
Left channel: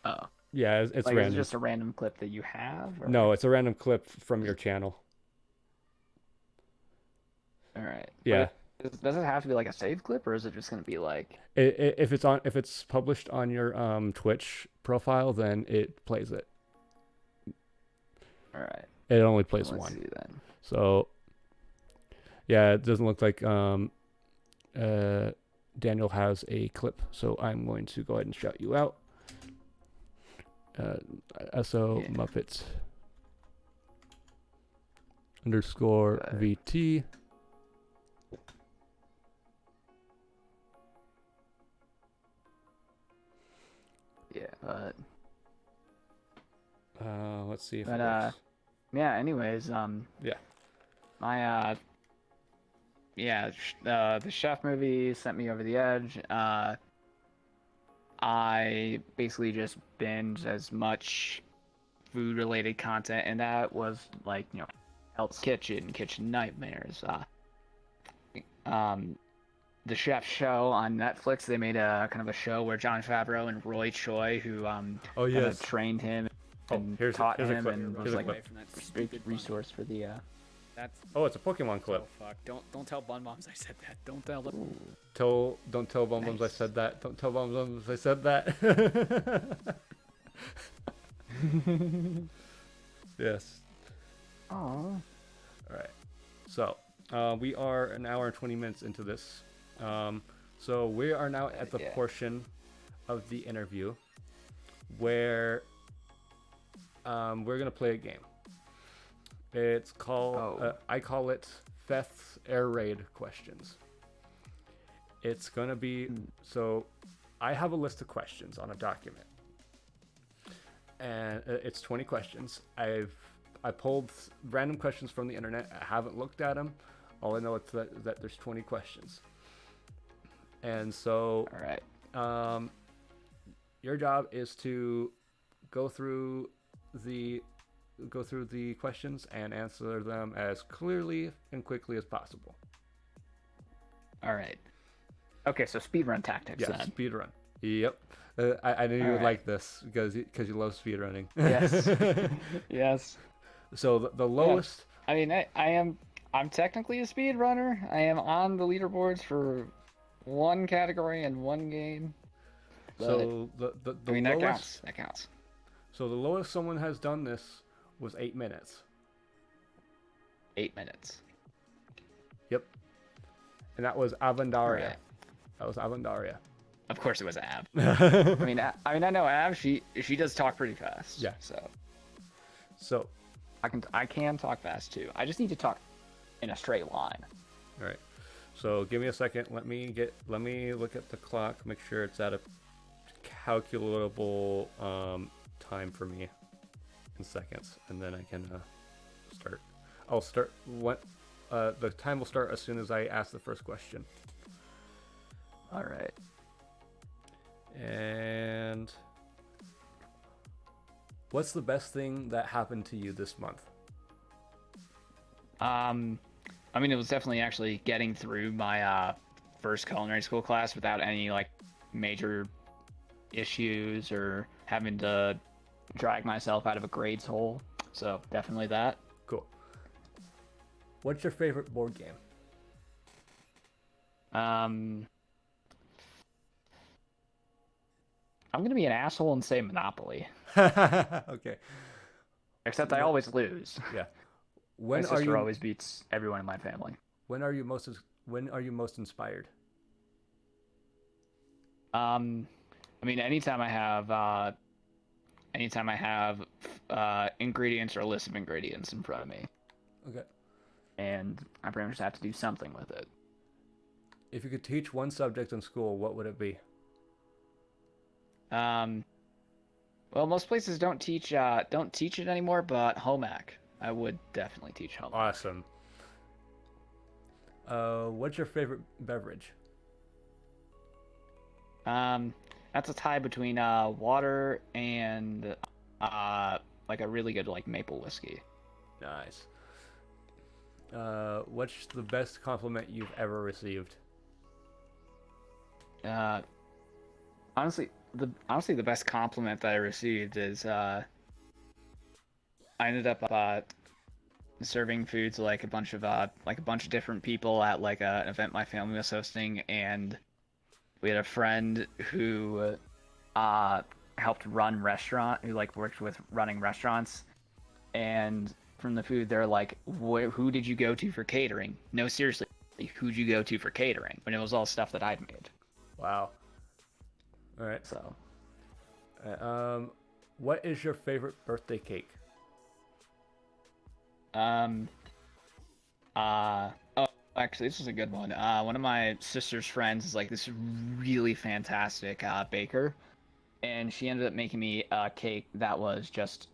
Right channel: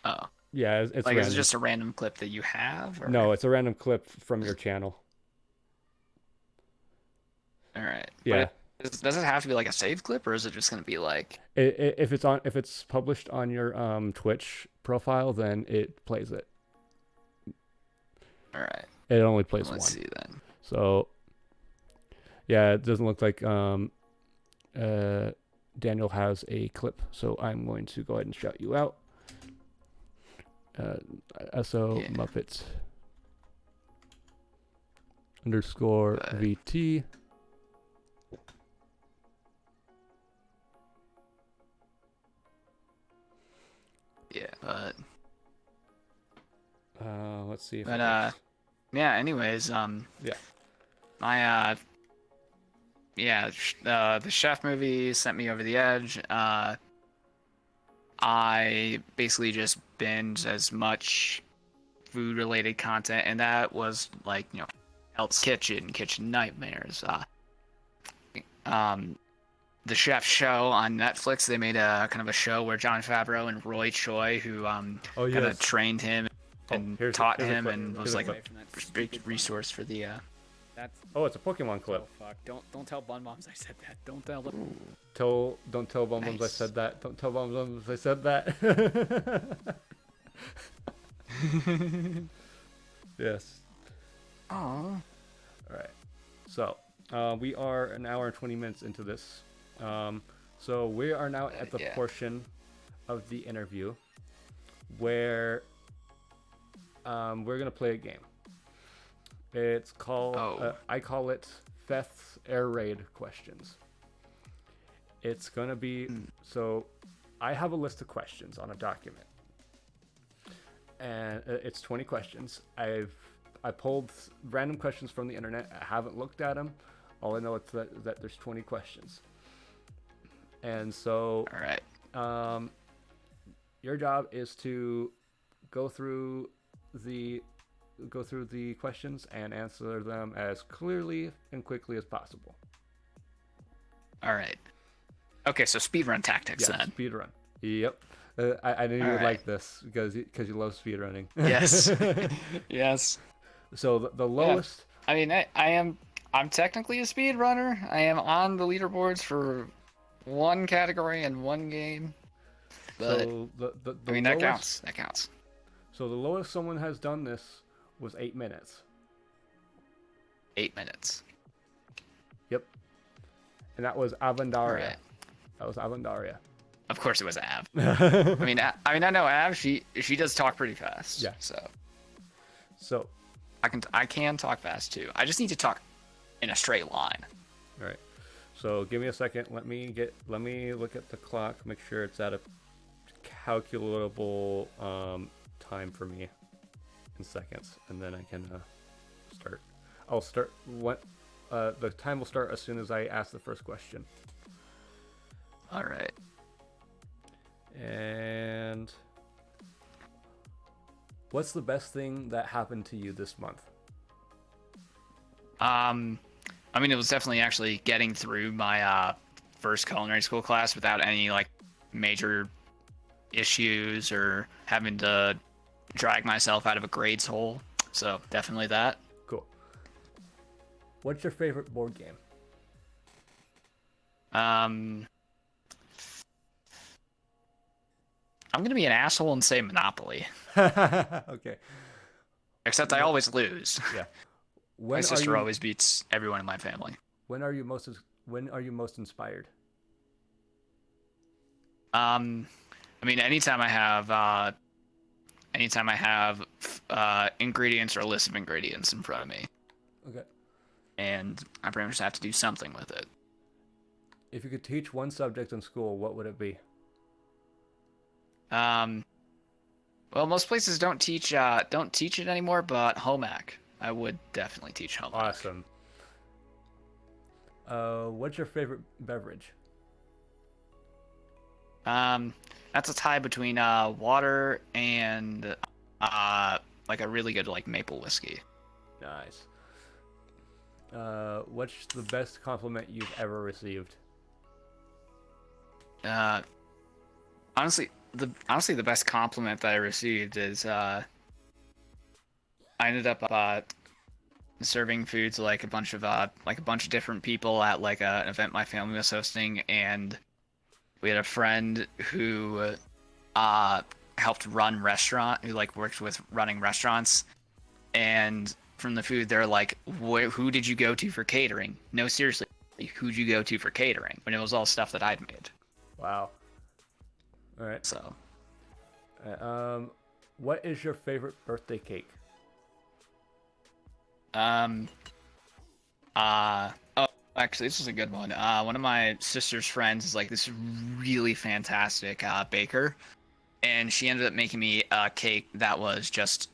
Oh. Yeah, it's random. Is it just a random clip that you have? Or? No, it's a random clip from your channel. All right. Yeah. Does it have to be like a saved clip, or is it just going to be like? If it's published on your Twitch profile, then it plays it. All right. It only plays one. Let's see then. So, yeah, it doesn't look like Daniel has a clip, so I'm going to go ahead and shout you out. Muppets _VT. Yeah, but let's see if it works. Yeah, anyways, the chef movie sent me over the edge. I basically just binged as much food related content, and that was like, Hell's Kitchen Nightmares, the Chef Show on Netflix. They made a kind of a show where Jon Favreau and Roy Choi, who trained him and taught him, and was like a big resource for the. It's a Pokemon clip. Oh fuck! Don't tell Bun Moms I said that. Don't tell them. Don't tell Bum Bums I said that. Don't tell Bum Bums I said that. Yes. Oh. All right. So we are an hour and 20 minutes into this. So we are now at the portion of the interview where we're gonna play a game. It's called I call it Feth's Air Raid Questions. It's gonna be so I have a list of questions on a document, and it's 20 questions. I pulled random questions from the internet. I haven't looked at them. All I know is that there's 20 questions. And so, all right. Your job is to go through the questions and answer them as clearly and quickly as possible. All right. Okay, so speedrun tactics then. Speedrun. Yep. I knew you would like this because you love speedrunning. Yes. Yes. So the Yeah. lowest. I mean, I'm technically a speed runner. I am on the leaderboards for one category and one game. But So I the mean, that lowest. counts. That counts. So the lowest someone has done this was 8 minutes. 8 minutes. Yep. And that was All Avandaria. right. That was Avandaria. Of course, it was Av. I know Av. She does talk pretty fast. Yeah. So I can talk fast too. I just need to talk in a straight line. All right. So give me a second. Let me look at the clock. Make sure it's at a calculable time for me in seconds, and then I can start. I'll start what the time will start as soon as I ask the first question. All right. And what's the best thing that happened to you this month? I mean, it was definitely actually getting through my first culinary school class without any like major issues or having to drag myself out of a grades hole. So definitely that. Cool. What's your favorite board game? I'm gonna be an asshole and say Monopoly. Okay. Except I always lose. Yeah. My sister always beats everyone in my family. When are you most inspired? I mean, anytime I have ingredients or a list of ingredients in front of me, Okay. and I pretty much have to do something with it. If you could teach one subject in school, what would it be? Well, most places don't teach it anymore, but home ec, I would definitely teach home ec. Awesome. What's your favorite beverage? That's a tie between water and like a really good like maple whiskey. Nice. What's the best compliment you've ever received? Honestly, the best compliment that I received is I ended up serving food to like a bunch of different people at like an event my family was hosting, and we had a friend who helped run who like worked with running restaurants, and from the food they're like, who did you go to for catering? No, seriously, who'd you go to for catering? When it was all stuff that I'd made. Wow. All right. So what is your favorite birthday cake? oh, actually, this is a good one. One of my sister's friends is like this really fantastic baker, and she ended up making me a cake that was just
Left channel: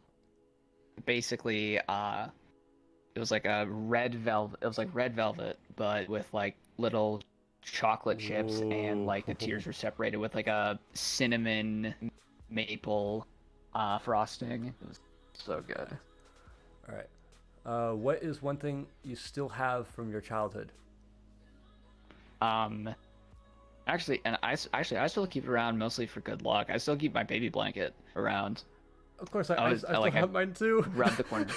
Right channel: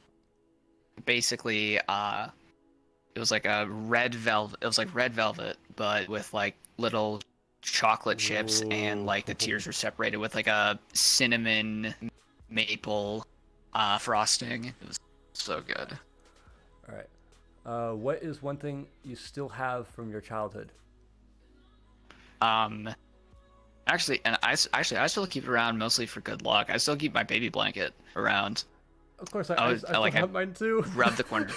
basically it was like a red velvet. It was like red velvet, but with like little chocolate chips, and like the tiers were separated with like a cinnamon maple frosting. It was so good. All right. What is one thing you still have from your childhood? Actually, I still keep it around mostly for good luck. I still keep my baby blanket around. Of course, I still have mine too. Rub the corners.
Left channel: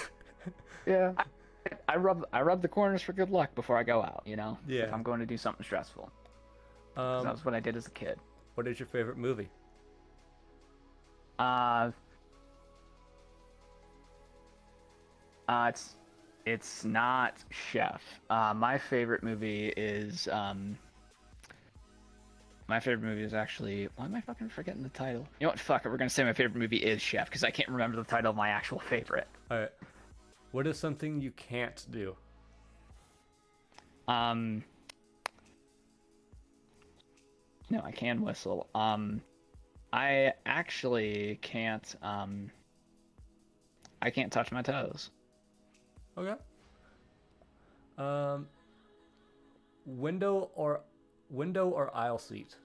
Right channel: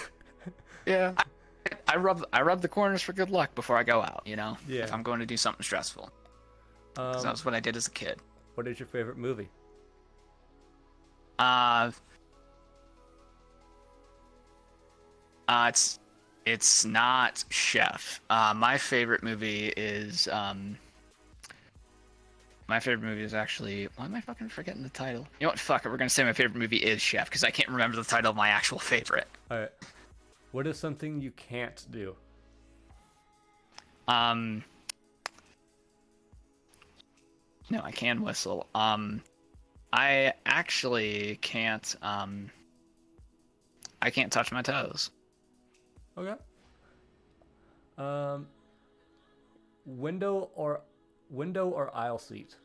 Yeah, I rub the corners for good luck before I go out. You know, Yeah. if I'm going to do something stressful. 'Cause that's what I did as a kid. What is your favorite movie? It's not Chef. My favorite movie is actually, why am I fucking forgetting the title? You know what? Fuck it. We're gonna say my favorite movie is Chef because I can't remember the title of my actual favorite. All right. What is something you can't do? No, I can whistle. I actually can't. I can't touch my toes. Okay. Window or aisle seat?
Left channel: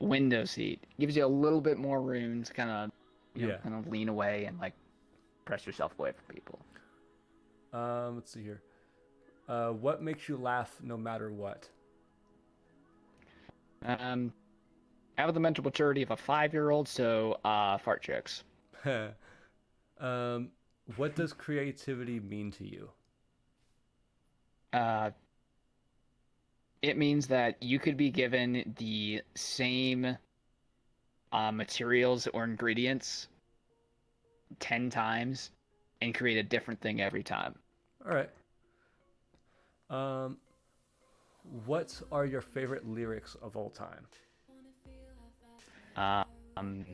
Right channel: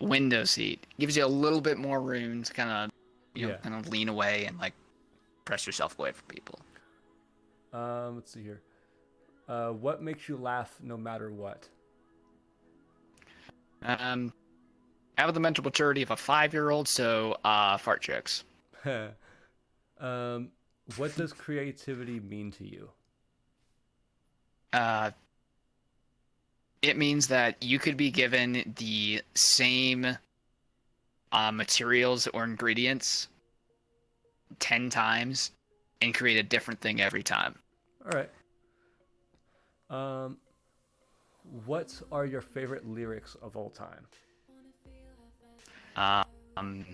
Window seat gives you a little bit more room to kind of, Yeah. kind of lean away and like press yourself away from people. Let's see here. What makes you laugh no matter what? I have the mental maturity of a 5-year-old, so fart jokes. What does creativity mean to you? Uh, it means that you could be given the same materials or ingredients 10 times and create a different thing every time. All right. Um, what are your favorite lyrics of all time? Um,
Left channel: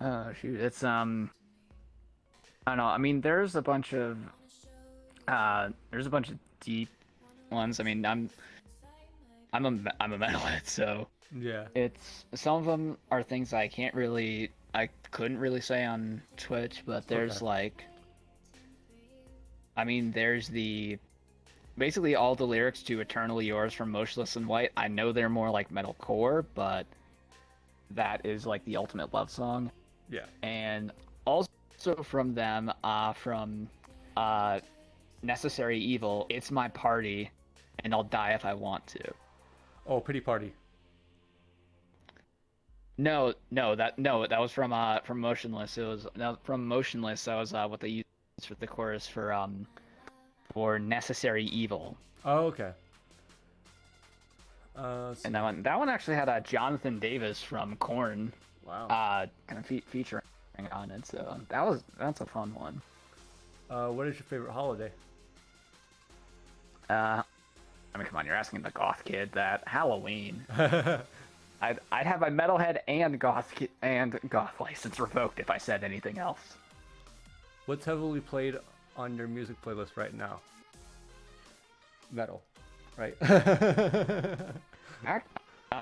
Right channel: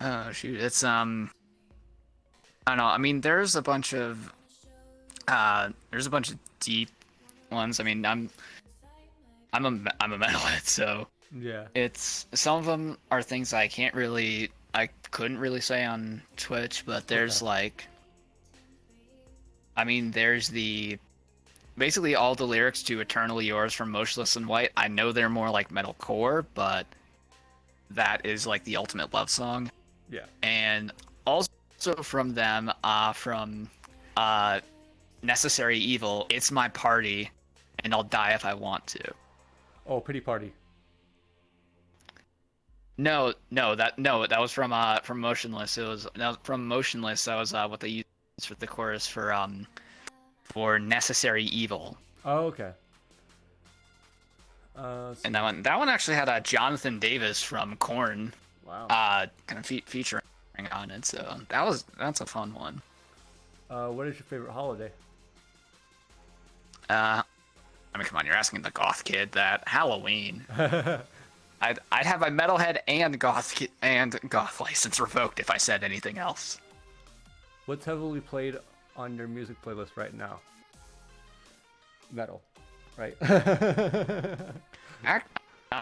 oh shoot, it's I don't know. I mean, there's a bunch of deep ones. I mean, I'm a metalhead, so Yeah. it's some of them are things I couldn't really say on Twitch, but there's Okay. like, I mean, there's the basically all the lyrics to Eternally Yours from Motionless in White. I know they're more like metalcore, but that is like the ultimate love song. Yeah. And also from them, from uh, Necessary Evil, It's My Party, and I'll Die If I Want to. Oh, Pity Party. That was from Motionless. From Motionless. That was what they used for the chorus for Necessary Evil. Oh, okay. And that one actually had Jonathan Davis from Korn Wow. kind of featuring on it. So that's a fun one. What is your favorite holiday? I mean, come on, you're asking the goth kid that. Halloween. I'd have my metalhead and goth license revoked if I said anything else. What's heavily played on your music playlist right now? Metal, right?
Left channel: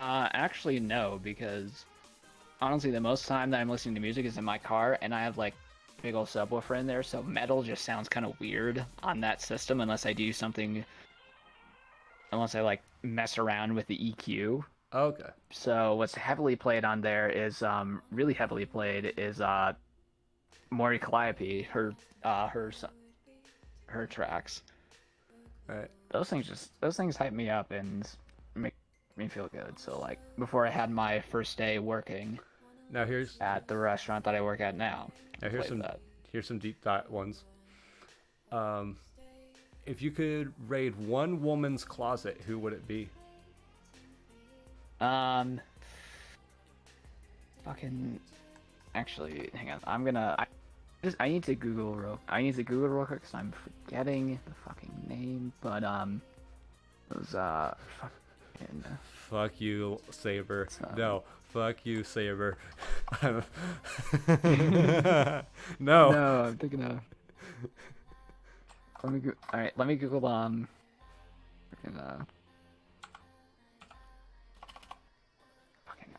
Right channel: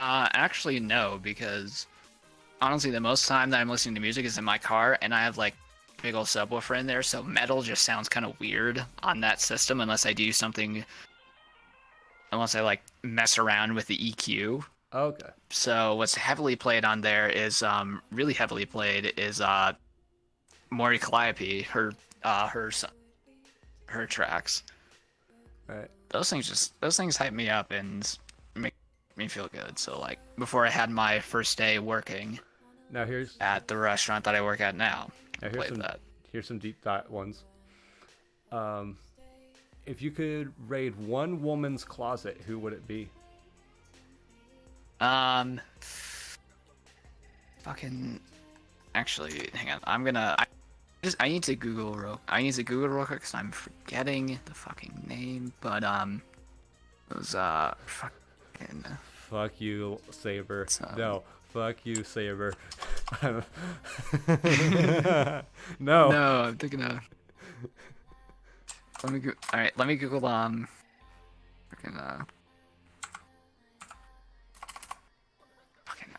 Actually, no, because honestly, the most time that I'm listening to music is in my car, and I have like big old subwoofer in there, so metal just sounds kind of weird on that system unless I like mess around with the EQ. Okay. So what's heavily played on there is really heavily played is Maury Calliope, her tracks. Right. Those things hype me up and make me feel good. So like before I had my first day working Now here's at the restaurant that I work at now. Here's some deep thought ones. If you could raid one woman's closet, who would it be? Fucking. Actually, hang on. I need to Google real quick because I'm forgetting the fucking name. But it was fucking. Fuck you, Saber. No, fuck you, Saber. No. No, I'm thinking of. All right, let me Google freaking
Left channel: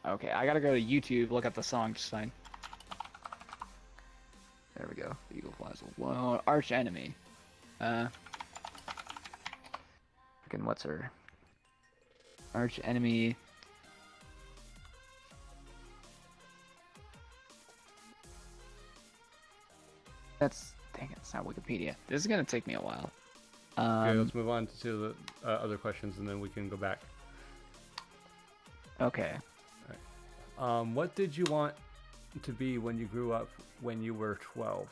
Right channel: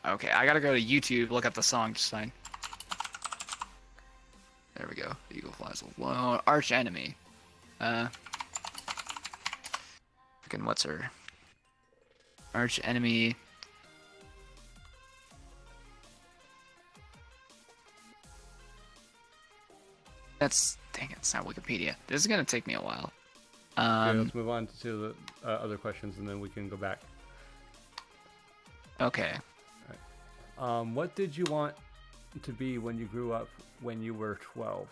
okay, I gotta go to YouTube, look up the song just fine. There we go. Eagle Flies Alone. Arch Enemy. Freaking what's her? Arch Enemy. Dang it, it's not Wikipedia. This is gonna take me a while. Okay, let's move on to the other questions, and then we can go back. Okay. What did you want to be when you grew up when you were 12?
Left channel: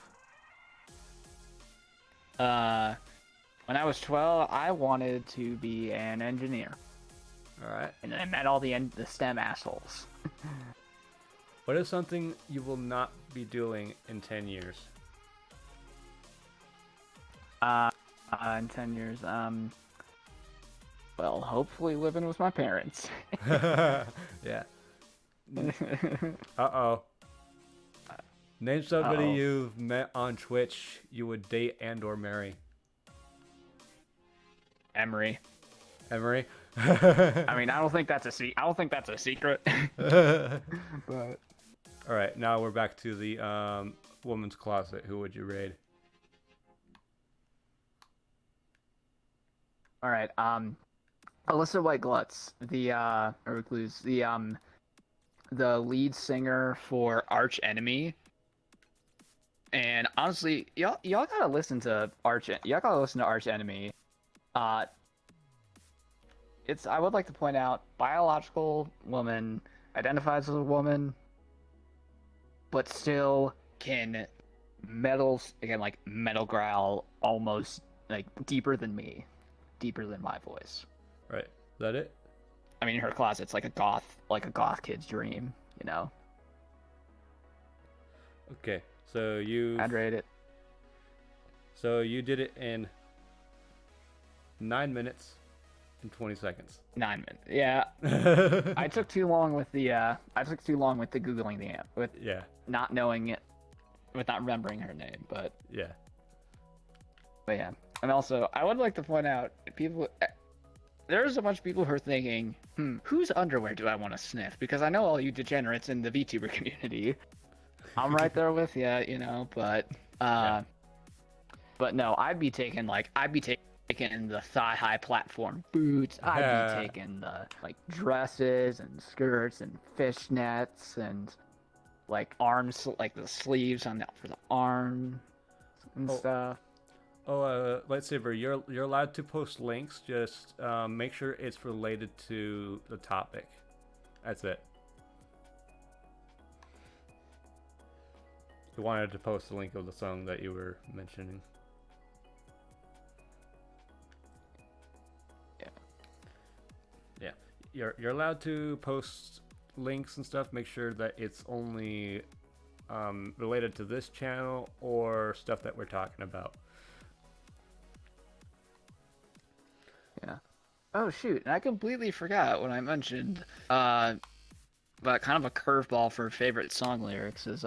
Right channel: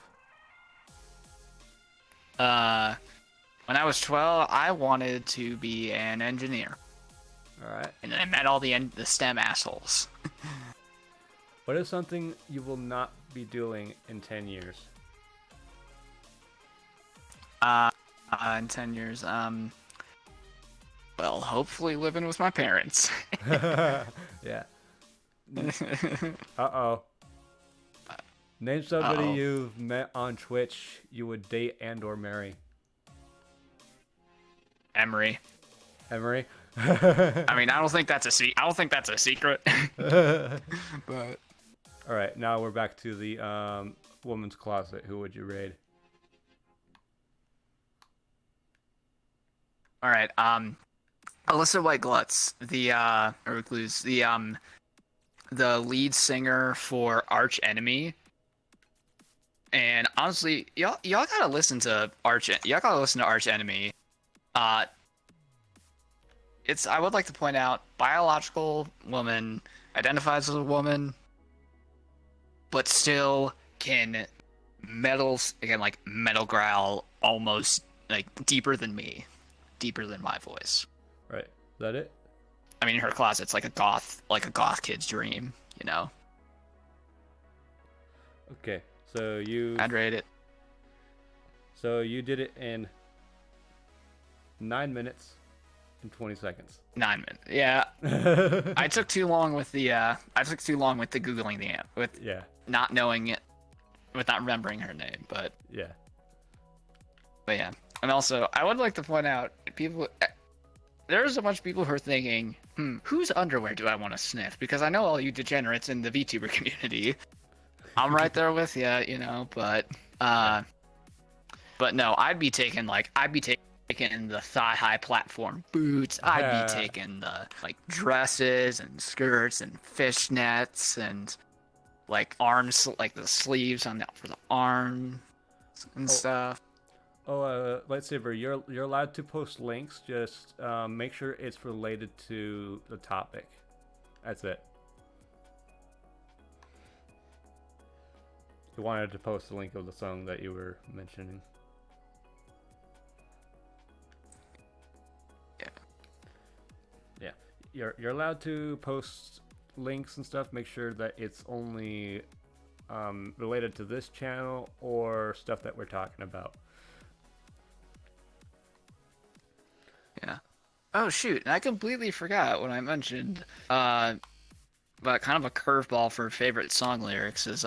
When I was 12, I wanted to be an engineer. All right. And I met all the STEM assholes. What is something you will not be doing in 10 years? In 10 years, well, hopefully living with my parents. Yeah. Uh-oh. Name somebody you've met on Twitch you would date and or marry. Emery. Emery? I mean, I don't think that's a secret. But all right, now we're back to the woman's closet. Who would you raid? all right, Alyssa White Glutz, the recluse, the lead singer for Arch Enemy. And honestly, y'all gotta listen to Arch Enemy. I would like to point out, biological woman, identifies as a woman, but still can metal growl almost like deeper than me, deeper than my voice. Right. Is that it? I mean, her closet's like a goth kid's dream, you know. Okay, so I'd rate it. So you did it in 9 minutes and 20 seconds. 9 minutes. Yeah. I took too long with the googling the amp with not knowing it, with not remembering her name, but yeah. And also I would like to point out, there's a bunch of people who are thinking, whose underwear do I want to sniff? Because I know all you degenerates in the VTuber community. I'm right there with you, you know, but no, I'd be taking the thigh-high platform boots. I'd be taking the like dresses and skirts and fishnets and like arms, like the sleeves for the arms and stuff. Lightsaber, you're allowed to post links. Just make sure it's related to the topic. That's it. You wanted to post the link of the song that you were mentioning. Yeah. You're allowed to post links and stuff. Make sure that it's only related to this channel or stuff that we're talking about. Yeah. Oh shoot! And I completely forgot when I mentioned, but kind of a curveball for favorite song lyrics is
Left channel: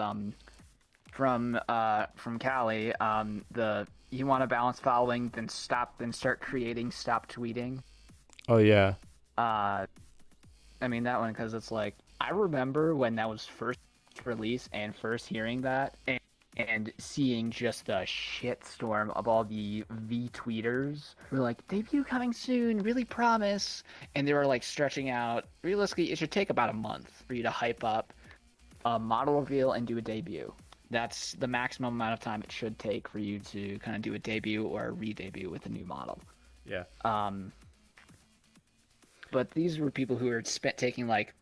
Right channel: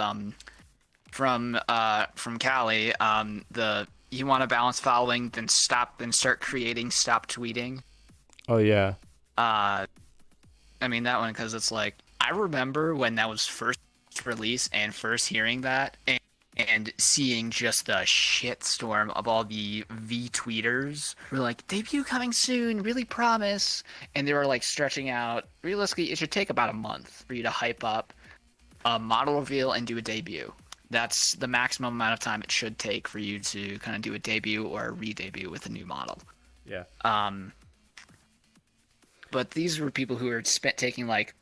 from Callie, you want to balance following, then start creating, stop tweeting. Oh yeah. I mean that one because it's like, I remember when that was first released and first hearing that and seeing just the shitstorm of all the V-tweeters who were like, debut coming soon, really promise. And they were like stretching out, realistically, it should take about a month for you to hype up a model reveal and do a debut. That's the maximum amount of time it should take for you to kind of do a debut or a re-debut with a new model. Yeah. But these were people who were taking like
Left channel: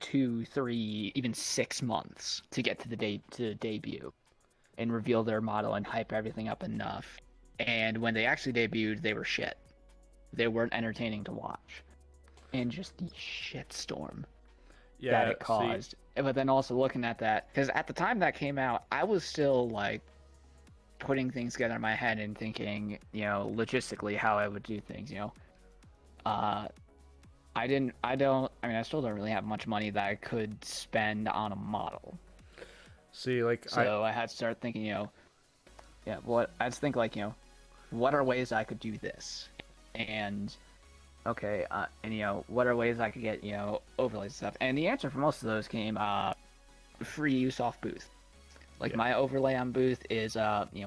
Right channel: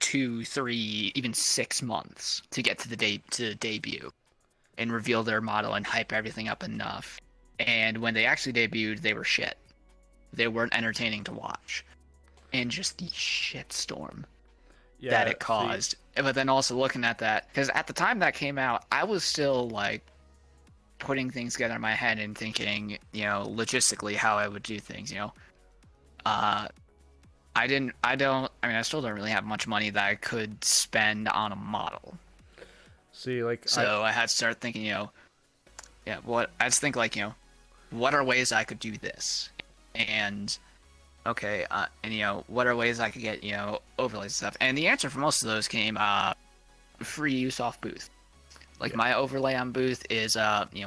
2, 3, even 6 months to get to the debut and reveal their model and hype everything up enough. And when they actually debuted, they were shit. They weren't entertaining to watch. And just the shitstorm that it caused. But then also looking at that, because at the time that came out, I was still like putting things together in my head and thinking, you know, logistically how I would do things, you know. I still don't really have much money that I could spend on a model. I had to start thinking, you know, what are ways I could do this? And okay, and you know, what are ways I could get, you know, overlays and stuff? And the answer for most of those came free use off booth. Like my overlay on booth is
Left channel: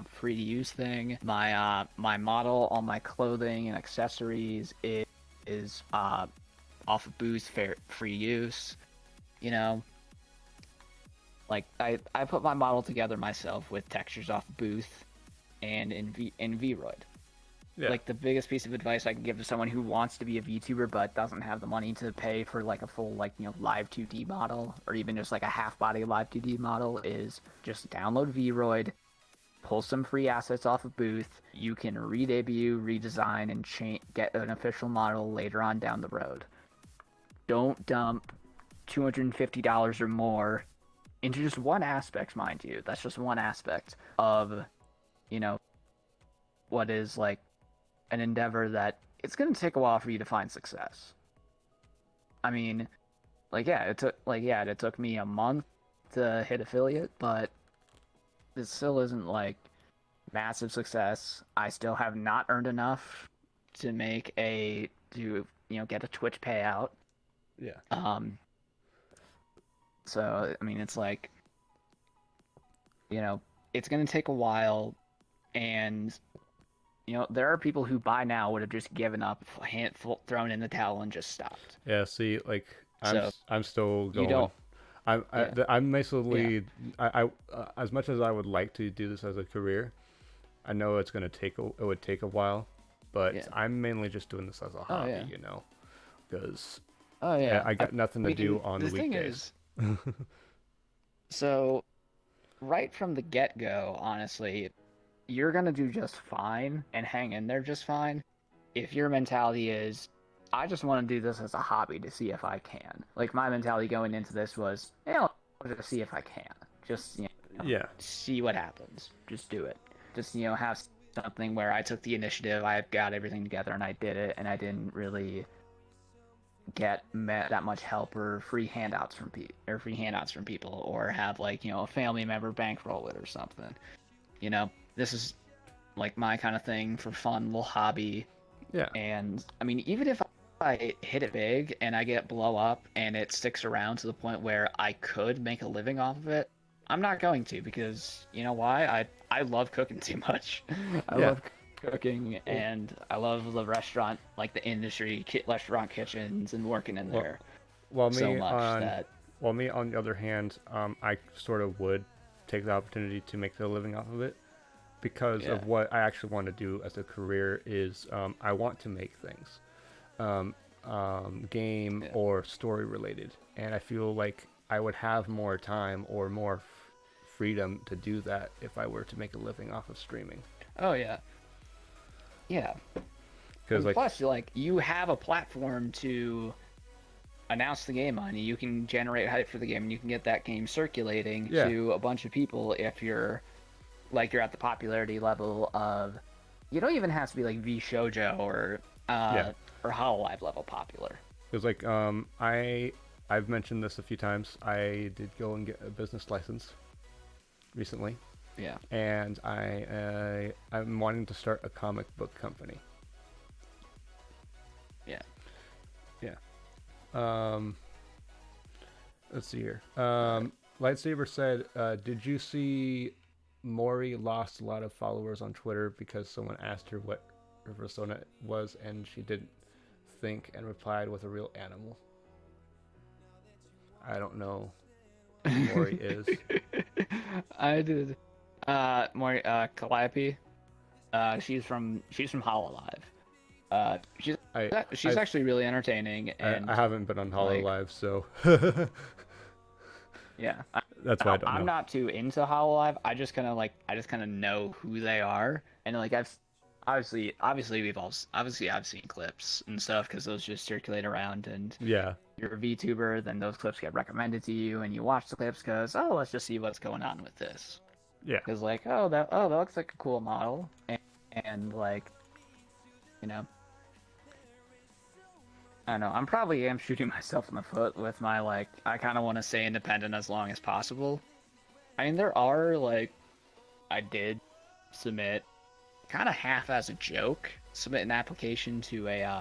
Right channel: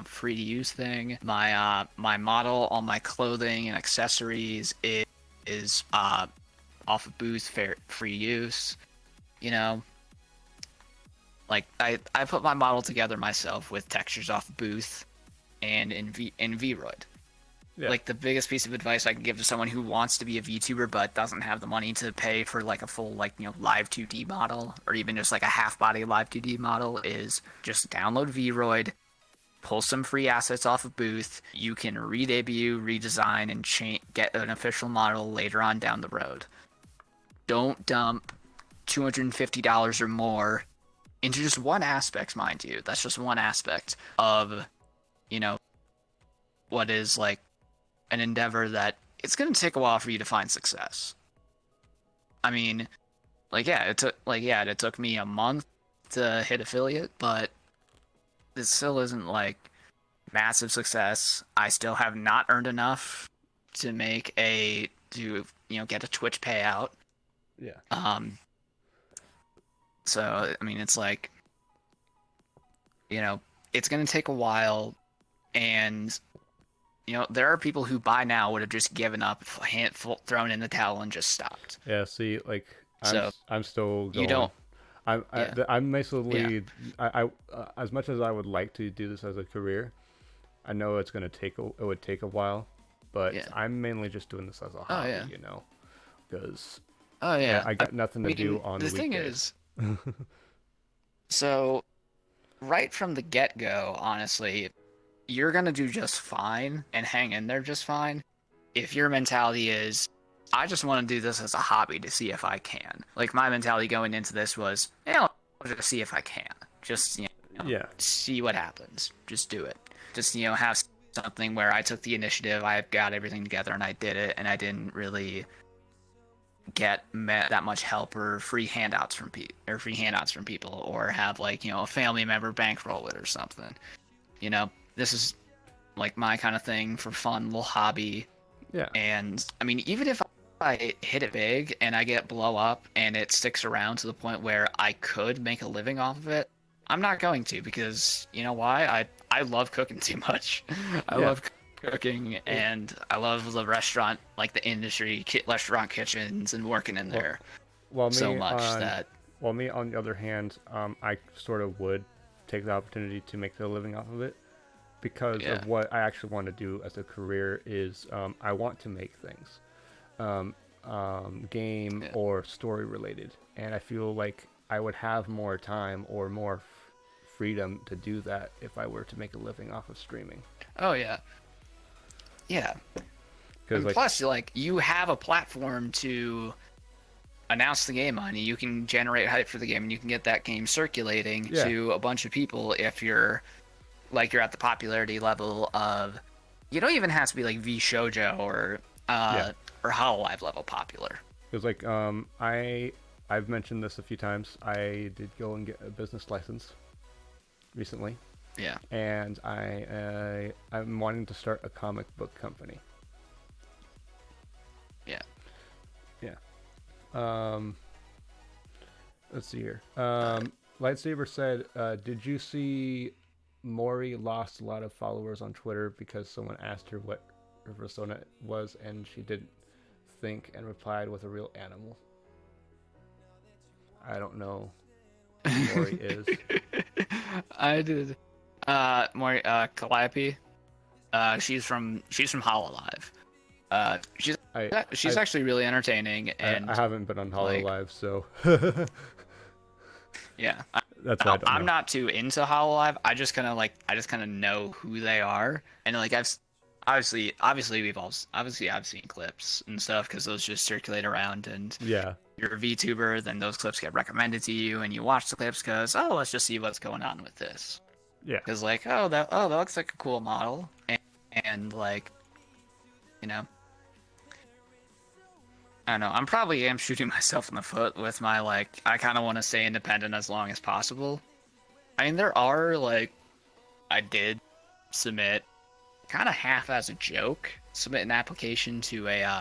free to use thing. My model on my clothing and accessories is off of booth, free use. You know, like I put my model together myself with textures off booth and in Vroid. Yeah. Like the biggest piece of advice I can give to someone who wants to be a VTuber but doesn't have the money to pay for like a full live 2D model or even just like a half body live 2D model is just download Vroid, pull some free assets off of booth. You can re-debut, redesign, and get an official model later on down the road. Don't dump $250 or more into just one aspect, mind you. That's just one aspect of, you know, what is like an endeavor that it's going to take a while for you to find success. I mean, it took me a month to hit affiliate, but it still isn't like massive success. I still have not earned enough to get a Twitch payout. Yeah. So I mean, it's like, you know, it's going to take a while, and you know, there are people who by now would have just given up, thrown in the towel, and just stopped. Yeah. See, like I'm still going. I'm basically I as much as I would like to do this as a career, I know it would take a while, but I'm mainly just doing this as a hobby, you know, because I got nothing to do on the weekdays. Thing is, so right from the get-go, honestly, you're gonna do just fine and hang in there just fine if your mentality is, I just want to do this as a hobby to see if I can. Like, my mentality going into this was, I'll just see if I can. Just, Yeah. see what happens. Just do it. Just, have something where I took the initiative, I got everything together, and I did it, and I didn't really get that much help or free handouts from people, or have, like, a family member bankroll it or something. This is like my kind of thing for fun, little hobby. Yeah. And I mean, even if I hit it big and I get blow up and it sticks around to the point where I could make a living off of it, I'm not going to, because you know why? I love cooking too much. I love cooking, and I love the restaurant, like the industry, restaurant kitchens, and working in there so much that. Well, me on the other hand, I sort of would take the opportunity to make a living off of it, because of what I actually want to do as a career is I want to make things, game or story related, and I feel like I would have more time or more freedom to do that if I were to make a living off of streaming. Oh yeah. Yeah. Because plus, like, you have a platform to announce the game on. You can generate hype for the game, and you can get that game circulating to a bunch of people if you're at the popularity level of. You don't even have to be like V Shoujo or Hololive level popular. Because like I've mentioned this a few times. I did go and get a business license recently. Yeah. And I'm wanting to start a comic book company. Yeah. Yeah. Let's see here. Lightsaber said, did you see Maury lost a lot of followers on Twitter because someone asked her what her persona was and she didn't think and replied with a real animal? I don't know who Maury is. I did. Maury, Calliope. She's from Hololive. She's actually really entertaining, and I haven't been on Hololive, so yeah, that's why I don't know. I'm not too into Hololive. I just kind of know who they are, and like I've obviously I've seen clips and stuff because those just circulate around, and you're a VTuber, then those clips get recommended to you, and you watch the clips because let's just see what's going on with this. Yeah. Because like that looks like a cool model, and like, I don't know. I'm probably shooting myself in the foot with my like. I kind of want to stay independent as long as possible. I mean, there are like, I did submit, kind of half as a joke, submit an application to a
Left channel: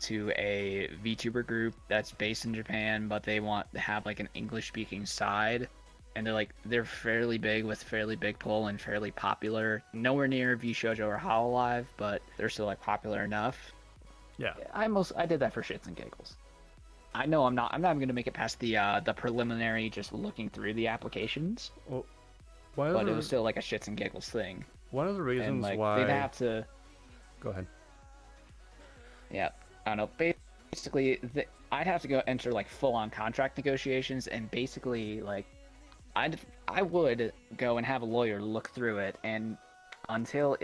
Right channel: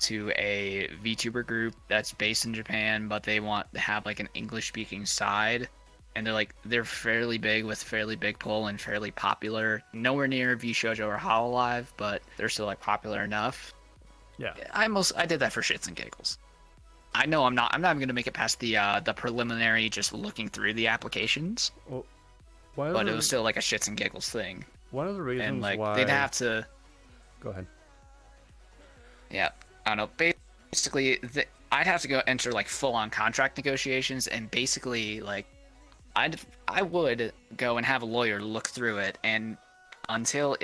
VTuber group that's based in Japan, but they want to have like an English-speaking side, and they're fairly big with fairly big pull and fairly popular. Nowhere near V Shoujo or Hololive, but they're still like popular enough. Yeah. I did that for shits and giggles. I know I'm not even gonna make it past the preliminary, just looking through the applications. Well, but it was still like a shits and giggles thing. One of the reasons why they'd have to. Go ahead. Yeah, I don't know. Basically, I'd have to go enter like full-on contract negotiations, and basically like, I would go and have a lawyer look through it, and until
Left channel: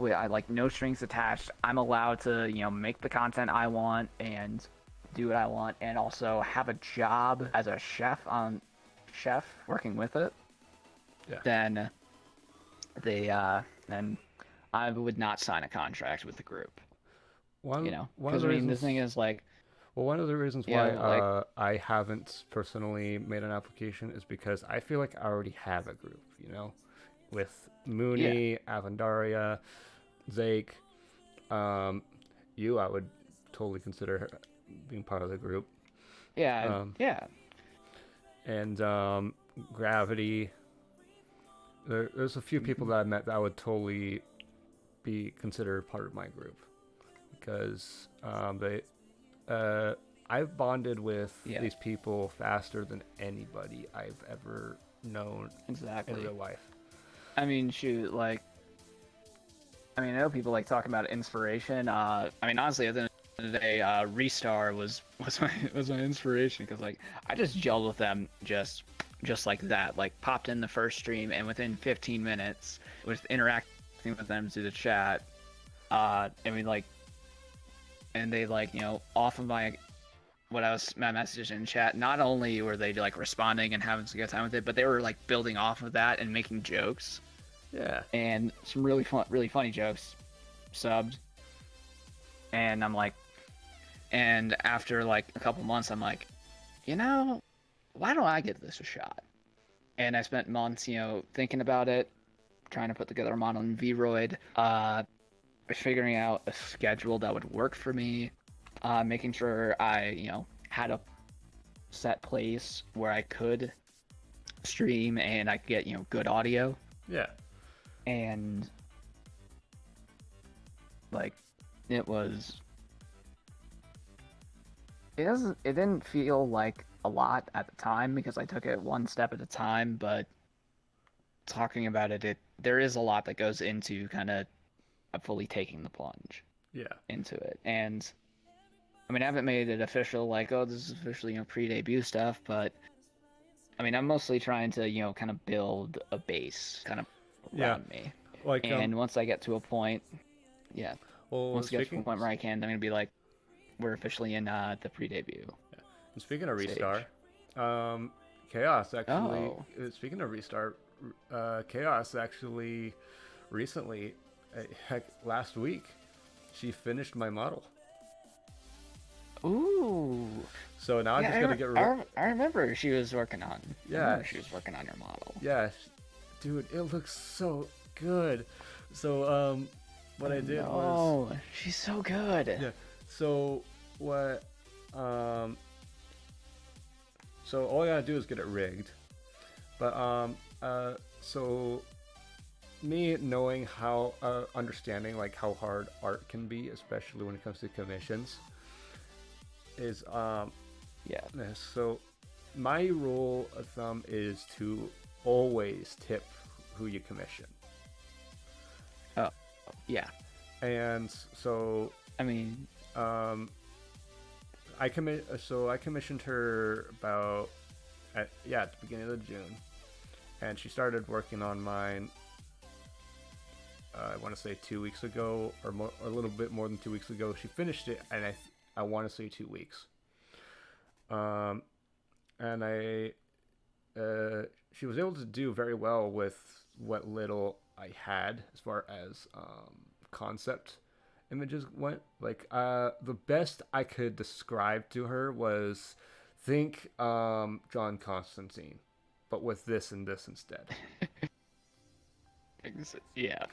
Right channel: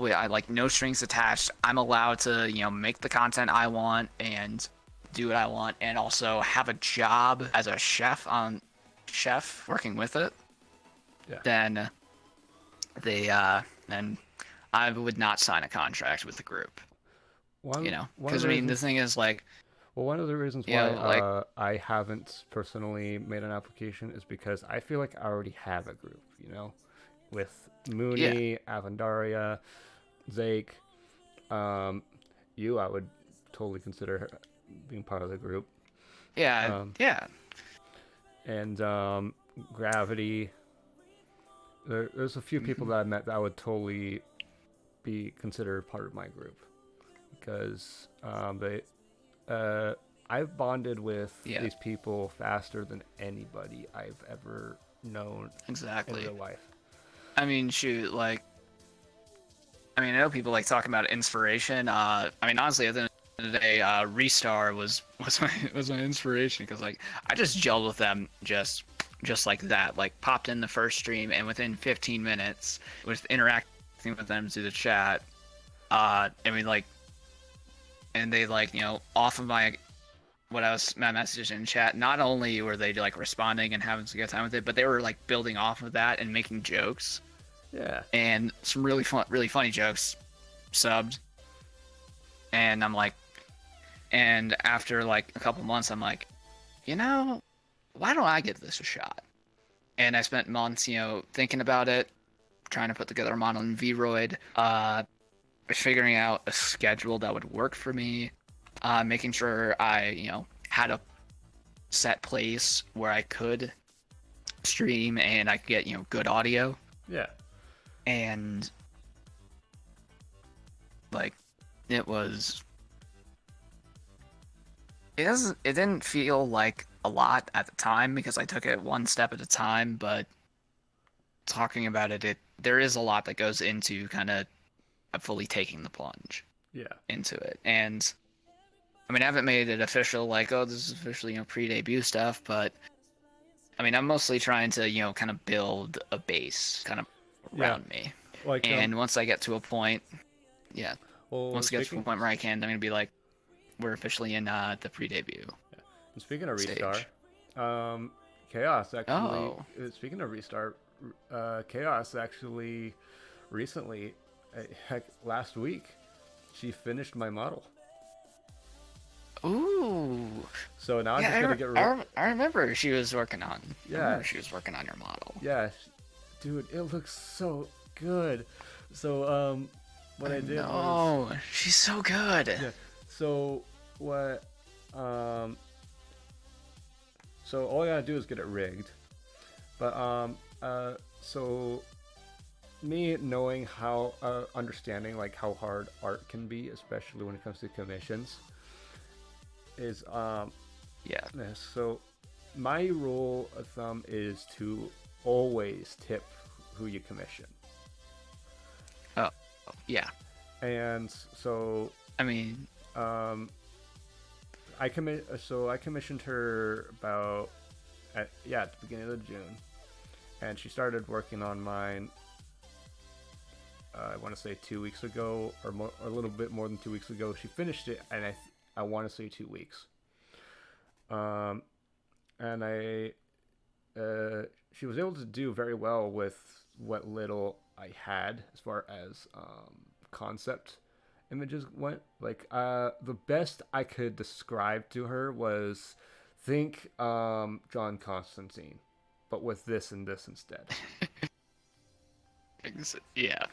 I like no strings attached, I'm allowed to make the content I want and do what I want, and also have a job as a chef working with it. Yeah. Then then I would not sign a contract with the group. Because I mean, the thing is like. Well, one of the reasons why I haven't personally made an application is because I feel like I already have a group, with Mooney, Avandaria, Zake, you, I would totally consider being part of the group. Yeah, And Gravity. There's a few people that I met that I would totally be considered part of my group, because I've bonded with these people faster than anybody I've ever known in real life. I mean, shoot, like, I know people like talking about inspiration. I mean, honestly, today, Restar was my inspiration because like I just gelled with them just like that. Like popped in the first stream and within 15 minutes with interacting with them through the chat. I mean like, and they like off of my messages in chat. Not only were they like responding and having a good time with it, but they were like building off of that and making jokes. Yeah. And some really funny jokes, subbed. And I'm like, and after like a couple months, I'm like, why don't I give this a shot? And I spent months, thinking about it, trying to put together a model in Vroid, figuring out a schedule that would work for me, making sure I, had a set place where I could stream and I could get, good audio. Yeah. And like, it didn't feel like a lot at the time because I took it one step at a time, but talking about it, there is a lot that goes into kind of fully taking the plunge into it. And I mean, I haven't made it official, like, oh, this is officially, pre-debut stuff, but I mean, I'm mostly trying to, kind of build a base kind of around me. Like, and once I get to a point, once I get to a point where I can, I'm going to be like, we're officially in the pre-debut. Yeah. And speaking of Restart, Chaos actually, speaking of Restart, Chaos actually recently, heck, last week, she finished my model. Ooh. So now I'm just gonna get. I remember she was working on. Yeah. She was working on your model. Yeah, dude, it looks so good. So what I did was. Oh, she's so good. Yeah. So what? So all I gotta do is get it rigged, but so me knowing how understanding like how hard art can be, especially when it comes to commissions, is so my rule of thumb is to always tip who you commission. Oh, yeah. And so I mean, I commissioned her about at the beginning of June, and she started working on mine. I want to say 2 weeks ago, or a little bit more than 2 weeks ago. She finished it, and I want to say 2 weeks. And she was able to do very well with what little I had as far as concept images went. Like the best I could describe to her was think John Constantine, but with this and this instead. Yeah.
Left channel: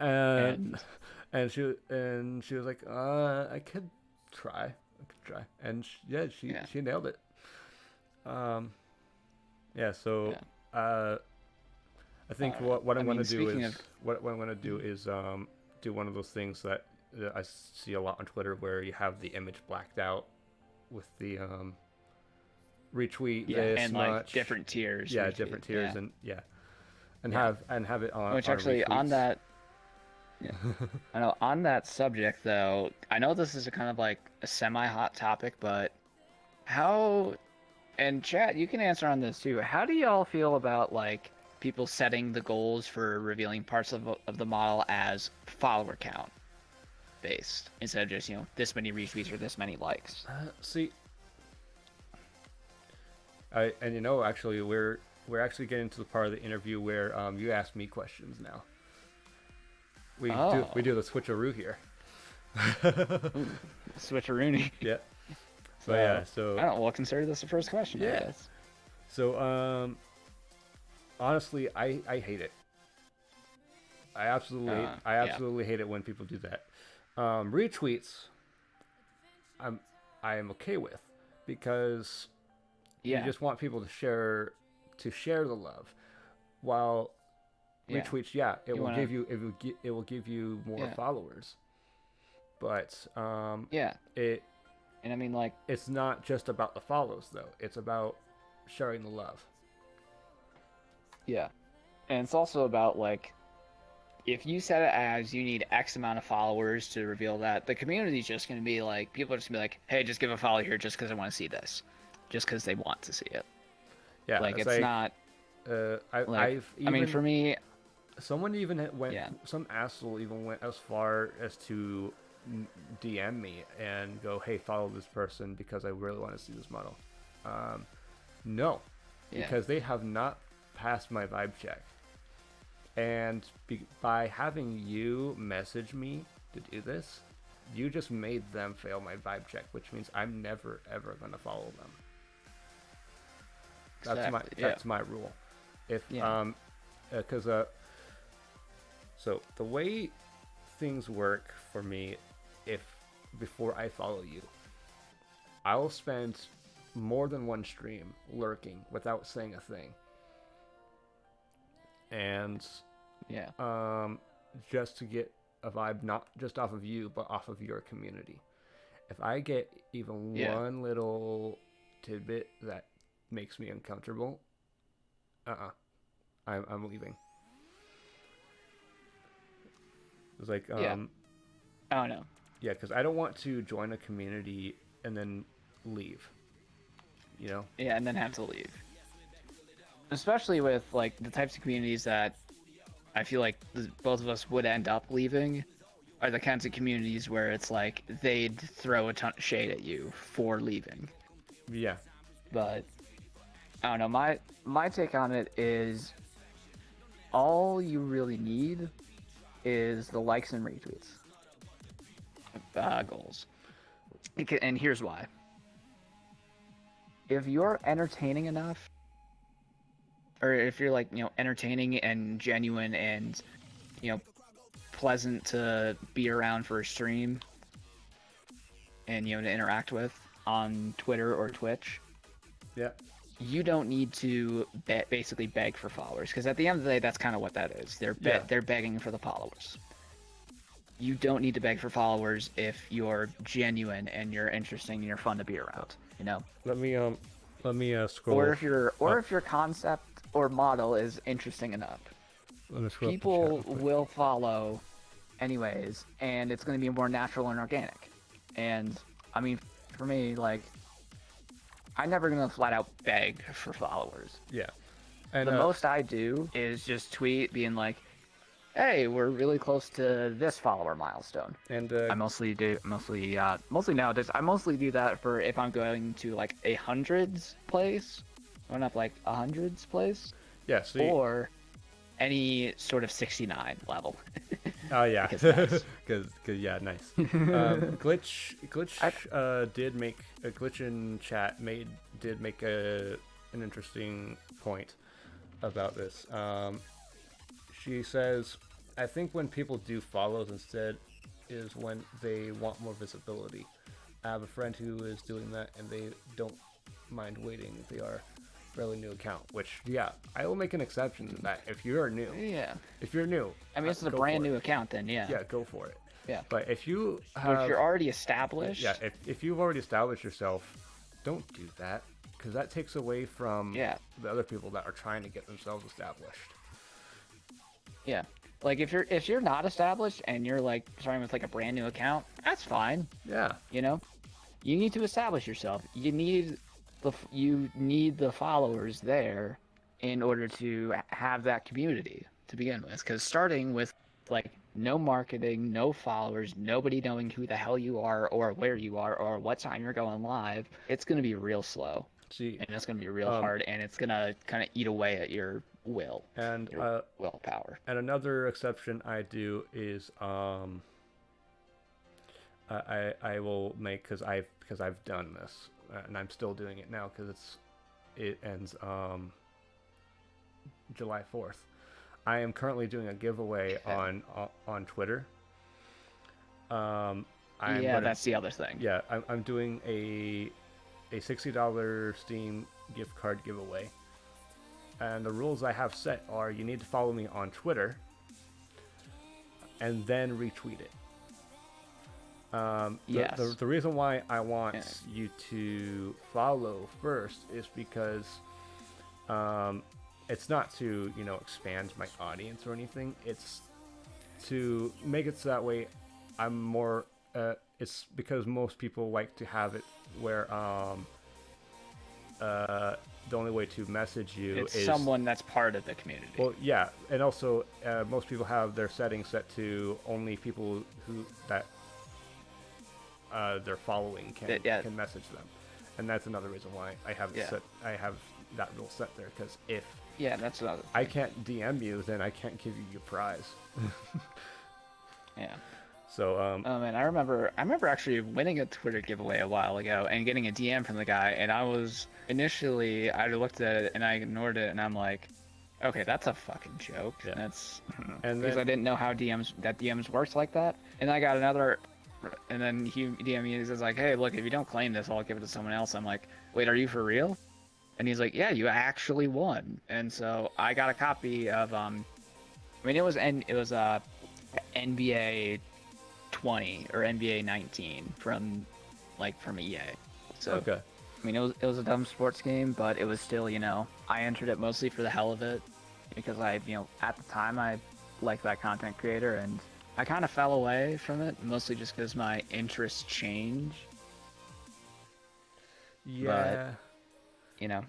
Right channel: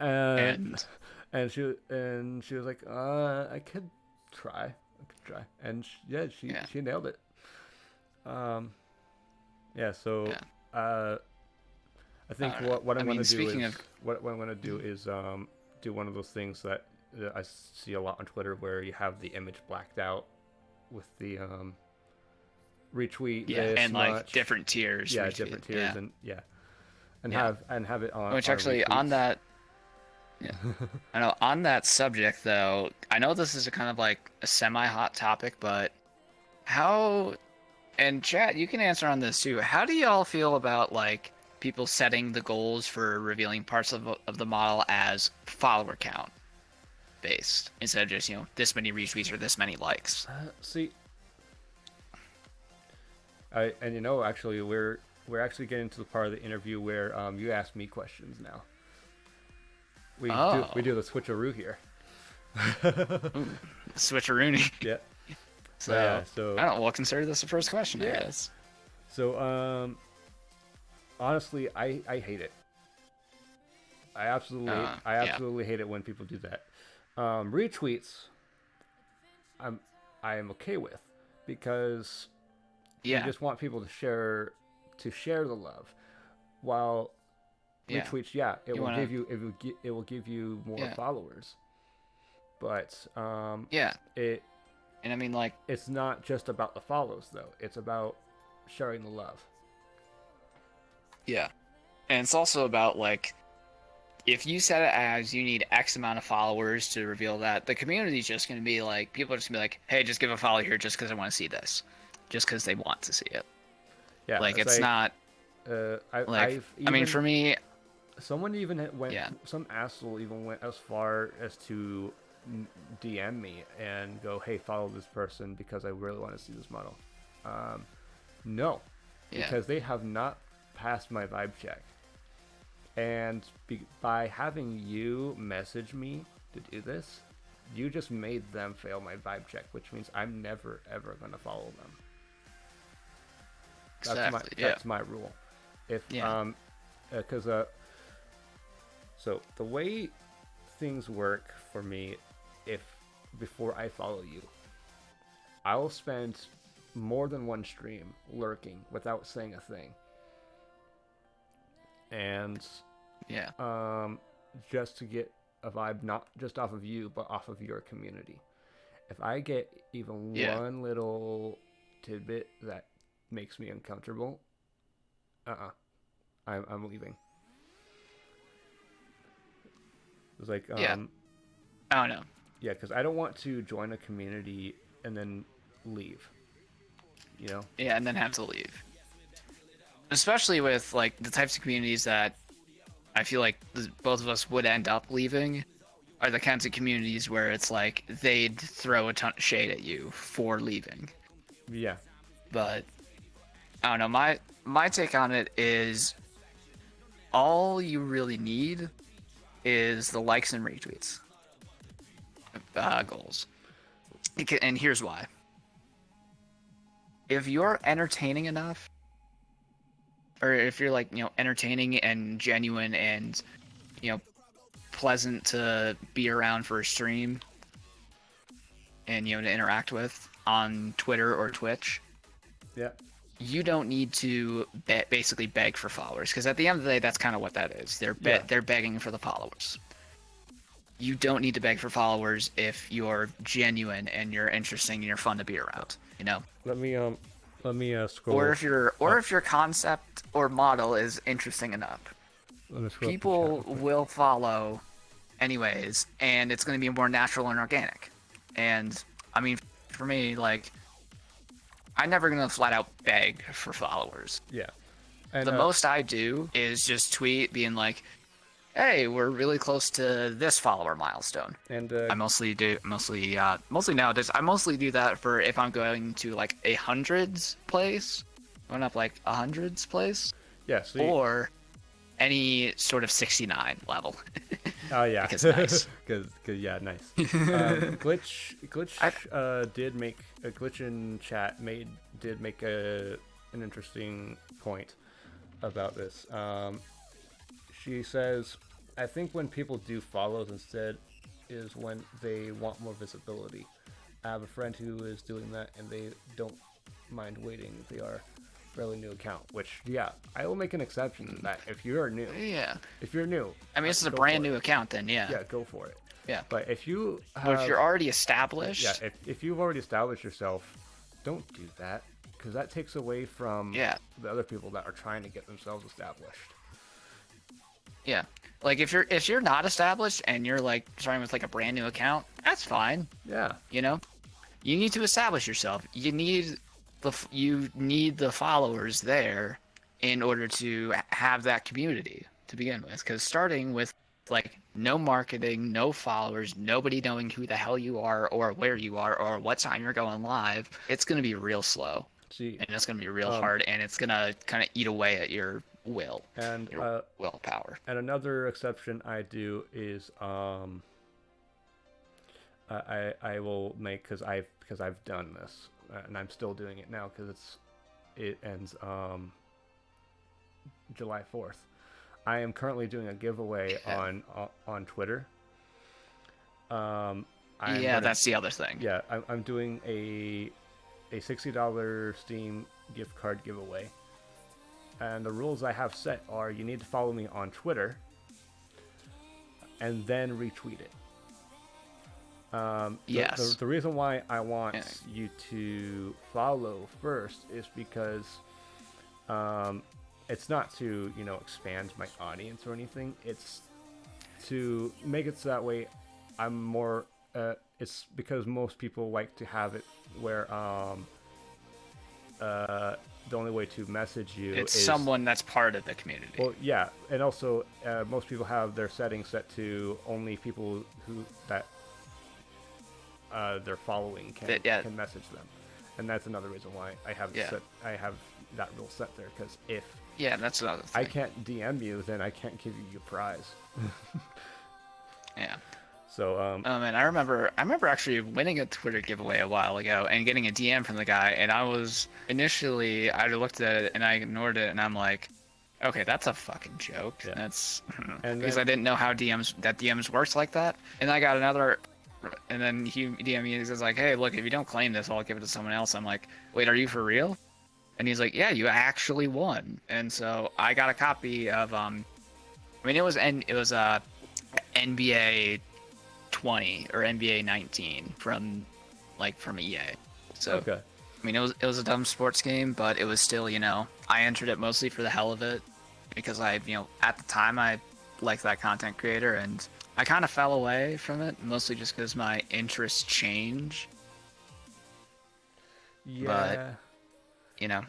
And she was like, I could try, and she nailed it. I think what I'm gonna do is do one of those things that I see a lot on Twitter where you have the image blacked out with the retweet and much. Like different tiers. Yeah, different tiers and have it on. Which actually retweets. On that. Yeah. I know. On that subject, though, I know this is a kind of like a semi-hot topic, but how? And chat, you can answer on this too. How do y'all feel about like people setting the goals for revealing parts of the model as follower count based instead of just this many retweets or this many likes? Actually, we're actually getting to the part of the interview where you ask me questions now. We do the switcheroo here. Switcheroony. Yeah. So I don't. We'll consider this the first question. Yeah. Guys. So honestly, I hate it. I absolutely hate it when people do that. Retweets, I am okay with, because you just want people to share the love, while retweets, it will give you more followers, but and I mean, like, it's not just about the follows though. It's about sharing the love. Yeah, and it's also about like, if you set it as you need X amount of followers to reveal that, the community's just going to be like, people are just going to be like, hey, just give a follow here just because I want to see this. Just because they want to see it. Yeah, Like, it's not... I've even, I mean, for me... Someone even went, some asshole even went as far as to DM me and go, hey, follow this person because I really want to see this model. No, because they have not passed my vibe check. And by having you message me to do this, you just made them fail my vibe check, which means I'm never, ever going to follow them. That's my rule. If, because, so the way things work for me, before I follow you, I will spend more than one stream lurking without saying a thing, and just to get a vibe, not just off of you, but off of your community. If I get even one little tidbit that makes me uncomfortable, I'm leaving. It's like, oh no. Yeah, because I don't want to join a community and then leave. You know? Yeah, and then have to leave. Especially with, like, the types of communities that I feel like both of us would end up leaving are the kinds of communities where it's like they'd throw a ton of shade at you for leaving. Yeah. But, I don't know, my take on it is all you really need is the likes and retweets goals. And here's why. If you're entertaining enough, or if you're, like, you know, entertaining and genuine and, you know, pleasant to be around for a stream and, you know, to interact with on Twitter or Twitch, you don't need to basically beg for followers, because at the end of the day, that's kind of what that is. They're begging for the followers. You don't need to beg for followers if you're genuine and you're interesting and you're fun to be around. You know. Let me scroll. Or if your concept or model is interesting enough, people will follow, anyways, and it's going to be more natural and organic. And I mean, for me, like, I'm never going to flat out beg for followers. Yeah. And the most I do is just tweet being like, hey, we're really close to this follower milestone. And I mostly nowadays, I mostly do that for if I'm going to, like, a hundreds place, going up like a hundreds place. Yeah. Or any sort of 69 level. Oh yeah, because yeah, nice. Glitch did make a glitch in chat. Did make an interesting point about this. She says, I think when people do follows instead is when they want more visibility. I have a friend who is doing that, and they don't mind waiting if they are fairly new account, which, yeah, I will make an exception to that if you're new. Yeah. If you're new. I mean, this is a brand new account then, yeah. Yeah, go for it. Yeah. But if you if you're already established. Yeah, if you've already established yourself, don't do that, because that takes away from the other people that are trying to get themselves established. Yeah. Like, if you're not established and you're, like, starting with, like, a brand new account, that's fine. Yeah. You know? You need to establish yourself. You need the followers there in order to have that community to begin with. Because starting with, like, no marketing, no followers, nobody knowing who the hell you are or where you are or what time you're going live, it's going to be real slow. And it's going to be real hard, and it's going to kind of eat away at your will and your willpower. And another exception I do is I will make, because I've done this, and I'm still doing it now because it ends July 4th. I am currently doing a giveaway on Twitter. That's the other thing. Yeah, I'm doing a $60 Steam gift card giveaway. And the rules I have set are you need to follow me on Twitter and then retweet it. Yes. The reason why I want you to follow first is because it's not to, expand my audience or anything. It's to make it so that way, I'm more. It's because most people like to have it where the only way to message you it's is someone that's part of the community. Well, yeah, and also most people have their settings set to only people who that they're following can message them, and that's another reason why I have that rule set there. Because if that's another thing. I can't DM you, then I can't give you your prize. Yeah. So oh man, I remember actually winning a Twitter giveaway a while ago and getting a DM from the guy, and I was initially I looked at it and I ignored it, and I'm like, okay, that's a fucking joke. Yeah. That's because I didn't know how DMs works like that. And I got another, and then he DM me and says like, hey, look, if you don't claim this, I'll give it to someone else. I'm like, wait, are you for real? And he's like, yeah, you actually won. And so I got a copy of I mean it was NBA 20 or NBA 19 from EA. So okay. I mean it was a dumb sports game, but it was still, I entered it mostly for the hell of it because I at the time I liked that content creator, and I kind of fell away from it mostly just because my interests change. Yeah. But, I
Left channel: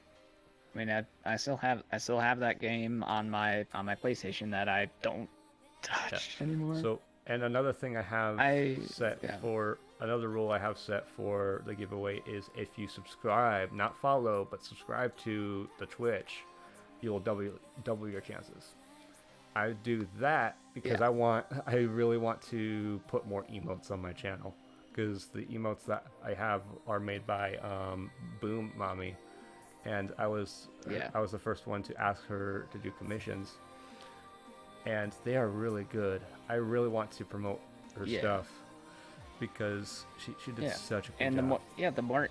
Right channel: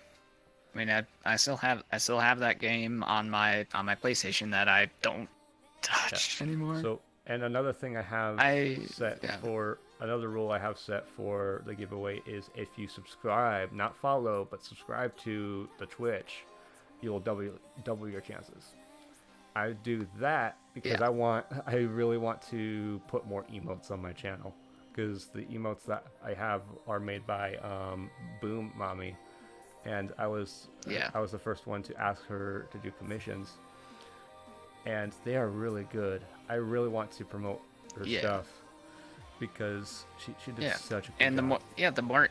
mean I still have that game on my PlayStation that I don't touch anymore. So and another thing I have for another rule I have set for the giveaway is if you subscribe, not follow, but subscribe to the Twitch, you'll double your chances. I do that because I really want to put more emotes on my channel, because the emotes that I have are made by Boom Mommy, and I was the first one to ask her to do commissions. And they are really good. I really want to promote her stuff because she did such a good job. The more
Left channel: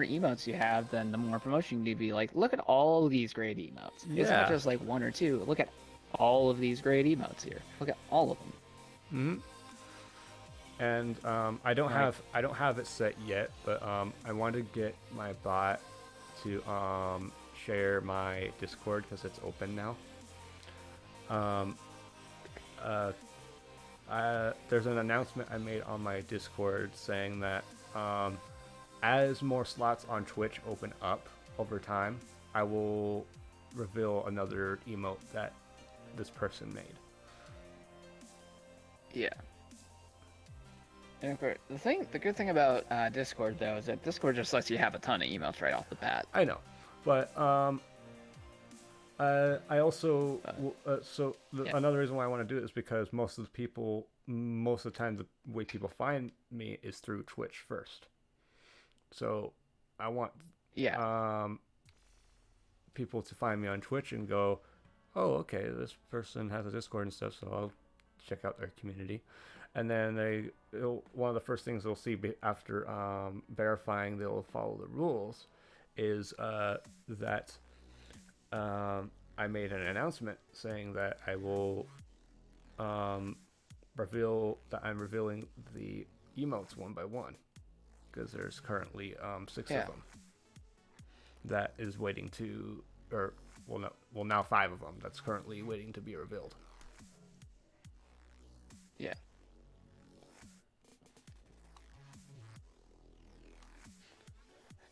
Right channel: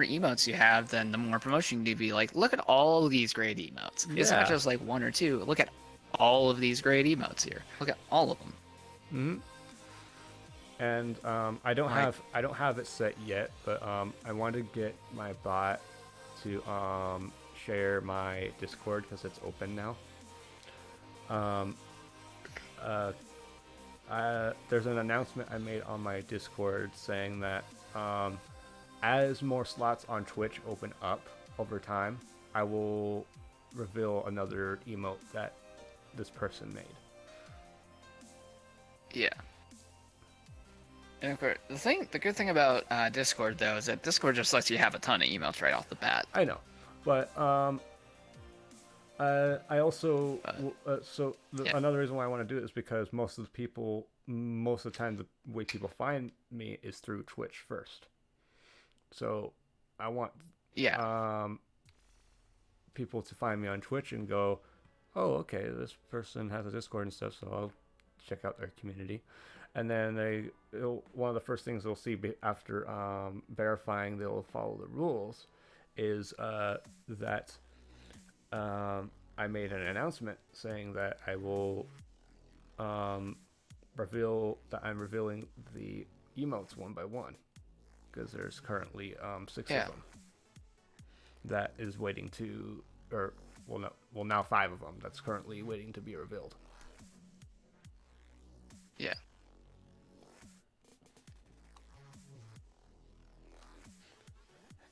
emotes you have, then the more promotion you be like, look at all of these great emotes. It's not just like one or two. Look at all of these great emotes here. Look at all of them. Mm-hmm. And I don't have it set yet, but I want to get my bot to share my Discord because it's open now. There's an announcement I made on my Discord saying that as more slots on Twitch open up over time, I will reveal another emote that this person made. Yeah. And of course, the good thing about Discord though is that Discord just lets you have a ton of emotes right off the bat. I know, but I also another reason why I want to do it is because most of the time the way people find me is through Twitch first. So I want people to find me on Twitch and go, oh, okay, this person has a Discord and stuff, so I'll check out their community. And then one of the first things they'll see after verifying they'll follow the rules is that I made an announcement saying that I will reveal that I'm revealing the emotes one by one, because there's currently 6 of them that is waiting to, now 5 of them that's currently waiting to be revealed. Yeah.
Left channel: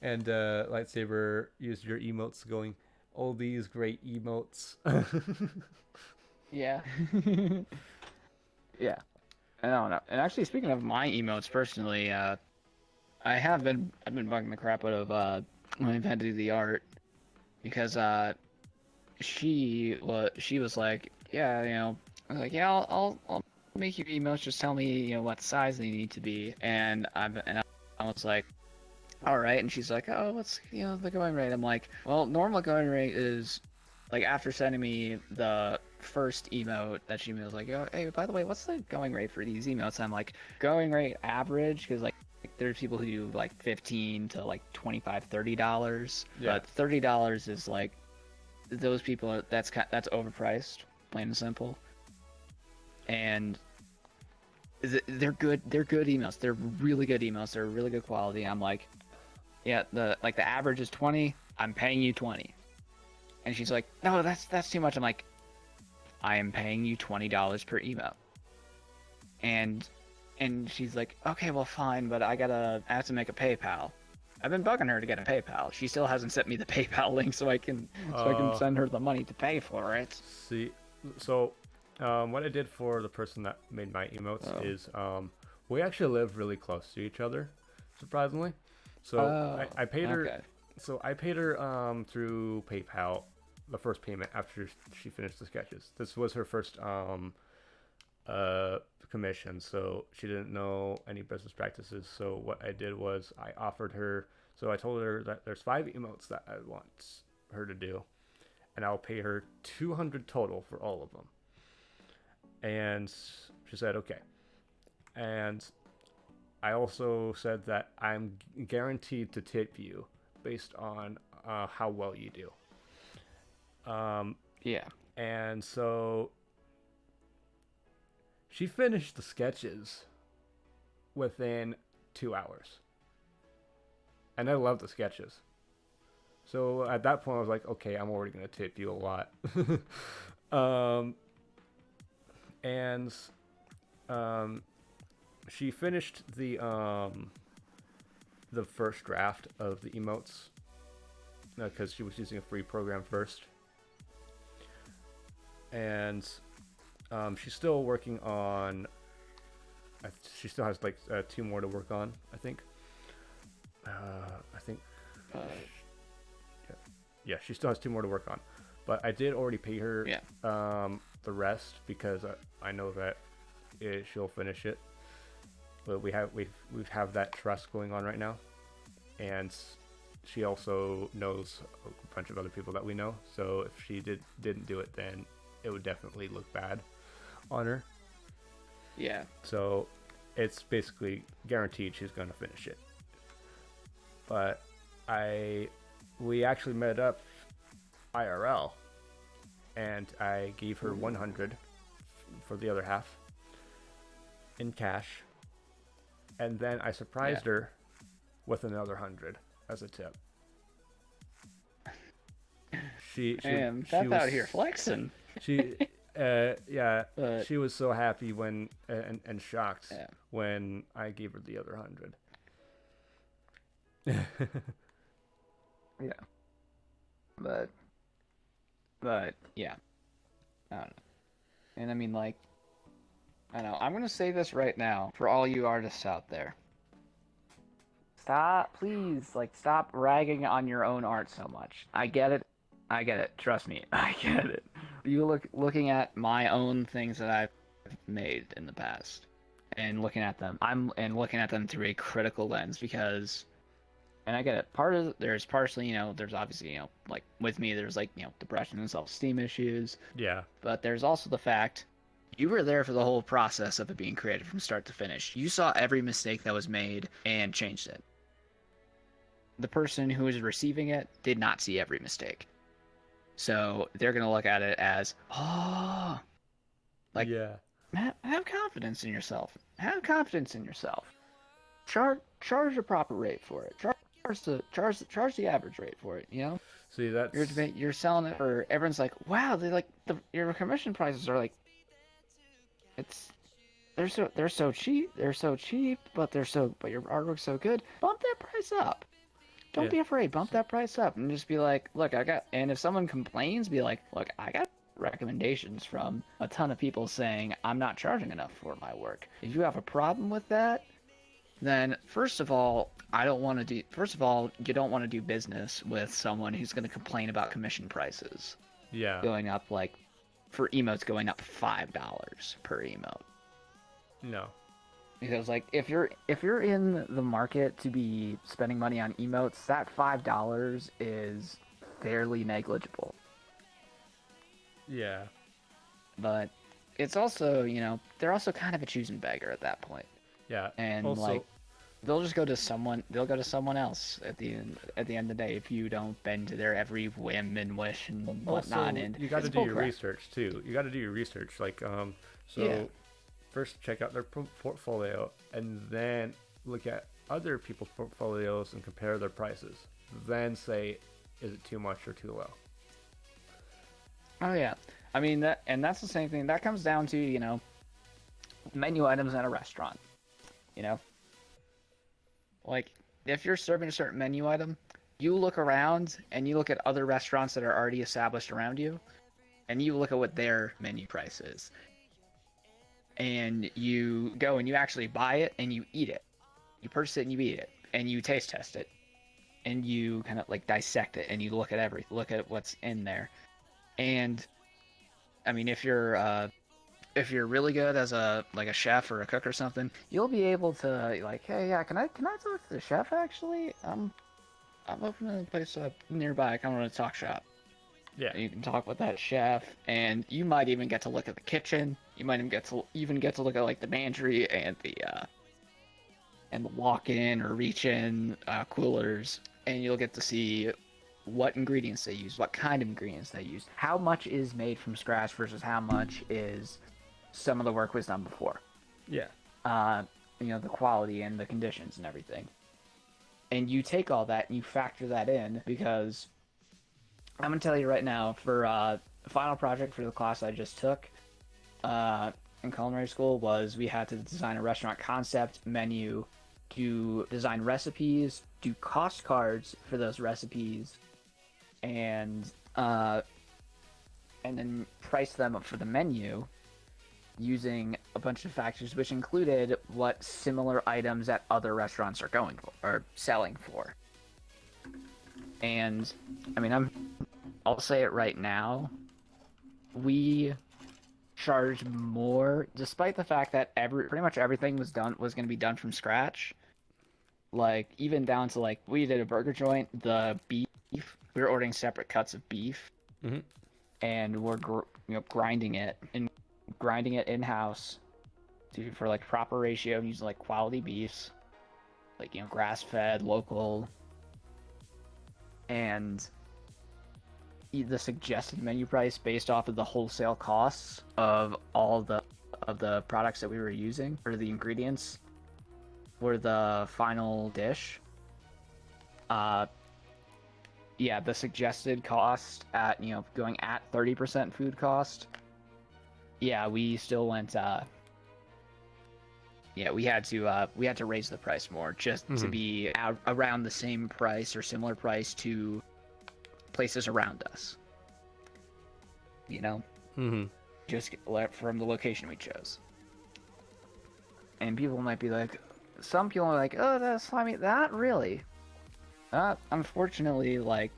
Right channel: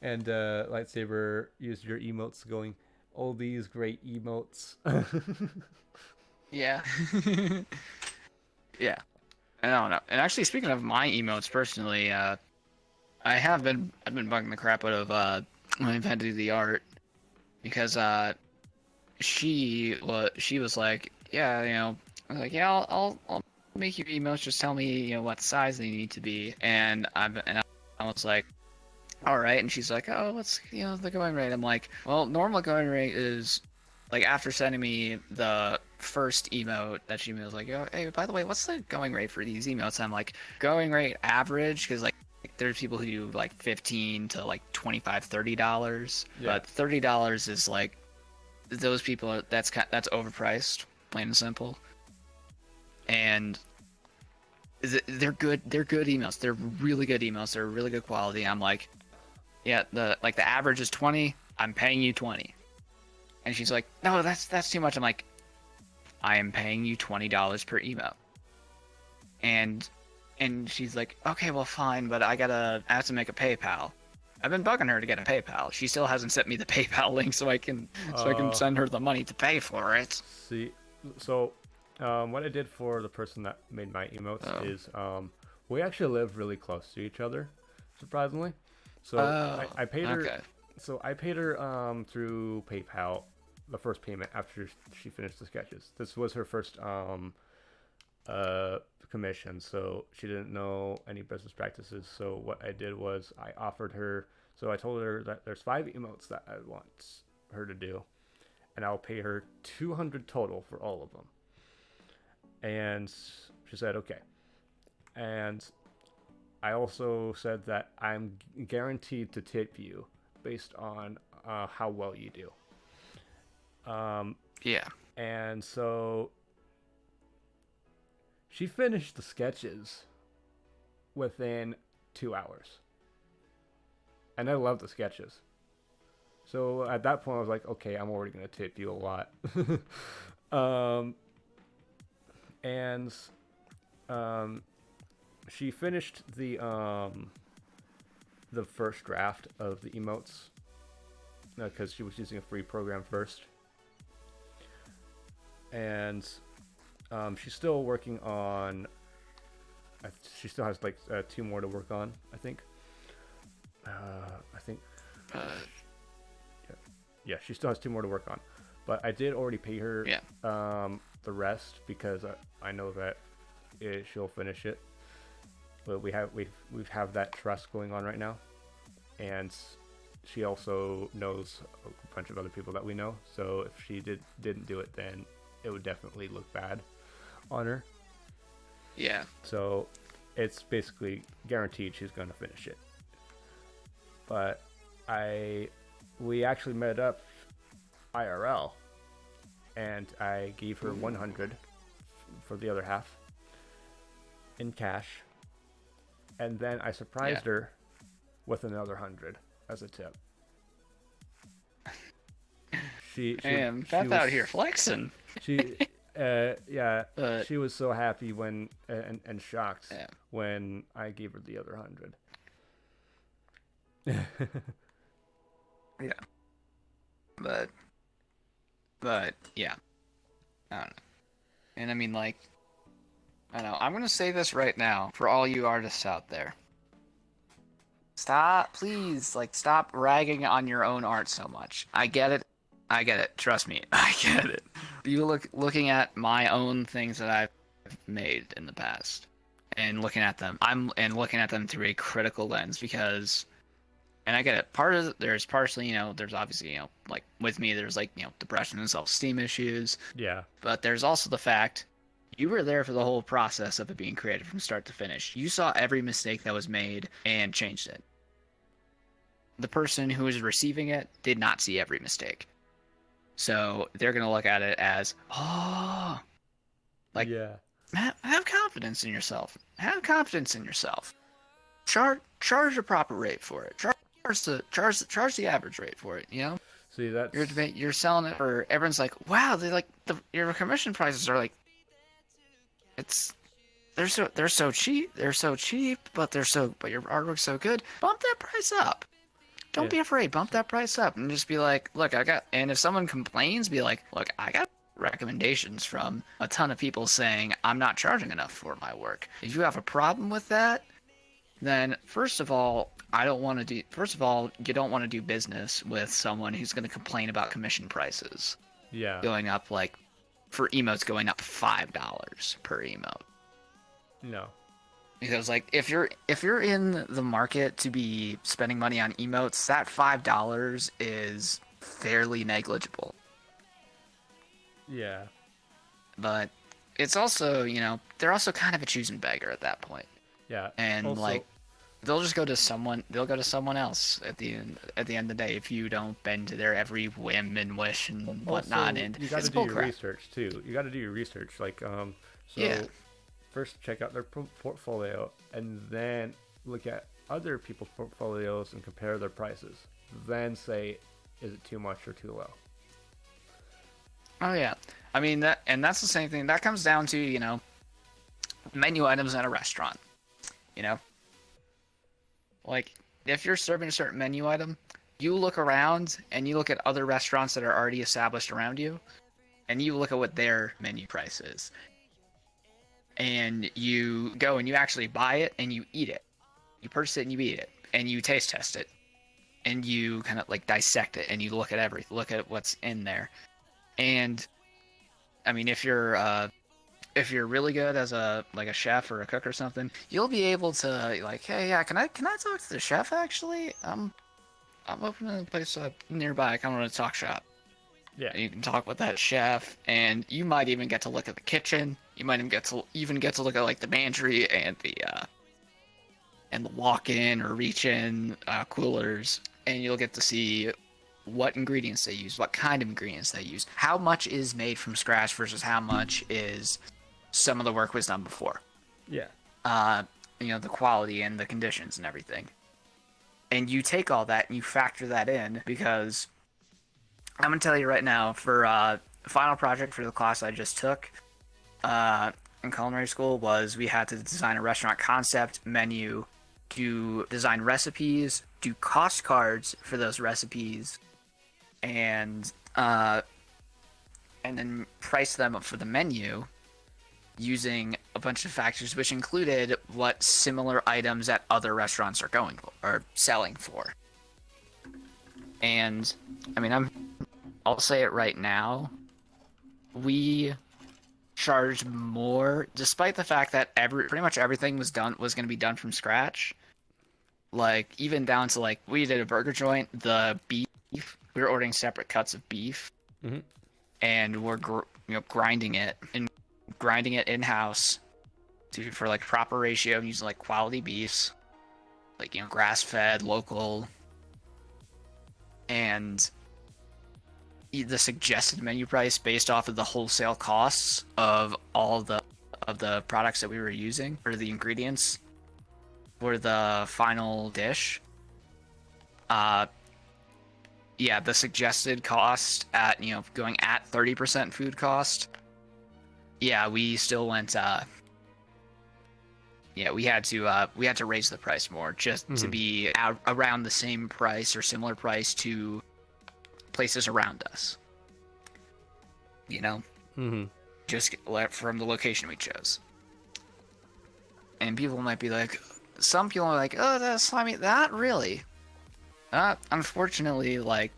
And Lightsaber used your emotes going, all these great emotes. Yeah. Yeah. I don't know. And actually, speaking of my emotes personally, I've been bugging the crap out of when I've had to do the art, because she was like, I was like, I'll make you emotes, just tell me what size they need to be, and I was like, all right. And she's like, oh, what's the going rate? I'm like, well, normal going rate is, like, after sending me the first emote that she was like, oh, hey, by the way, what's the going rate for these emotes? I'm like, going rate average, because like there's people who do like $15 to like $25-$30, but $30 is like, those people, that's overpriced, plain and simple. And they're good emails. They're really good emails. They're really good quality. I'm like, yeah, the average is 20. I'm paying you 20. And she's like, no, that's too much. I'm like, I am paying you $20 per emote. And she's like, okay, well, fine, but I have to make a PayPal. I've been bugging her to get a PayPal. She still hasn't sent me the PayPal link so I can send her the money to pay for it. See, so what I did for the person that made my emotes is we actually live really close to each other, surprisingly. So I paid her. Okay. So I paid her through PayPal the first payment after she finished the sketches. This was her first commission, so she didn't know any business practices. So what I did was I offered her. So I told her that there's 5 emotes that I want her to do, and I'll pay her $200 total for all of them. And she said okay. And I also said that I'm guaranteed to tip you based on how well you do. Yeah. And so she finished the sketches within 2 hours. And I love the sketches. So at that point I was like, okay, I'm already going to tip you a lot. She finished the first draft of the emotes because she was using a free program first, and she's still working on. She still has like 2 more to work on, I think. Yeah, she still has 2 more to work on, but I did already pay her the rest because I know that she'll finish it. But we have that trust going on right now, and she also knows a bunch of other people that we know. So if she didn't do it, then it would definitely look bad on her. Yeah. So it's basically guaranteed she's gonna finish it. But we actually met up IRL, and I gave her 100 for the other half in cash. And then I surprised her with another 100 as a tip. She was out here flexing. She she was so happy when and shocked when I gave her the other 100. Yeah. But yeah. I don't know. And I mean, like, I don't know. I'm going to say this right now for all you artists out there. Please, stop ragging on your own art so much. I get it. Trust me, I get it. You looking at my own things that I've made in the past and looking at them. I'm looking at them through a critical lens because, and I get it. There's partially, there's obviously, like with me, there's depression and self-esteem issues. Yeah. But there's also the fact you were there for the whole process of it being created from start to finish. You saw every mistake that was made and changed it. The person who is receiving it did not see every mistake. So they're going to look at it as, have confidence in yourself. Have confidence in yourself. Charge a proper rate for it. Charge the average rate for it, See, that's... You're selling it for, everyone's like, wow, your commission prices are like, they're so cheap, but your artwork's so good. Bump that price up. Don't be afraid. Bump that price up and just be like, look, and if someone complains, be like, look, I got recommendations from a ton of people saying I'm not charging enough for my work. If you have a problem with that, then first of all, you don't want to do business with someone who's going to complain about commission prices. Yeah. Going up for emotes going up $5 per emote. No. Because if you're in the market to be spending money on emotes, that $5 is fairly negligible. Yeah. But it's also, they're also kind of a choosing beggar at that point. Yeah. And also, they'll go to someone else at the end of the day if you don't bend to their every whim and wish and whatnot. And you got to do your research too. You got to do your research. First check out their portfolio and then look at other people's portfolios and compare their prices. Then say, is it too much or too low? Oh yeah. I mean, that's the same thing. That comes down to, menu items at a restaurant. You know, like if you're serving a certain menu item, you look around and you look at other restaurants that are already established around you, and you look at what their menu price is. And you go and you actually buy it and you eat it. You purchase it and you eat it, and you taste test it, and you kind of like dissect it, and you look at what's in there. And I mean, if you're really good as a chef or a cook or something, you'll be able to like, hey, yeah, can I talk to the chef actually? I'm opening a place up nearby. I kind of want to talk shop. Yeah. And you can talk with that chef, and you might even get to look at the kitchen. You might even get to look at like the pantry and the walk-in or reach-in coolers, and you'll get to see what ingredients they use, what kind of ingredients they use, how much is made from scratch versus how much is some of the work was done before. Yeah. The quality and the conditions and everything. And you take all that and you factor that in, because I'm going to tell you right now, for the final project for the class I just took in culinary school was we had to design a restaurant concept, menu, to design recipes, do cost cards for those recipes, and then price them up for the menu using a bunch of factors, which included what similar items that other restaurants are going for or selling for. And I mean, I'll say it right now, we charged more, despite the fact that pretty much everything was going to be done from scratch. Like, even down to like, we did a burger joint, the beef, we were ordering separate cuts of beef, and we're grinding it in-house for like proper ratio, and using like quality beefs, like grass-fed, local, and the suggested menu price based off of the wholesale costs of all of the products that we were using, or the ingredients for the final dish. The suggested cost at going at 30% food cost. Yeah, we still went. We had to raise the price more just to be around the same price or similar price to places around us. Just from the location we chose. And people might be like, some people are like, oh, that's slimy. That really? Unfortunately, like,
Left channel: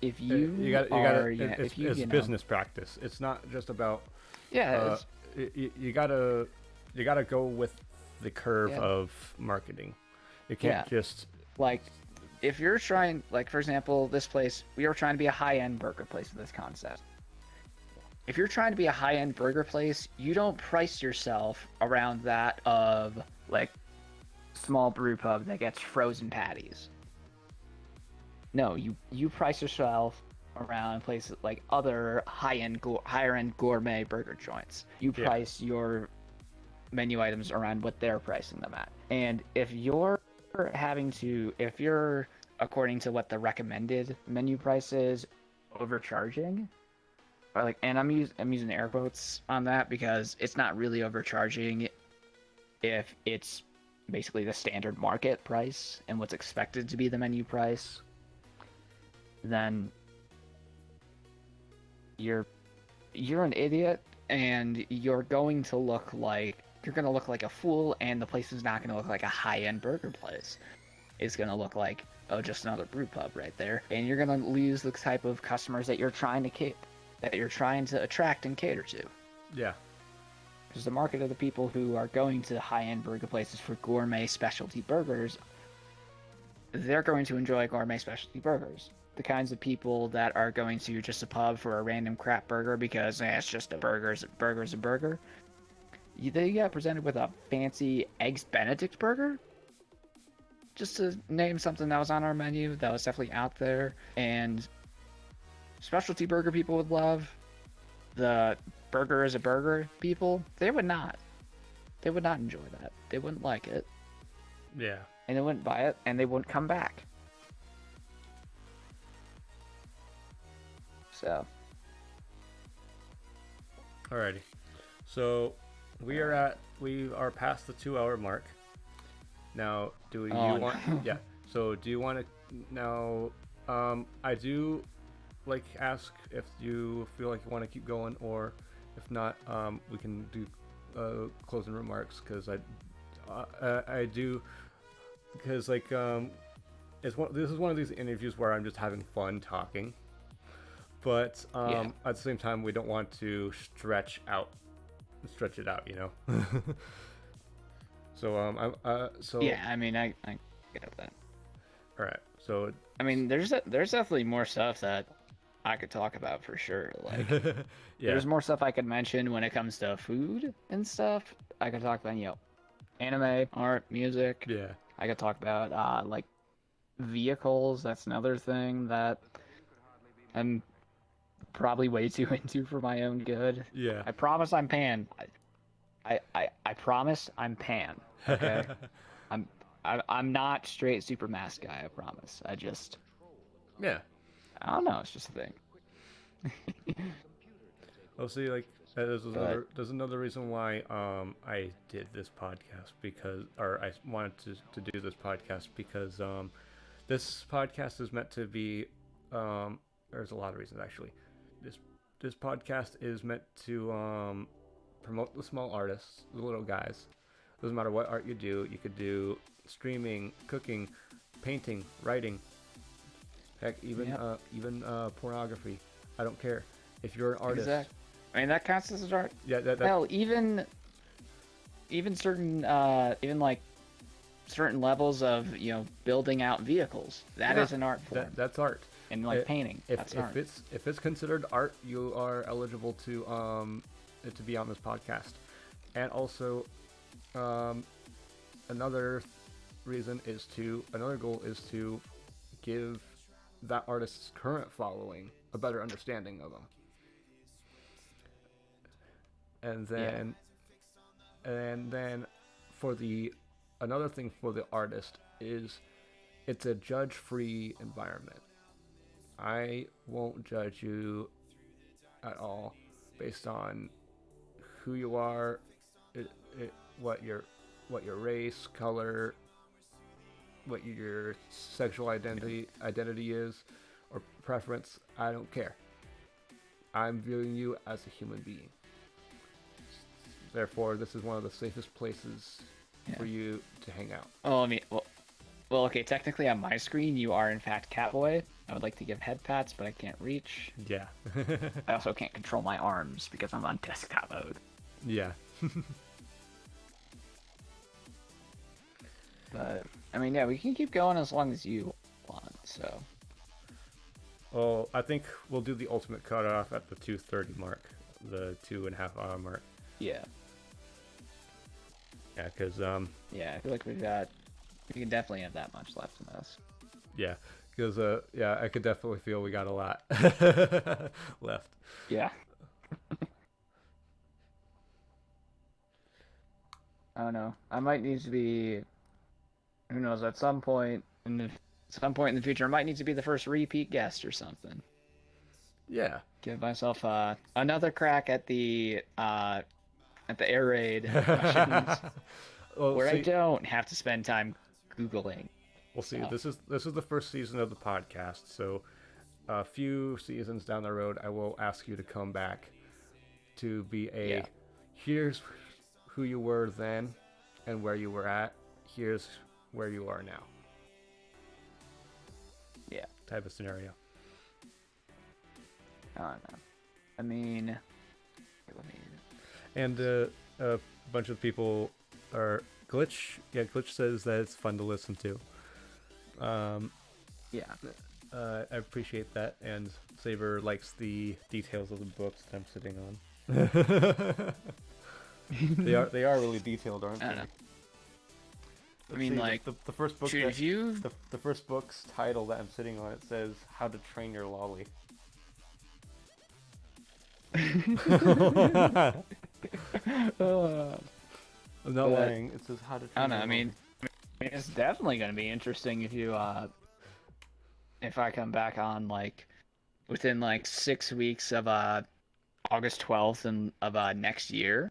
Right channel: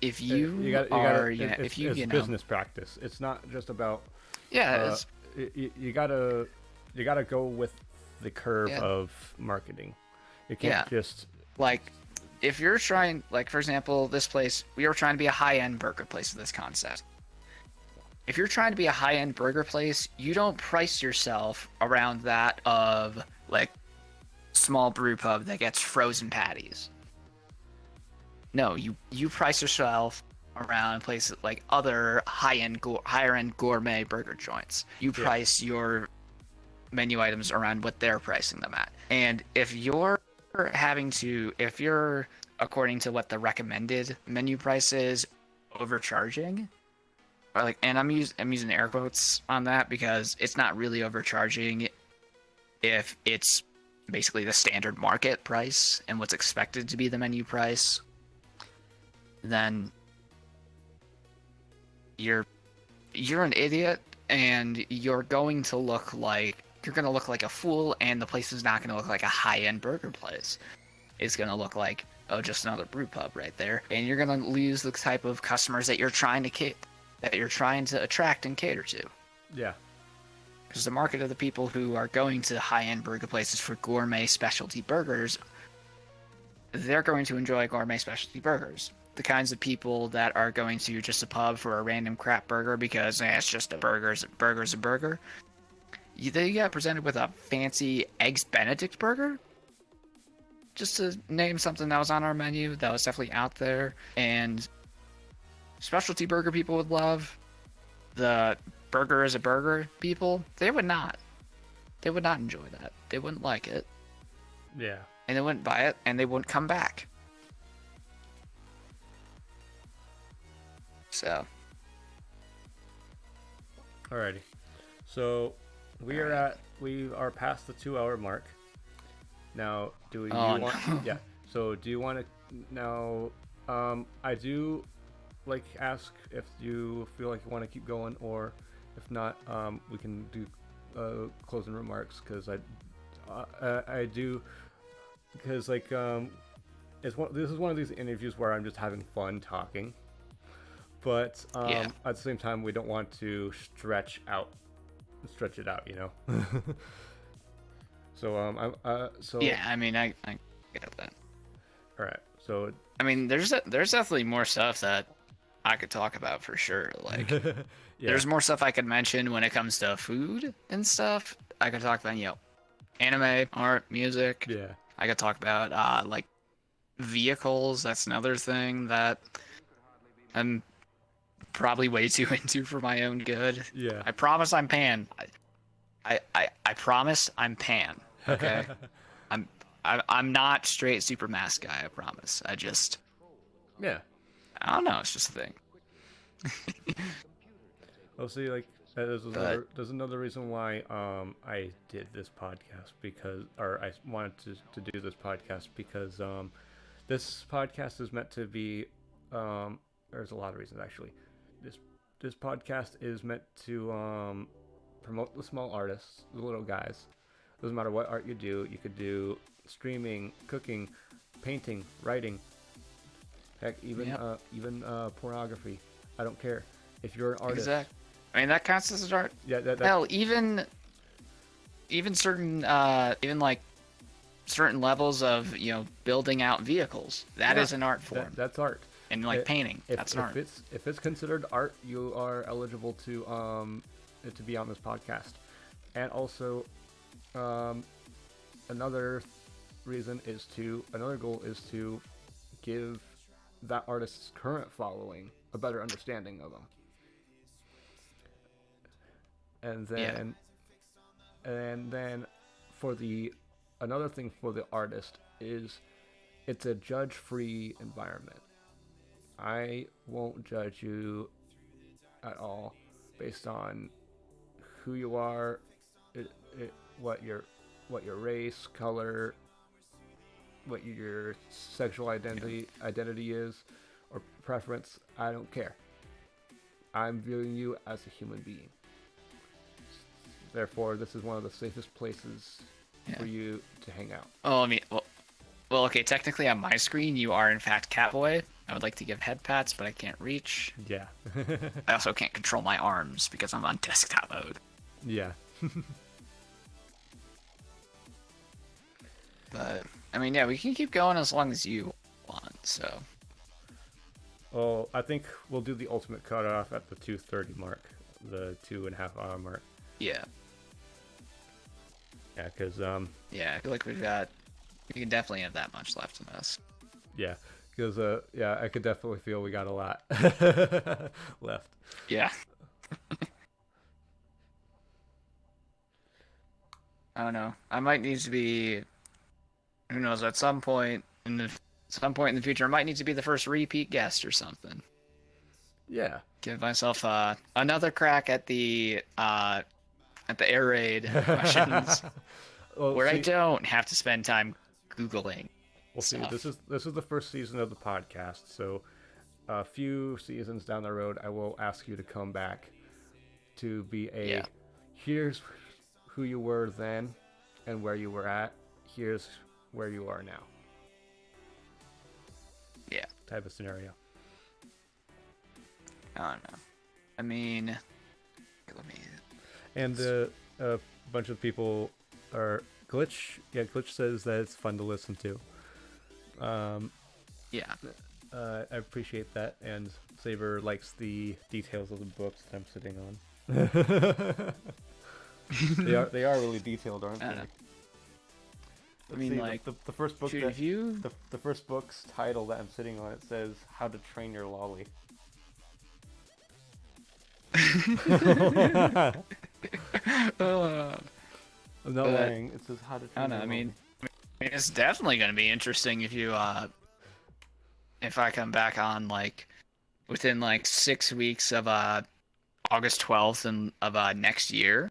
if it's business practice. It's not just about. Yeah. You gotta go with the curve of marketing. You can't just like, if you're trying, like, for example, this place, we were trying to be a high-end burger place with this concept. If you're trying to be a high-end burger place, you don't price yourself around that of like small brew pub that gets frozen patties. No, you price yourself around places like other higher end gourmet burger joints. You price your menu items around what they're pricing them at. And if you're according to what the recommended menu price is, overcharging, or like, and I'm using air quotes on that because it's not really overcharging if it's basically the standard market price and what's expected to be the menu price, then you're an idiot, and you're going to look like a fool, and the place is not going to look like a high-end burger place. It's going to look like, oh, just another brew pub right there, and you're going to lose the type of customers that you're trying to attract and cater to. Yeah. Because the market of the people who are going to high-end burger places for gourmet specialty burgers, they're going to enjoy gourmet specialty burgers. The kinds of people that are going to just a pub for a random crap burger because it's just a burger's a burger. They get presented with a fancy Eggs Benedict burger, just to name something that was on our menu that was definitely out there, and specialty burger people would love. The burger is a burger people, they would not enjoy that. They wouldn't like it. Yeah. And they wouldn't buy it, and they wouldn't come back. So, Alrighty. So we are past the 2 hour mark. Now, do you want? No. Yeah. So do you want to now? I do like ask if you feel like you want to keep going, or if not, we can do closing remarks because I do because like this is one of these interviews where I'm just having fun talking, but at the same time we don't want to stretch it out, you know. So Yeah, I mean, I get that. all right. So I mean, there's definitely more stuff that I could talk about for sure. Like, yeah, there's more stuff I could mention when it comes to food and stuff. I could talk about, anime, art, music. yeah, I could talk about like vehicles. That's another thing that I'm probably way too into for my own good. yeah. I promise I'm pan. I promise I'm pan. Okay. I'm not straight super mask guy. I promise. Yeah. I don't know. It's just a thing. Well, see, like there's another reason why I did this podcast or I wanted to do this podcast because this podcast is meant to be there's a lot of reasons actually. This podcast is meant to promote the small artists, the little guys. Doesn't matter what art you do. You could do streaming, cooking, painting, writing. Heck, even pornography. I don't care. If you're an artist, Exactly. I mean, that counts as art. yeah, Hell, even certain even like certain levels of building out vehicles. That is an art form. that's art. And like painting, that's an art. If it's considered art, you are eligible to be on this podcast. And also, another goal is to give that artist's current following a better understanding of them. And then another thing for the artist is it's a judge-free environment. I won't judge you at all based on who you are, what your race, color, what your sexual identity is, or preference. I don't care. I'm viewing you as a human being. Therefore, this is one of the safest places for you to hang out. Oh, I mean, well, okay. Technically, on my screen, you are in fact Catboy. I would like to give head pats, but I can't reach. Yeah. I also can't control my arms because I'm on desktop mode. Yeah. But I mean, yeah, we can keep going as long as you want. So. Well, I think we'll do the ultimate cutoff at the 2:30 mark, the 2.5 hour mark. Yeah. Yeah, because Yeah, I feel like we can definitely have that much left in this. Yeah, because I could definitely feel we got a lot left. Yeah. I don't know. I might need to be. Who knows? At some point in the future, I might need to be the first repeat guest or something. Yeah. Give myself another crack at the air raid questions, where I don't have to spend time Googling. We'll see. This is the first season of the podcast, so a few seasons down the road, I will ask you to come back to be here's who you were then and where you were at. Here's where you are now. Yeah. Type of scenario. I don't know. I mean, And a bunch of people are Glitch. Yeah, Glitch says that it's fun to listen to. Yeah. I appreciate that, and Saber likes the details of the books that I'm sitting on. They are really detailed, aren't they? I mean, like the first book the first book's title that I'm sitting on, it says "How to Train Your Lolly." I'm not lying. It says "How to Train I don't know. Your I mean, it's definitely going to be interesting if I come back on like within like 6 weeks of August 12th of next year,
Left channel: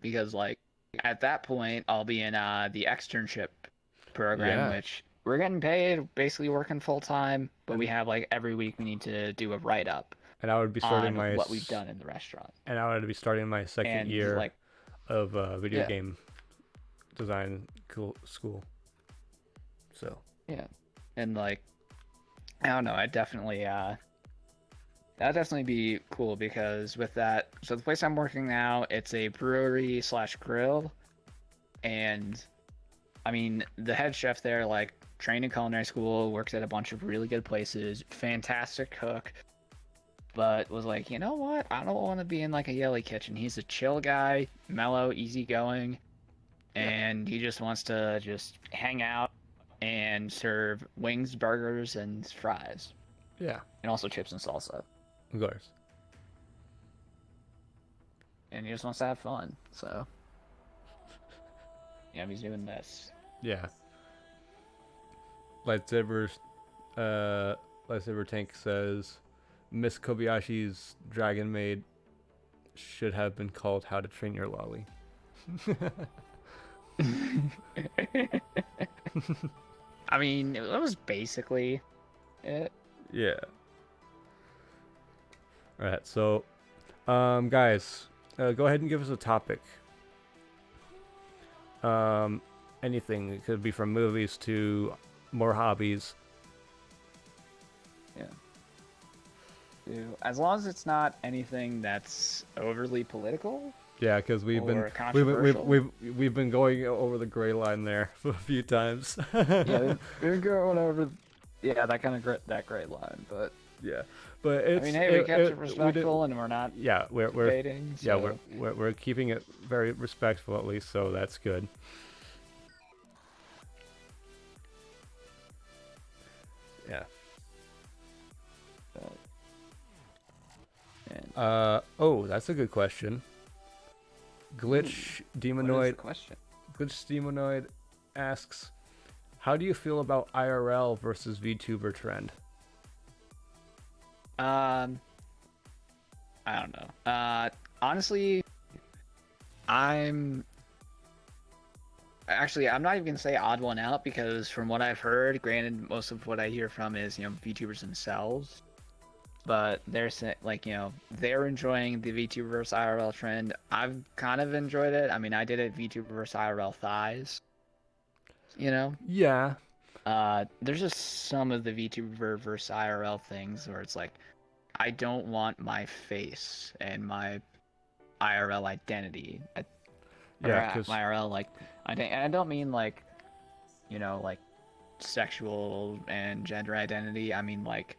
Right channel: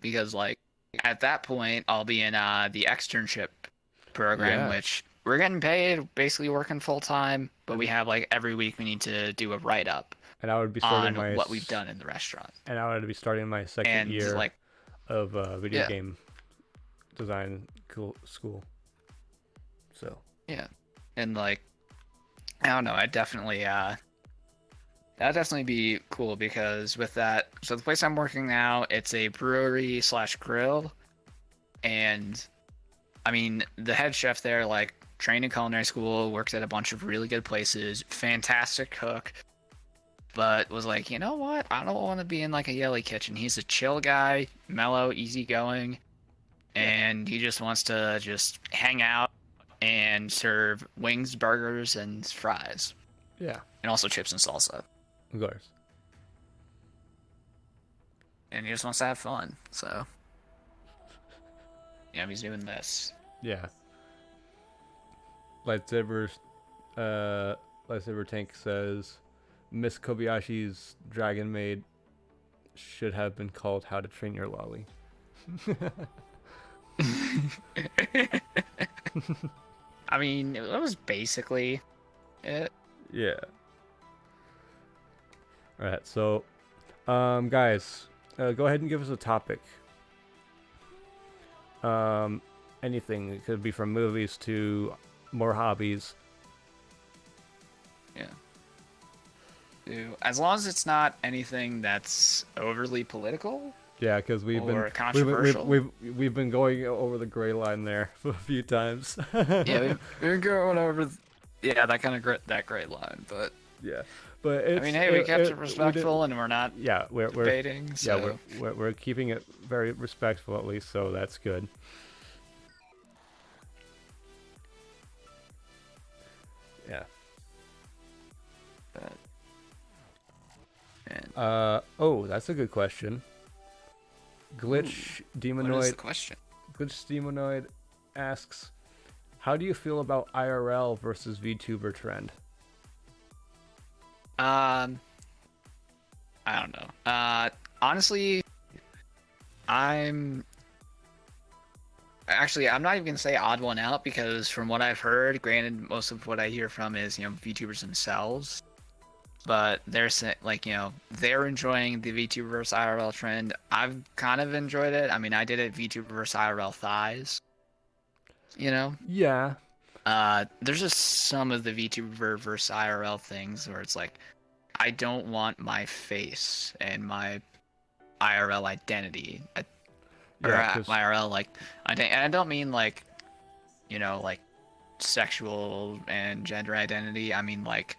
because like at that point I'll be in the externship program, Yeah, which we're getting paid, basically working full time, but we have like every week we need to do a write up and I would be starting on my what we've done in the restaurant. and I would be starting my second And year like of video yeah, game design school. So yeah. And like I don't know, I definitely that'd definitely be cool because with that, so the place I'm working now, it's a brewery slash grill, and I mean the head chef there, like trained in culinary school, works at a bunch of really good places, fantastic cook, but was like, you know what? I don't want to be in like a yelly kitchen. He's a chill guy, mellow, easygoing, yeah, and he just wants to just hang out and serve wings, burgers, and fries, yeah, and also chips and salsa. of course. And he just wants to have fun. So, he's doing this. Yeah. Lightsaber, lightsaber tank says, Miss Kobayashi's Dragon Maid should have been called How to Train Your Lolly. I mean, that was basically it. Yeah. All right. So, guys, go ahead and give us a topic. Anything. It could be from movies to more hobbies. Yeah. As long as it's not anything that's overly political. Yeah, because we've been we've been going over the gray line there a few times. Yeah, we've been going over. That kind of gray line, but yeah, but it's. I mean, hey, we kept it respectful, and we're not. Yeah, we're debating. So. Yeah, we're keeping it very respectful at least, so that's good. Yeah. Oh, that's a good question. Glitch Demonoid. What is the question? Glitch Demonoid asks, "How do you feel about IRL versus VTuber trend?" I don't know. Honestly, I'm not even gonna say odd one out because from what I've heard, granted, most of what I hear from is VTubers themselves. But they're saying, like, they're enjoying the VTuber versus IRL trend. I've kind of enjoyed it. I mean, I did it VTuber versus IRL thighs. Yeah. There's just some of the VTuber versus IRL things where it's like, I don't want my face and my IRL identity. Yeah, My IRL, like, and I don't mean like, like sexual and gender identity. I mean like,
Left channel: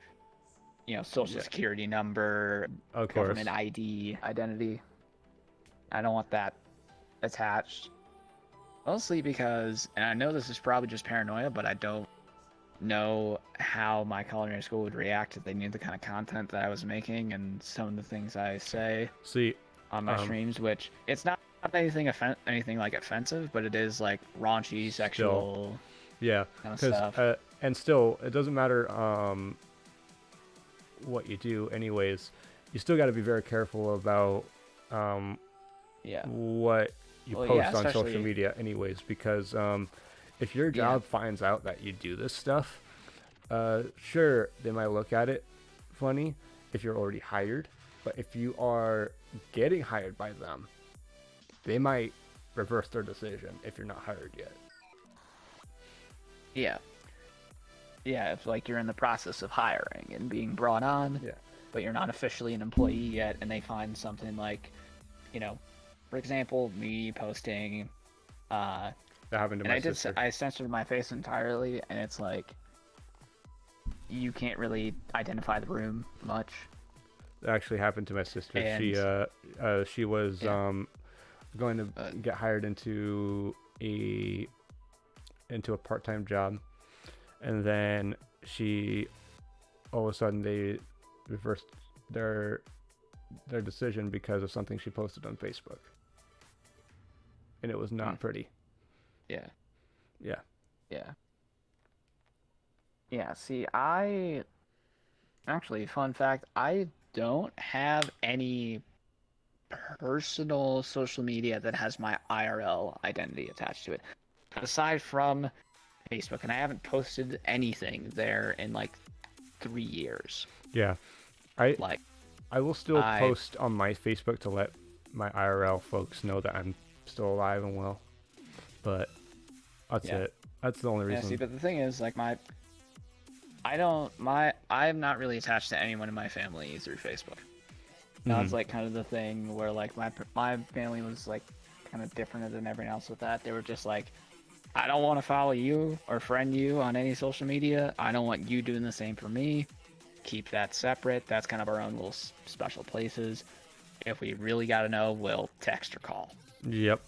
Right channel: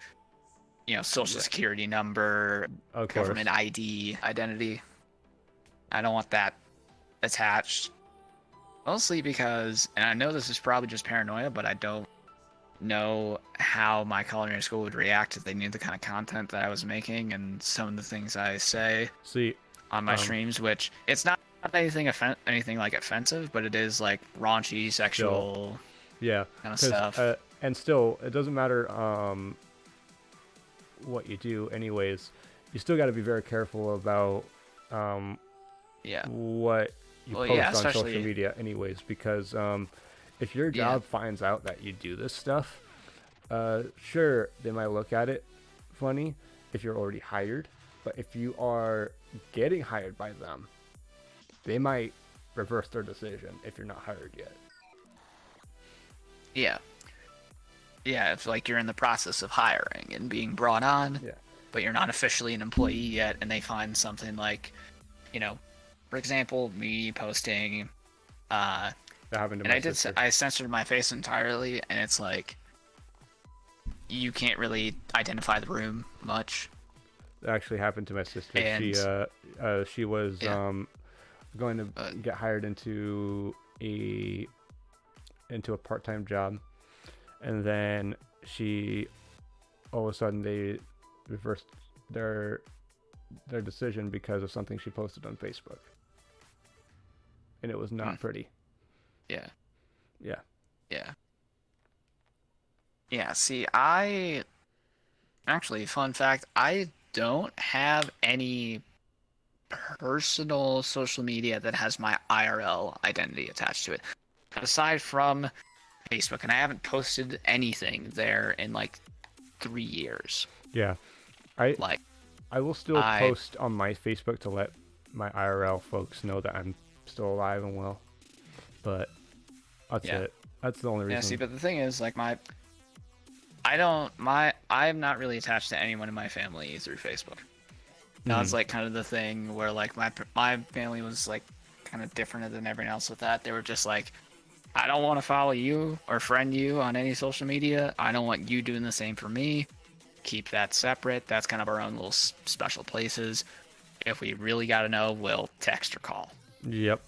social security number, of government course. ID identity. I don't want that attached. Mostly because, and I know this is probably just paranoia, but I don't know how my culinary school would react if they knew the kind of content that I was making and some of the things I say on my streams, which it's not anything like offensive, but it is like raunchy, sexual kind of stuff. And still, it doesn't matter what you do anyways. You still got to be very careful about what you post on social media anyways, because if your job finds out that you do this stuff, sure, they might look at it funny if you're already hired, but if you are getting hired by them, they might reverse their decision if you're not hired yet. Yeah, if like you're in the process of hiring and being brought on, but you're not officially an employee yet, and they find something like, for example, me posting, that happened to my sister. I censored my face entirely, and it's like, you can't really identify the room much. That actually happened to my sister. And she was going to get hired into a part-time job, and then all of a sudden they reversed their decision because of something she posted on Facebook, and it was not pretty. See, fun fact, I don't have any personal social media that has my IRL identity attached to it. Aside from Facebook, and I haven't posted anything there in like 3 years. Yeah. I will still post on my Facebook to let my IRL folks know that I'm still alive and well. But that's it. That's the only reason. Yeah, see, but the thing is, like, I'm not really attached to anyone in my family through Facebook. That's like kind of the thing where like my family was like kind of different than everyone else with that. They were just like, I don't want to follow you or friend you on any social media. I don't want you doing the same for me. Keep that separate. That's kind of our own little special places. If we really got to know, we'll text or call. Yep.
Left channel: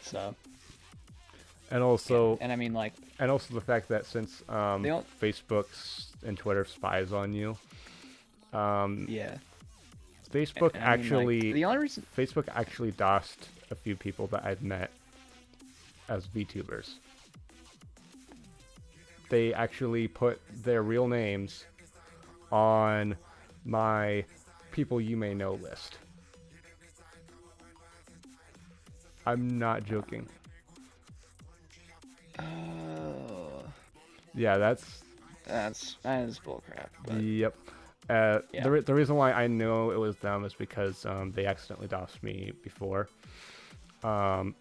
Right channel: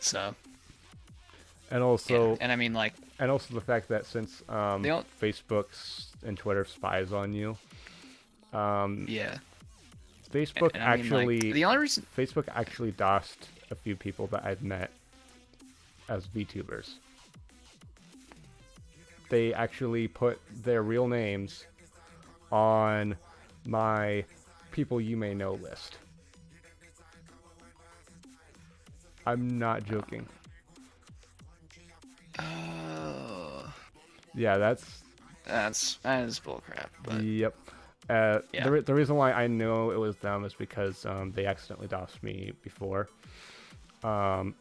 So. And also, and I mean, like, and also the fact that since Facebook and Twitter spies on you, Facebook the only reason Facebook actually DOSed a few people that I've met as VTubers. They actually put their real names on my people you may know list. I'm not joking. Yeah, that is bullcrap. Yep. The reason why I know it was them is because they accidentally DOSed me before. It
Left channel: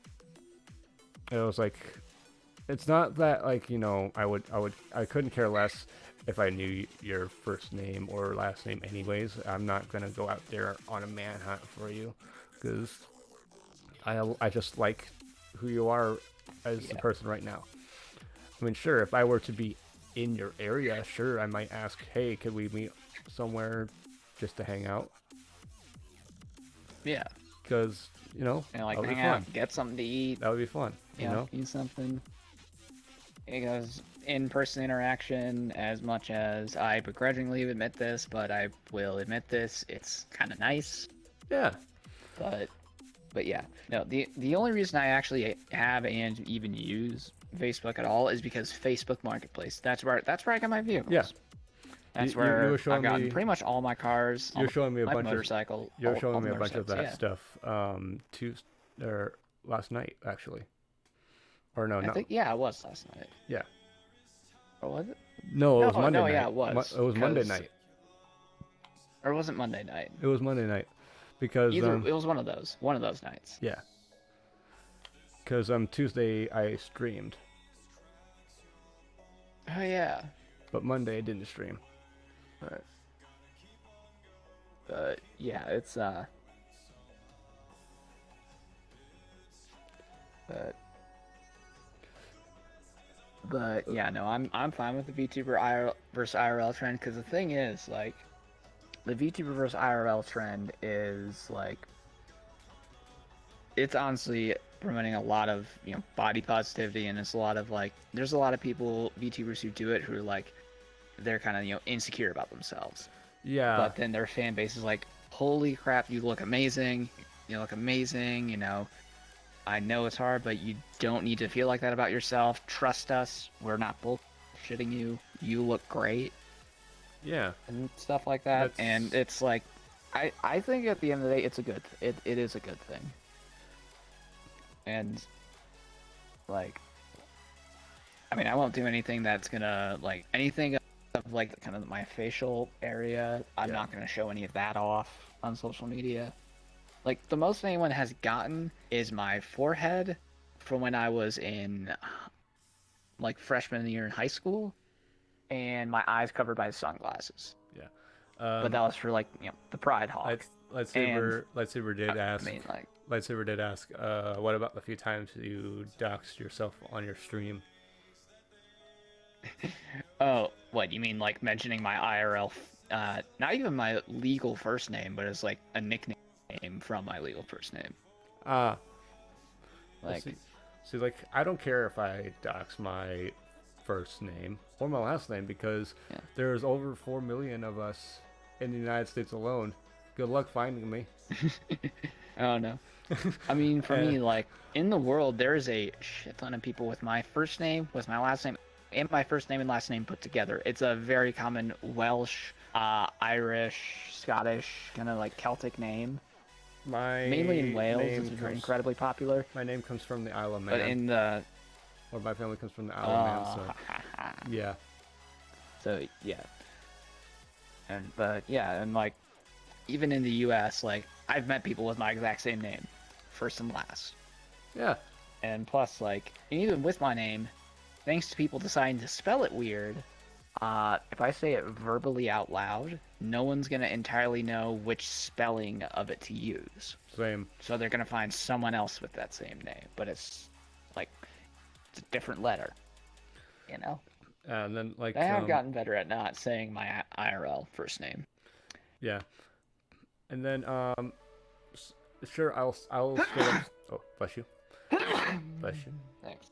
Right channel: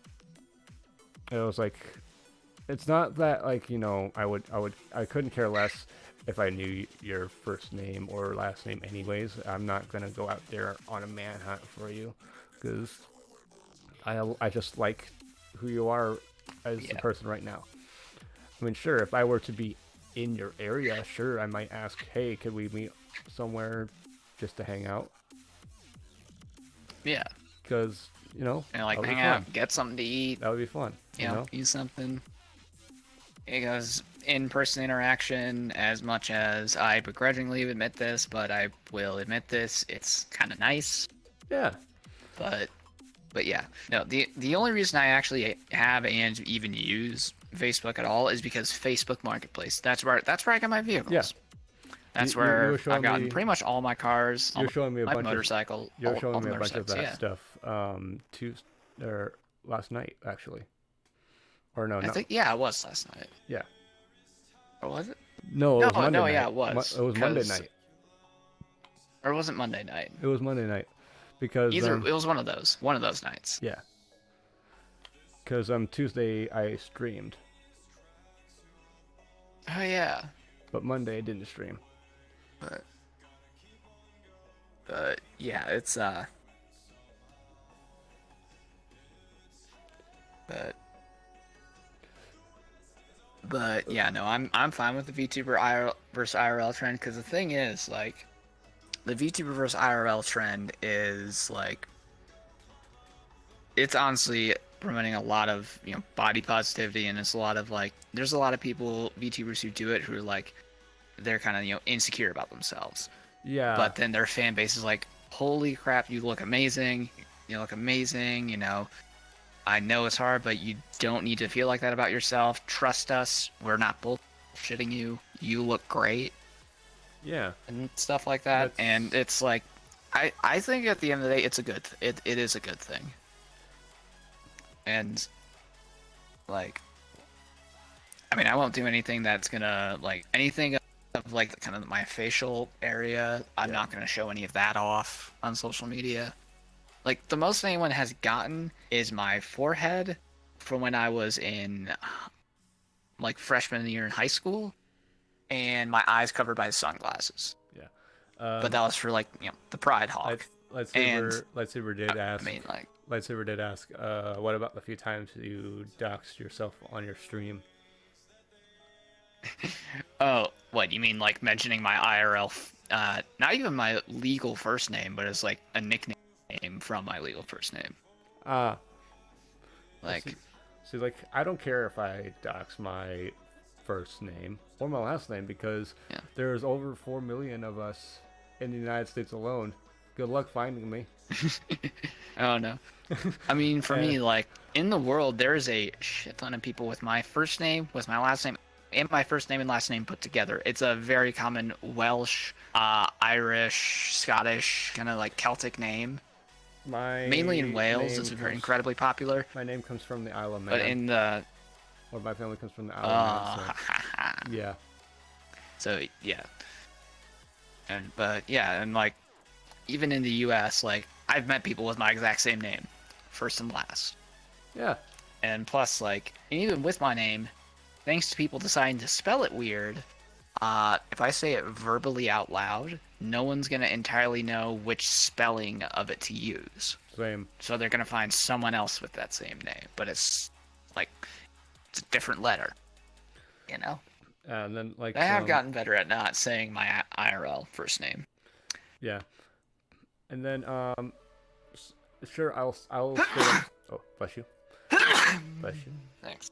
was like, it's not that like, you know, I couldn't care less if I knew your first name or last name anyways. I'm not gonna go out there on a manhunt for you, because I just like who you are as a person right now. I mean, sure, if I were to be in your area, sure, I might ask, hey, could we meet somewhere just to hang out? Yeah. Because, you know, and like hang out, get something to eat. That would be fun. You know? Eat something. Because in-person interaction, as much as I begrudgingly admit this, but I will admit this, it's kind of nice. Yeah. But yeah, no. The only reason I actually have and even use Facebook at all is because Facebook Marketplace. That's where I got my vehicles. Yeah. That's where I've gotten pretty much all my cars. You're showing me a bunch motorcycle. You're showing me a bunch of that stuff. Last night actually. Or no, I think it was last night. Yeah. Or was it? No, it was Monday night. Yeah, it was. It was Monday night. Or was it Monday night? It was Monday night. Because it was one of those nights. Yeah. Because Tuesday I streamed. Oh yeah. But Monday I didn't stream. But yeah, it's But yeah, no, I'm fine with the VTuber IRL versus IRL trend, because the thing is, like, the VTuber versus IRL trend is like, it's honestly promoting a lot of, you know, body positivity, and it's a lot of like, there's a lot of people, VTubers, who do it who are like, they're kind of, you know, insecure about themselves. Yeah. But then their fan base is like, holy crap, you look amazing, you know. I know it's hard, but you don't need to feel like that about yourself. Trust us. We're not bullshitting you. You look great. Yeah. And stuff like that. And it's like, I think at the end of the day, it is a good thing. And, like, I mean, I won't do anything that's gonna, like, anything of, like, kind of my facial area. I'm not gonna show any of that off on social media. Like, the most anyone has gotten is my forehead from when I was in, like, freshman year in high school, and my eyes covered by sunglasses. Yeah. But that was for, like, you know, the Pride Hawk. Lightsaber did ask. Lightsaber did ask, what about the few times you doxed yourself on your stream? Oh, what, you mean, like, mentioning my IRL, not even my legal first name, but it's, like, a nickname from my legal first name. Like, see, like, I don't care if I dox my first name or my last name, because there's over 4 million of us in the United States alone. Good luck finding me. Oh no. I mean, for me, like, in the world, there's a shit ton of people with my first name, with my last name, and my first name and last name put together. It's a very common Welsh, Irish, Scottish, kind of like Celtic name. mainly in Wales. It's incredibly popular. My name comes from the Isle of Man. But in the... Or my family comes from the Isle of Man, so... Yeah. So, yeah. And like, even in the U.S., like, I've met people with my exact same name. First and last. Yeah. And plus, like, even with my name, thanks to people deciding to spell it weird, if I say it verbally out loud, no one's gonna entirely know which spelling of it to use. Same. So they're gonna find someone else with that same name, but it's like it's a different letter. You know. And then like I have gotten better at not saying my IRL first name. Yeah. And then sure I'll straight up. Oh, bless you. Bless you. Thanks.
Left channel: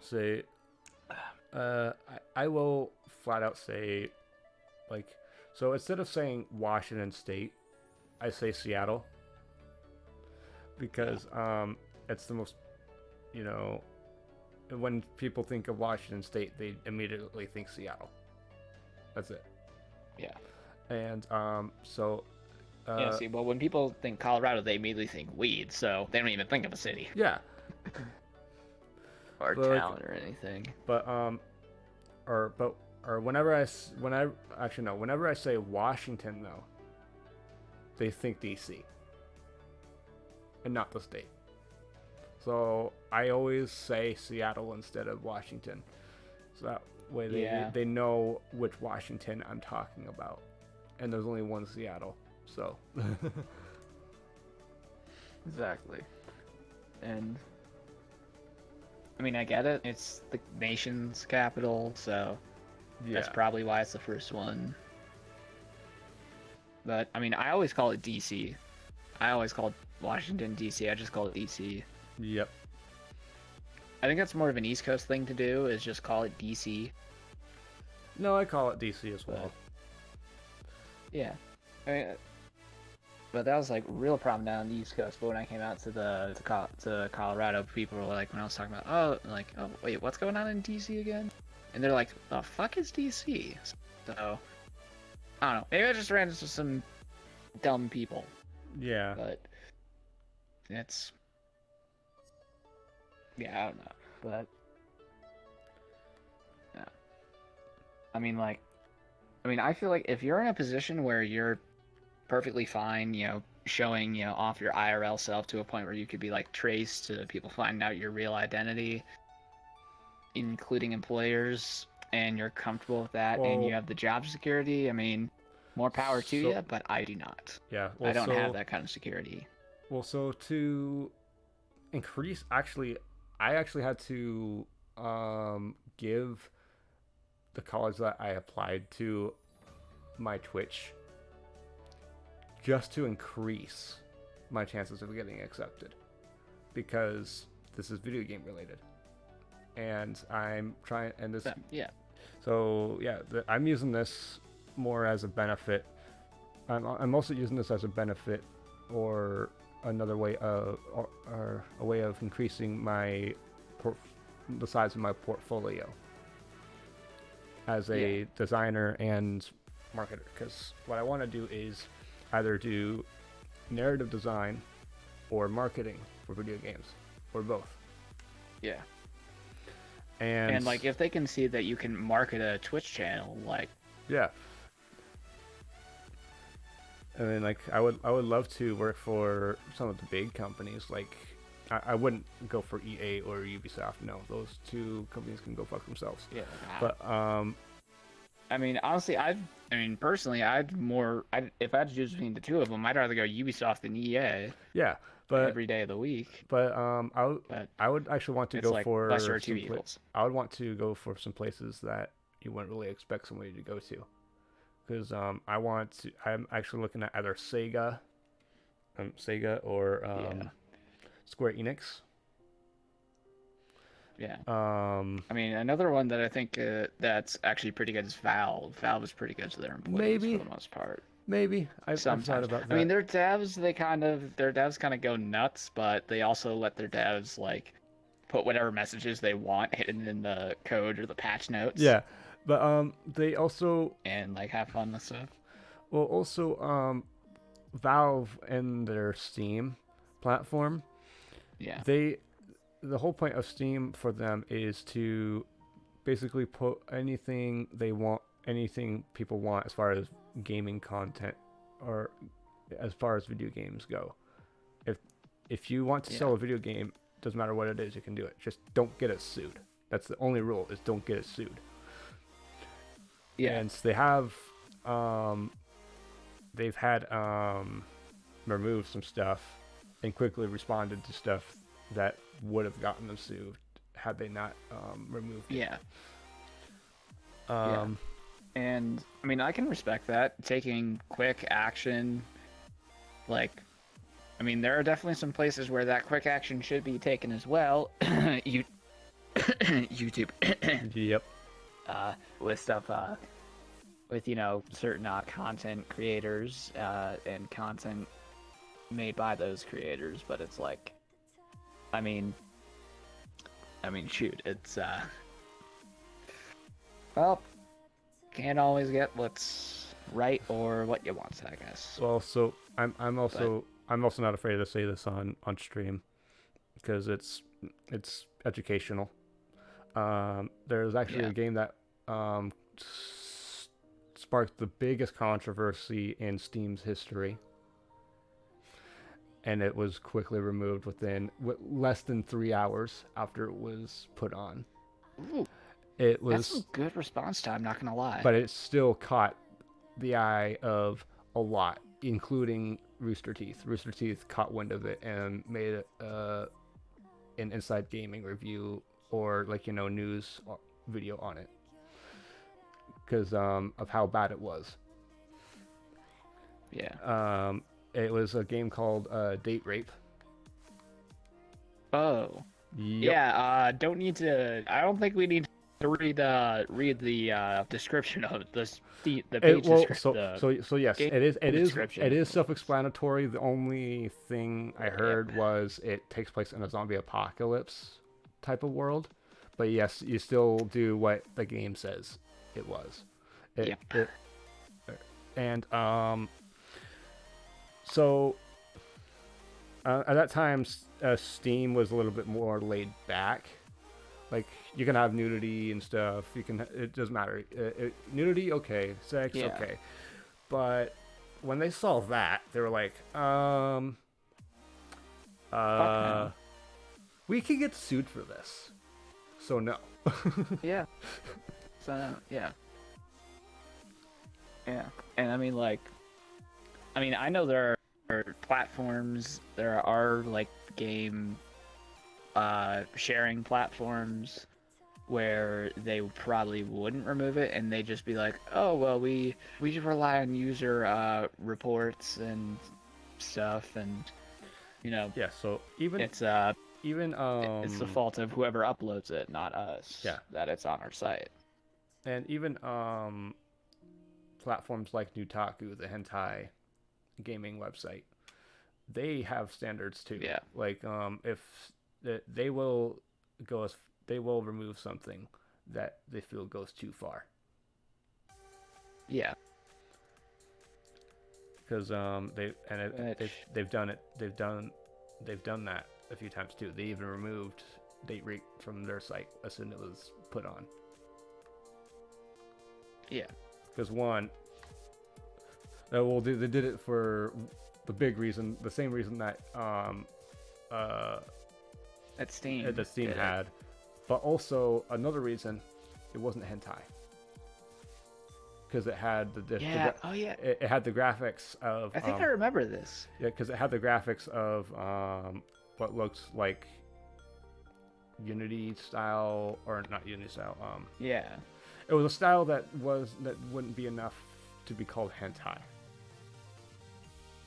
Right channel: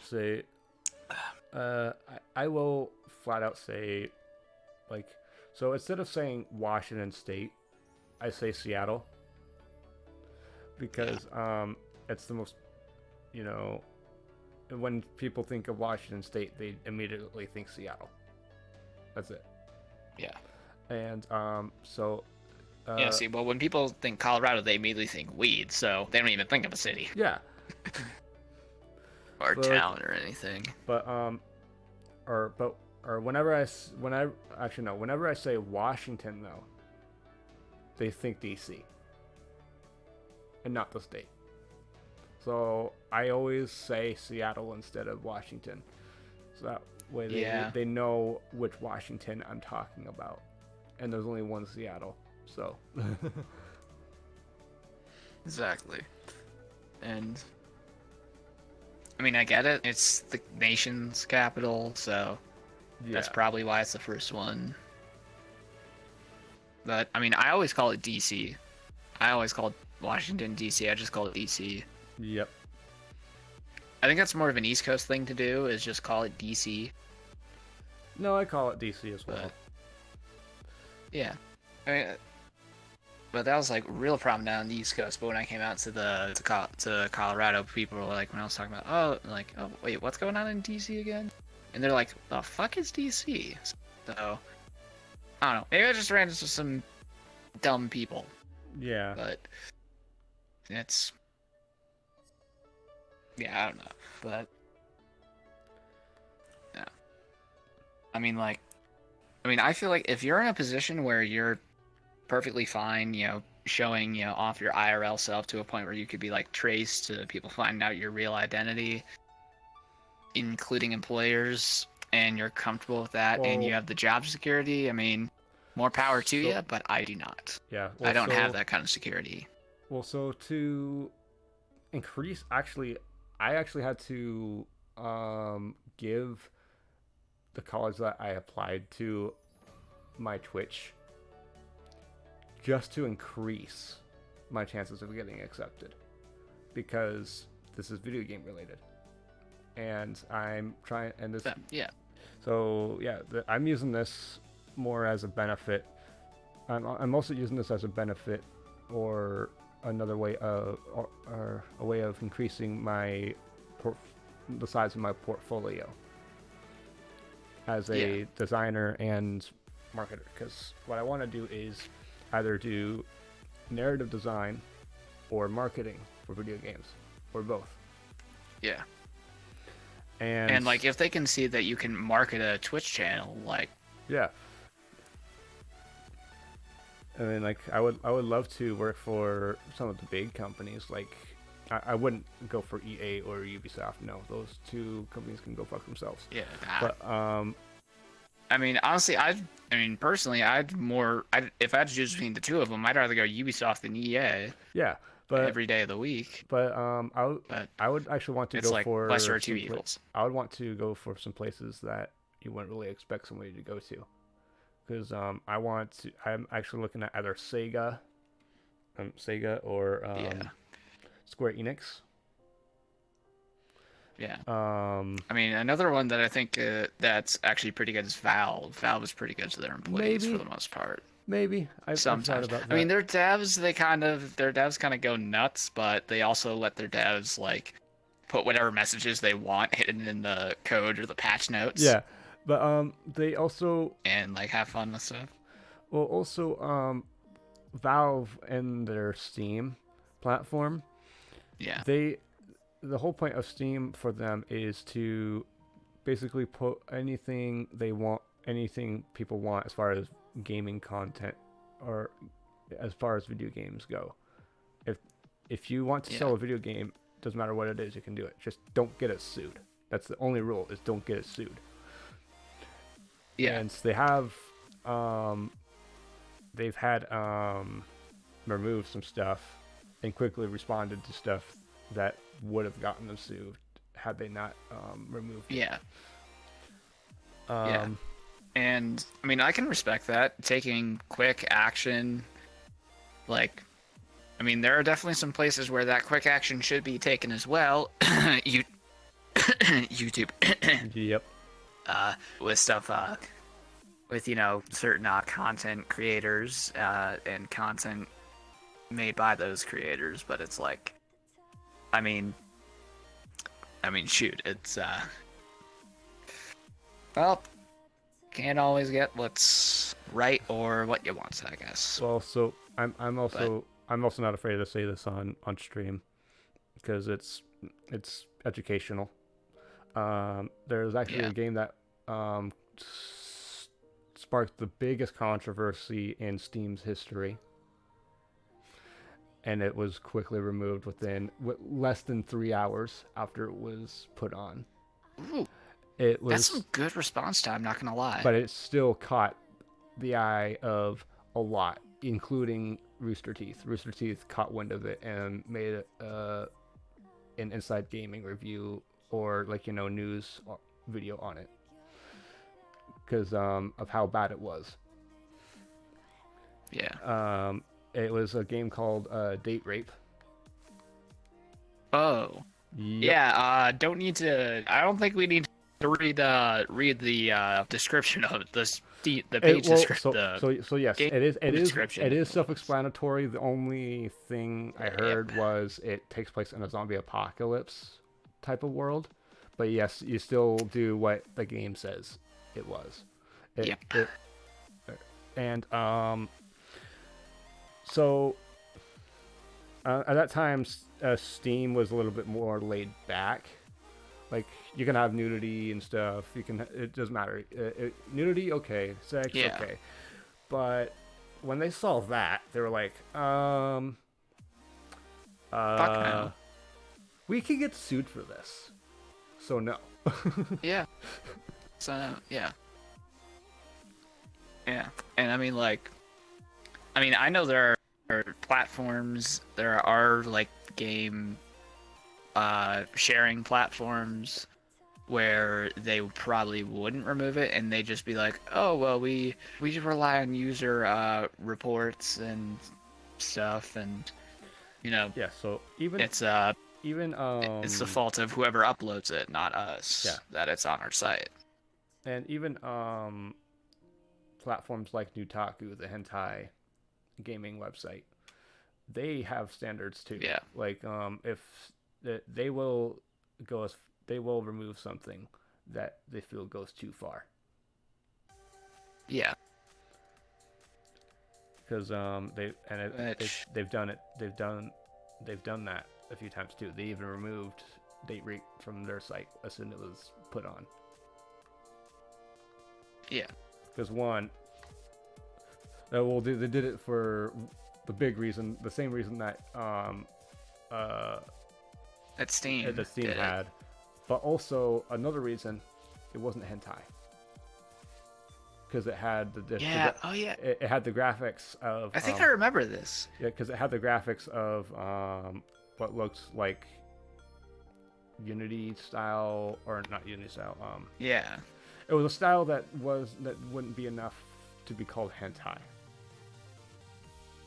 Say, I will flat out say, like, so instead of saying Washington State, I say Seattle. Because it's the most, you know, when people think of Washington State, they immediately think Seattle. That's it. Yeah. And so. Yeah. See, well, when people think Colorado, they immediately think weed, so they don't even think of a city. Yeah. Or town or anything. But whenever I say Washington though, they think DC and not the state. So I always say Seattle instead of Washington, so that way they know which Washington I'm talking about, and there's only one Seattle, so. Exactly. And I mean, I get it. It's the nation's capital, so that's probably why it's the first one. But I mean, I always call it DC. I always call it Washington DC. I just call it DC. Yep. I think that's more of an East Coast thing to do, is just call it DC. No, I call it DC as well. Yeah. I mean, but that was like real problem down on the East Coast. But when I came out to Colorado, people were like, when I was talking about, oh wait, what's going on in DC again? And they're like, the fuck is DC? So I don't know. Maybe I just ran into some dumb people. Yeah. But it's, yeah, I don't know. But yeah. I feel like if you're in a position where you're perfectly fine, you know, showing, you know, off your IRL self to a point where you could be like traced to people finding out your real identity, including employers, and you're comfortable with that, and you have the job security, I mean, more power to you, but I do not. Yeah. Well, I don't have that kind of security. Well, so to increase, I actually had to give the college that I applied to my Twitch just to increase my chances of getting accepted, because this is video game related, and I'm trying, and this I'm using this more as a benefit. I'm also using this as a benefit, or another way of, or a way of increasing my the size of my portfolio as a designer and marketer, because what I want to do is either do narrative design or marketing for video games, or both. Yeah. And like, if they can see that you can market a Twitch channel, like, yeah. I mean, like, I would love to work for some of the big companies. Like, I wouldn't go for EA or Ubisoft. No, those two companies can go fuck themselves. Yeah. But I mean, honestly, personally, if I had to choose between the two of them, I'd rather go Ubisoft than EA. Yeah, but every day of the week. But I would actually want to go like for lesser of two evils. I would want to go for some places that you wouldn't really expect somebody to go to, because I'm actually looking at either Sega or Square Enix. Yeah. I mean, another one that I think that's actually pretty good is Valve. Valve is pretty good to their employees for the most part. Maybe I've thought about that. I mean, their devs kind of go nuts, but they also let their devs like put whatever messages they want hidden in the code or the patch notes. Yeah, but they also and like have fun with stuff. Well, also Valve and their Steam platform, Yeah. the whole point of Steam for them is to basically put anything they want, anything people want as far as gaming content or as far as video games go. If you want to sell a video game, doesn't matter what it is, you can do it. Just don't get it sued. That's the only rule, is don't get it sued. Yeah. And they have they've had removed some stuff and quickly responded to stuff that would have gotten them sued had they not removed it. Yeah. And I mean, I can respect that, taking quick action. Like, I mean, there are definitely some places where that quick action should be taken as well. YouTube. Yep. With stuff, with, certain content creators and content made by those creators. But it's like, I mean, shoot, it's, well, can't always get what's right or what you want, I guess. Well, so I'm also not afraid to say this on stream because it's educational. There's actually a game that sparked the biggest controversy in Steam's history, and it was quickly removed within less than 3 hours after it was put on. Ooh, it was that's some good response time, not gonna lie. But it still caught the eye of a lot, including Rooster Teeth. Rooster Teeth caught wind of it and made an Inside Gaming review or news video on it because of how bad it was. Yeah. It was a game called Date Rape. Oh. Yep. Yeah. Don't need to. I don't think we need to read the description of this. The page description. So yes, it is self-explanatory. The only thing I heard was it takes place in a zombie apocalypse type of world, but yes, you still do what the game says it was. So at that time, Steam was a little bit more laid back. Like, you can have nudity and stuff. It doesn't matter. Nudity, okay. Sex, okay. But when they saw that, they were like, we could get sued for this. So no. Yeah. So yeah. Yeah. And I mean, I know there are platforms, there are game sharing platforms where they probably wouldn't remove it, and they just be like, oh well, we just rely on user reports and stuff, and yeah. So it's the fault of whoever uploads it, not us. Yeah. That it's on our site. And even platforms like Nutaku, the hentai gaming website, they have standards too. Yeah. If they will remove something that they feel goes too far. Yeah. Because they've done that a few times too. They even removed Date Rape from their site as soon as it was put on. Yeah. Because they did it for the big reason, the same reason that that Steam had, but also another reason, it wasn't hentai. Because it had it had the graphics of. I think I remember this. Yeah, because it had the graphics of what looks like Unity style, or not Unity style. Yeah. It was a style that wouldn't be enough to be called hentai.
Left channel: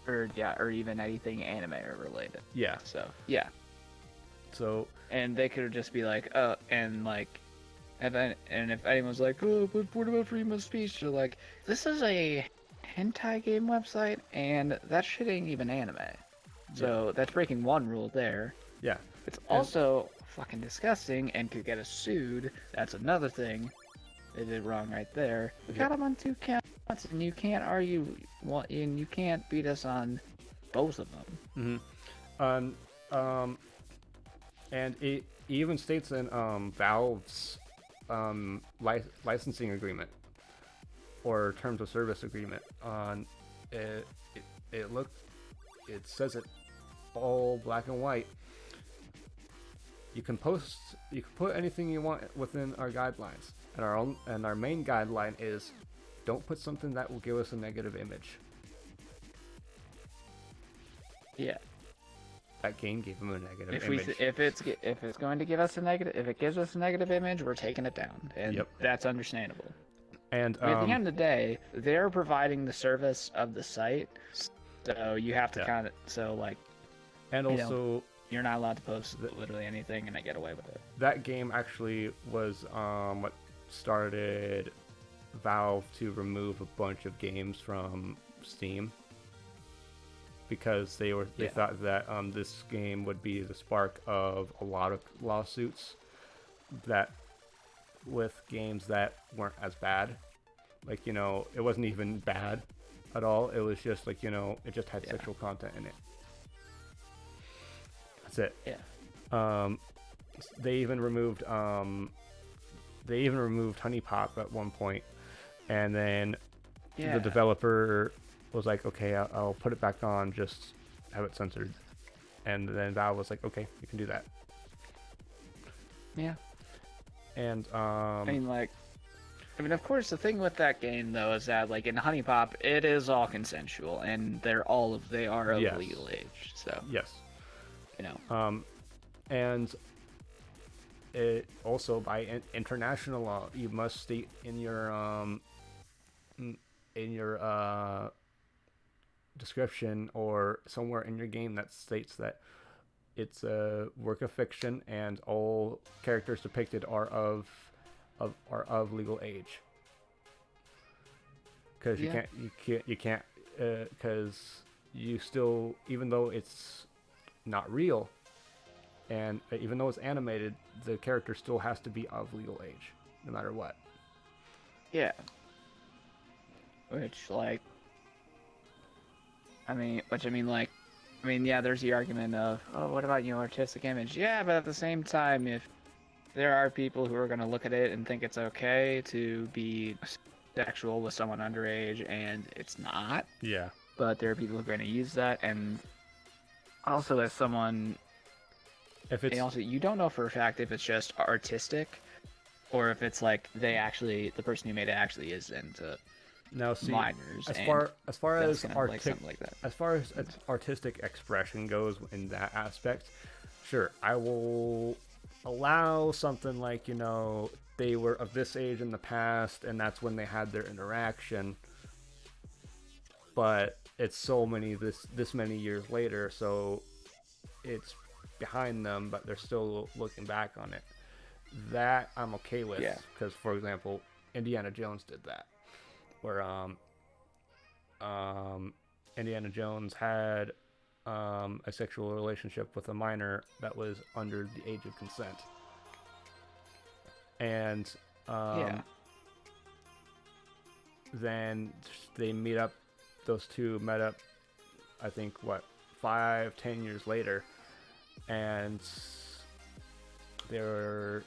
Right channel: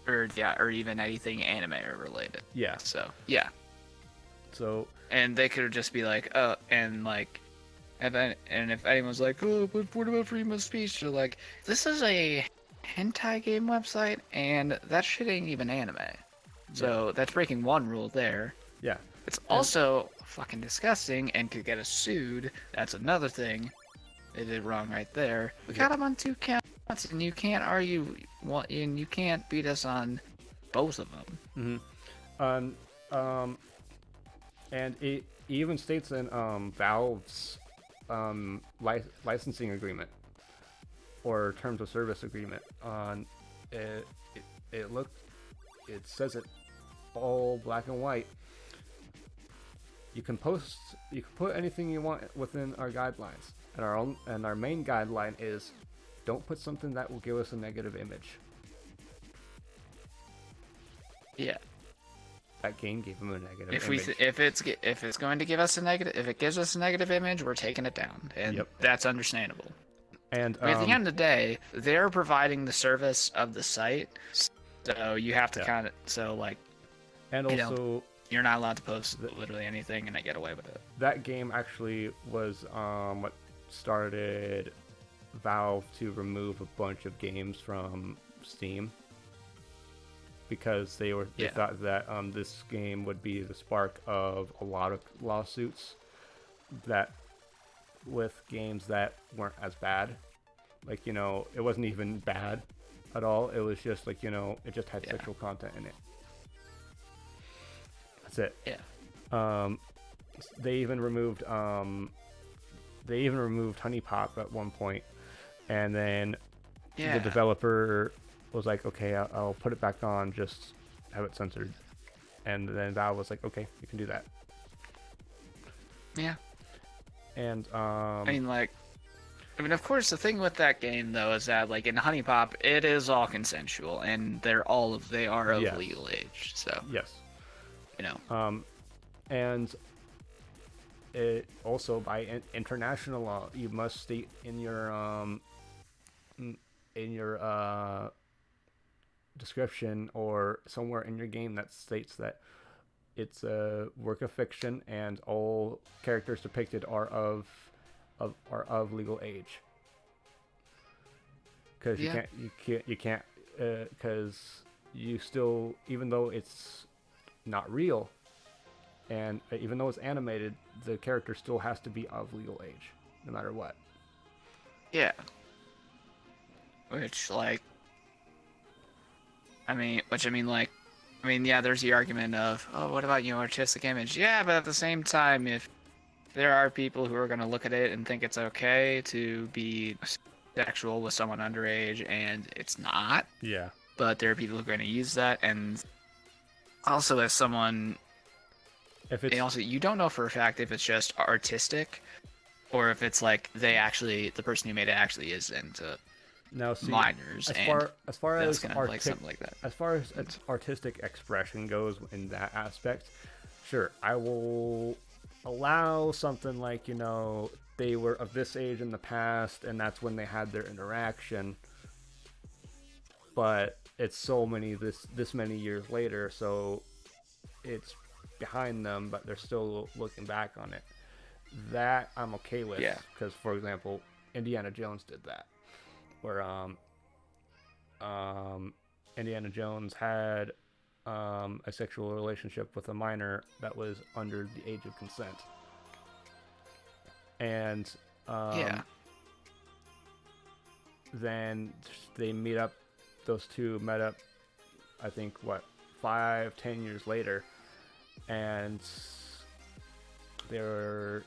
Or even anything anime related. Yeah. So yeah. So. And they could just be like, oh, and if anyone's like, oh, but what about freedom of speech? They're like, this is a hentai game website, and that shit ain't even anime. So that's breaking one rule there. Yeah. It's also fucking disgusting and could get us sued. That's another thing they did wrong right there. We got them on 2 counts. And you can't argue, and you can't beat us on both of them. And it even states in Valve's licensing agreement or terms of service agreement on it. It says it all black and white. You can put anything you want within our guidelines, and our main guideline is don't put something that will give us a negative image. Yeah. That game gave him a negative image. If it's going to give us a negative, if it gives us a negative image, we're taking it down, and that's understandable. And at the end of the day, they're providing the service of the site, so you have to kind of and also you're not allowed to post literally anything, and I get away with it. That game actually was what started Valve to remove a bunch of games from Steam. Because they thought that this game would be the spark of a lot of lawsuits that with games that weren't as bad. Like, it wasn't even bad at all. It was just like, it just had sexual content in it. That's it. Yeah. They even removed Honey Pop at one point, and then the developer was like, okay, I'll put it back on, just have it censored. And then Valve was like, okay, you can do that. Yeah. And of course, the thing with that game though is that in Honey Pop, it is all consensual, and they are of legal age. So yes, and it also by international law, you must state in your description or somewhere in your game that states that it's a work of fiction and all characters depicted are of legal age. Because you can't because you still, even though it's not real and even though it's animated, the character still has to be of legal age no matter what. Yeah. Which there's the argument of, oh, what about artistic image? Yeah, but at the same time, if there are people who are going to look at it and think it's okay to be sexual with someone underage, and it's not. Yeah. But there are people who are going to use that, and also as someone, you don't know for a fact if it's just artistic, or if it's the person who made it actually is into. Now, see, minors, as far as artistic expression goes in that aspect, sure, I will allow something like, they were of this age in the past, and that's when they had their interaction. But it's this many years later, so it's behind them, but they're still looking back on it. That I'm okay with, because, for example, Indiana Jones did that. Where Indiana Jones had a sexual relationship with a minor that was under the age of consent, and then those two met up, I think 5-10 years later, and they were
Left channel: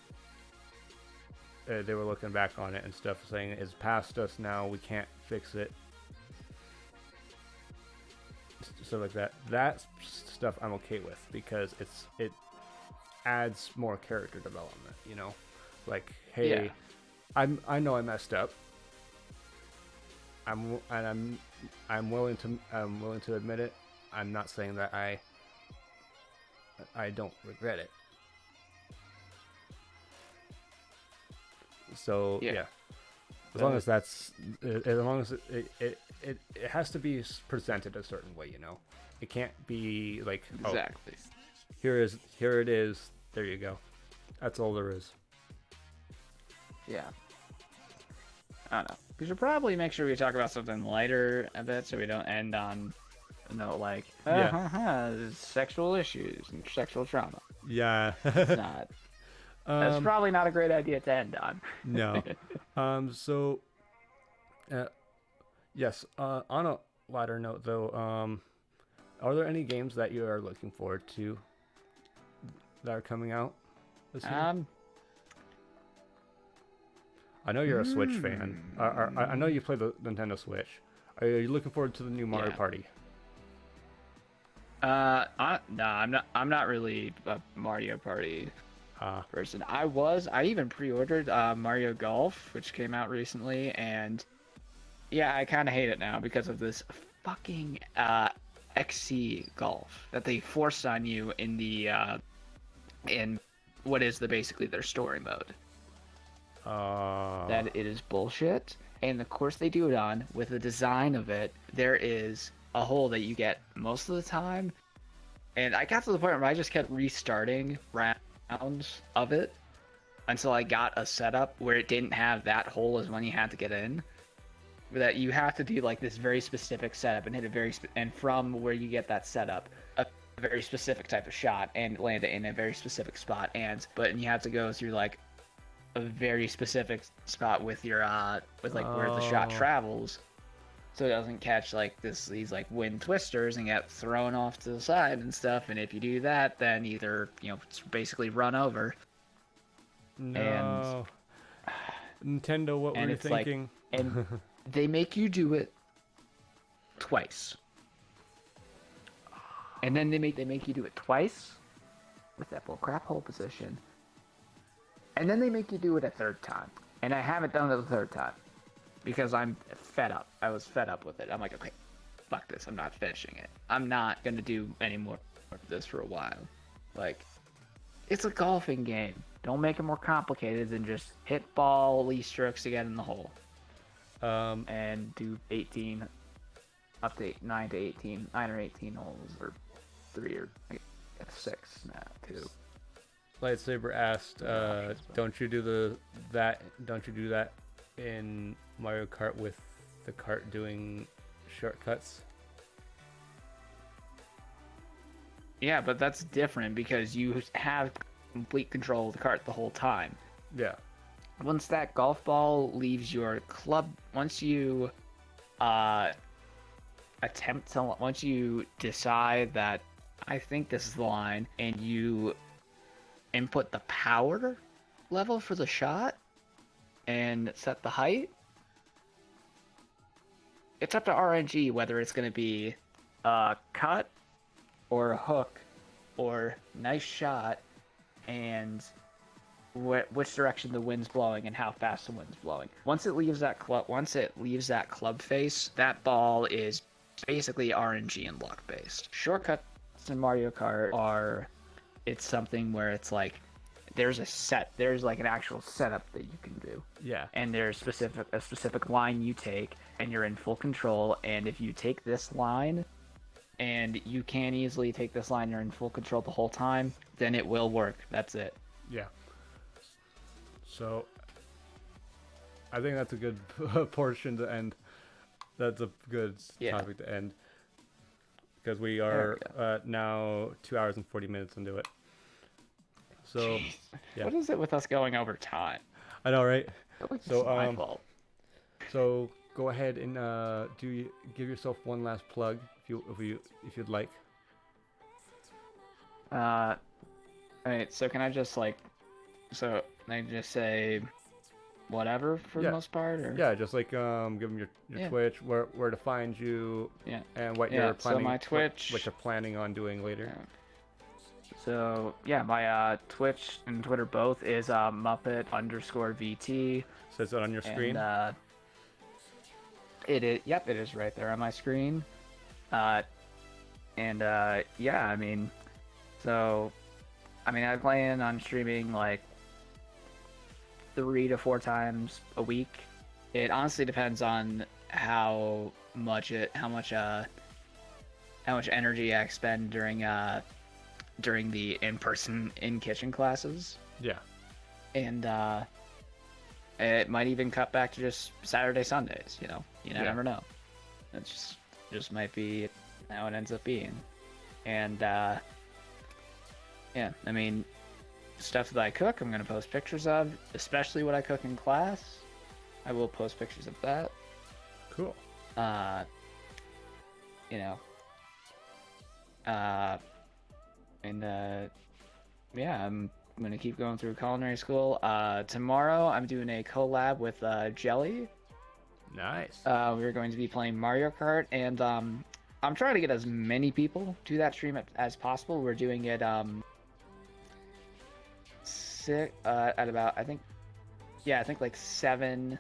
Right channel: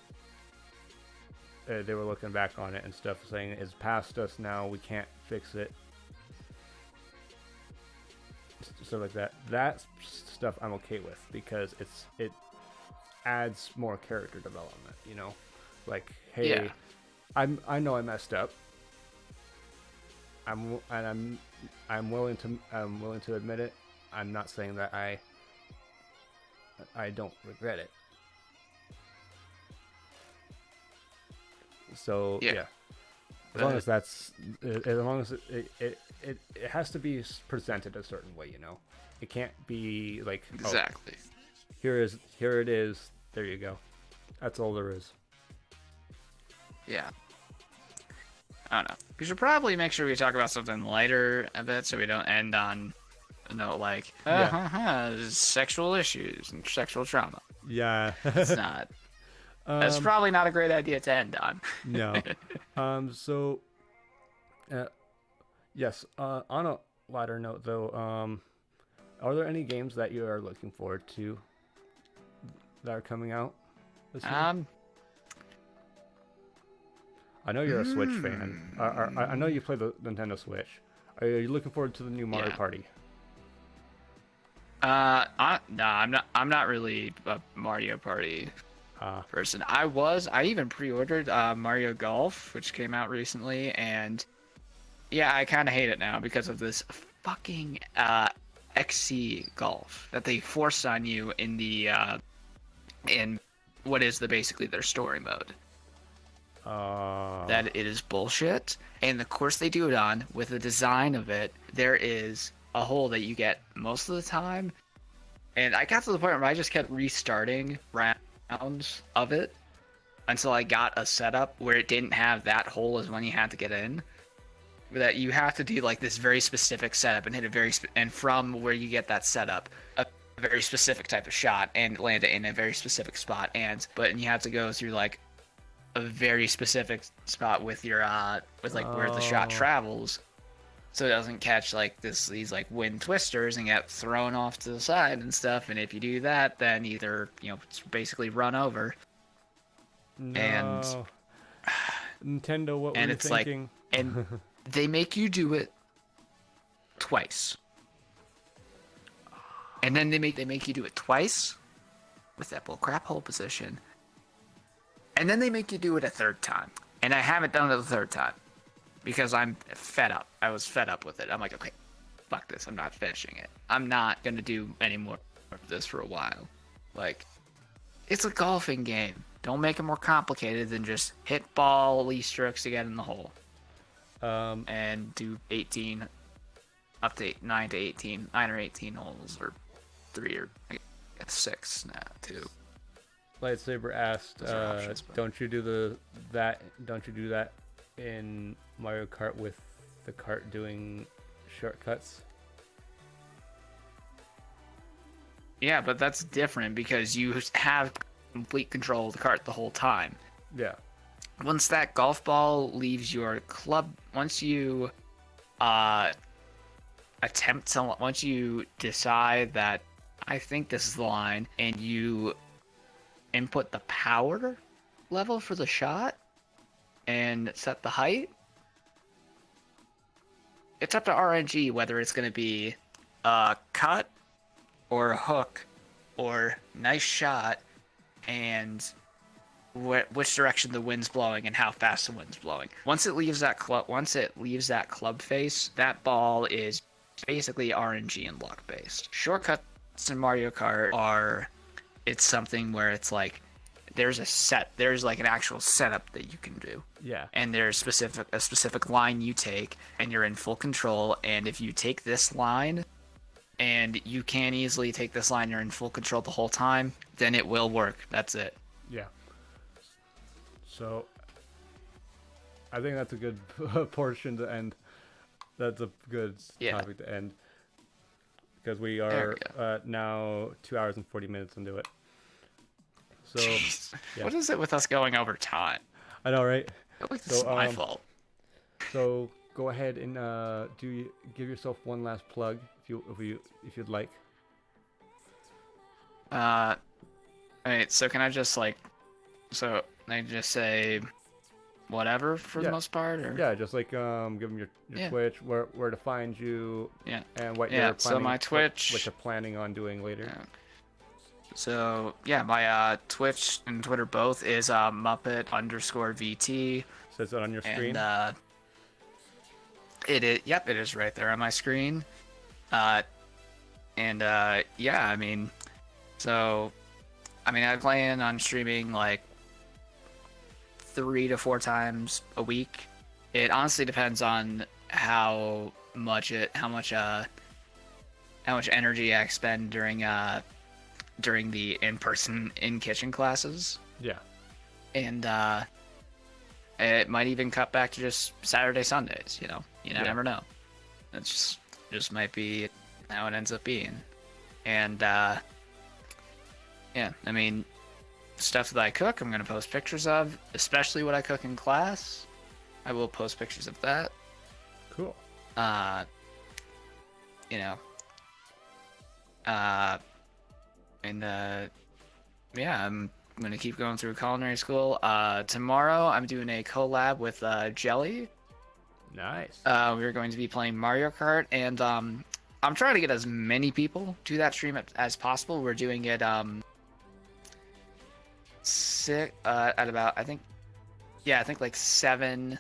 looking back on it and stuff, saying it's past us now, we can't fix it, stuff like that. That stuff I'm okay with, because it adds more character development, hey, I know I messed up, I'm willing to admit it. I'm not saying that I don't regret it. So as long as it has to be presented a certain way, it can't be like, exactly. Oh, here it is, there you go, that's all there is. Yeah, I don't know. We should probably make sure we talk about something lighter a bit, so we don't end on a note like sexual issues and sexual trauma. Yeah. It's not. That's probably not a great idea to end on. No. So Yes. On a lighter note, though, are there any games that you are looking forward to that are coming out this year? I know you're a Switch fan. I know you play the Nintendo Switch. Are you looking forward to the new Mario Yeah. Party? No, I'm not. I'm not really a Mario Party Ah, person. I even pre-ordered Mario Golf, which came out recently, and yeah, I kind of hate it now because of this fucking XC Golf that they forced on you in the in what is basically their story mode. That it is bullshit, and the course they do it on, with the design of it, there is a hole that you get most of the time, and I got to the point where I just kept restarting rounds of it until I got a setup where it didn't have that hole as when you had to get in. That you have to do like this very specific setup and hit a and from where you get that setup, a very specific type of shot and land it in a very specific spot, but you have to go through like a very specific spot with your with like where the shot travels, so it doesn't catch like these like wind twisters and get thrown off to the side and stuff. And if you do that, then either it's basically run over. no. Nintendo, what were you thinking? And they make you do it twice, and then they make you do it twice with that bullcrap hole position. And then they make you do it a third time. And I haven't done it the third time. Because I'm fed up. I was fed up with it. I'm like, okay, fuck this. I'm not finishing it. I'm not going to do any more of this for a while. Like, it's a golfing game. Don't make it more complicated than just hit ball, Lee strokes to get in the hole. And do 18, up to 9 to 18, 9 or 18 holes, or 3 or 6 now, 2. Lightsaber asked, don't you do that in Mario Kart with the cart doing shortcuts? Yeah, but that's different because you have complete control of the cart the whole time. Yeah. Once that golf ball leaves your club, once you once you decide that I think this is the line, and you input the power level for the shot and set the height, it's up to RNG whether it's going to be a cut or a hook or nice shot, and which direction the wind's blowing and how fast the wind's blowing. Once it leaves that club face, that ball is basically RNG and luck based. Shortcuts in Mario Kart it's something where it's like there's like an actual setup that you can do. Yeah. And there's a specific line you take, and you're in full control. And if you take this line, and you can't easily take this line, you're in full control the whole time, then it will work. That's it. Yeah. So I think that's a good portion to end. That's a good topic to end. Because we are now 2 hours and 40 minutes into it. So, yeah. What is it with us going over time? I know, right? It's my fault. So go ahead and give yourself one last plug if you'd like. Alright, so can I just say whatever for the most part? Or? Yeah, just like give them your Twitch, where to find you, and what you're planning. So my Twitch, what you're planning on doing later. Yeah. So yeah, my Twitch and Twitter both is Muppet_VT. Says it on your screen. And, it is right there on my screen. I plan on streaming like 3 to 4 times a week. It honestly depends on how much energy I expend during the in-person in-kitchen classes. Yeah. And it might even cut back to just Saturday, Sundays, you never know. It's just might be how it ends up being. And stuff that I cook, I'm gonna post pictures of, especially what I cook in class. I will post pictures of that. Cool. you know, and yeah, I'm gonna keep going through culinary school. Tomorrow I'm doing a collab with Jelly. Nice. We're going to be playing Mario Kart, and I'm trying to get as many people to that stream as possible. We're doing it at about I think like 7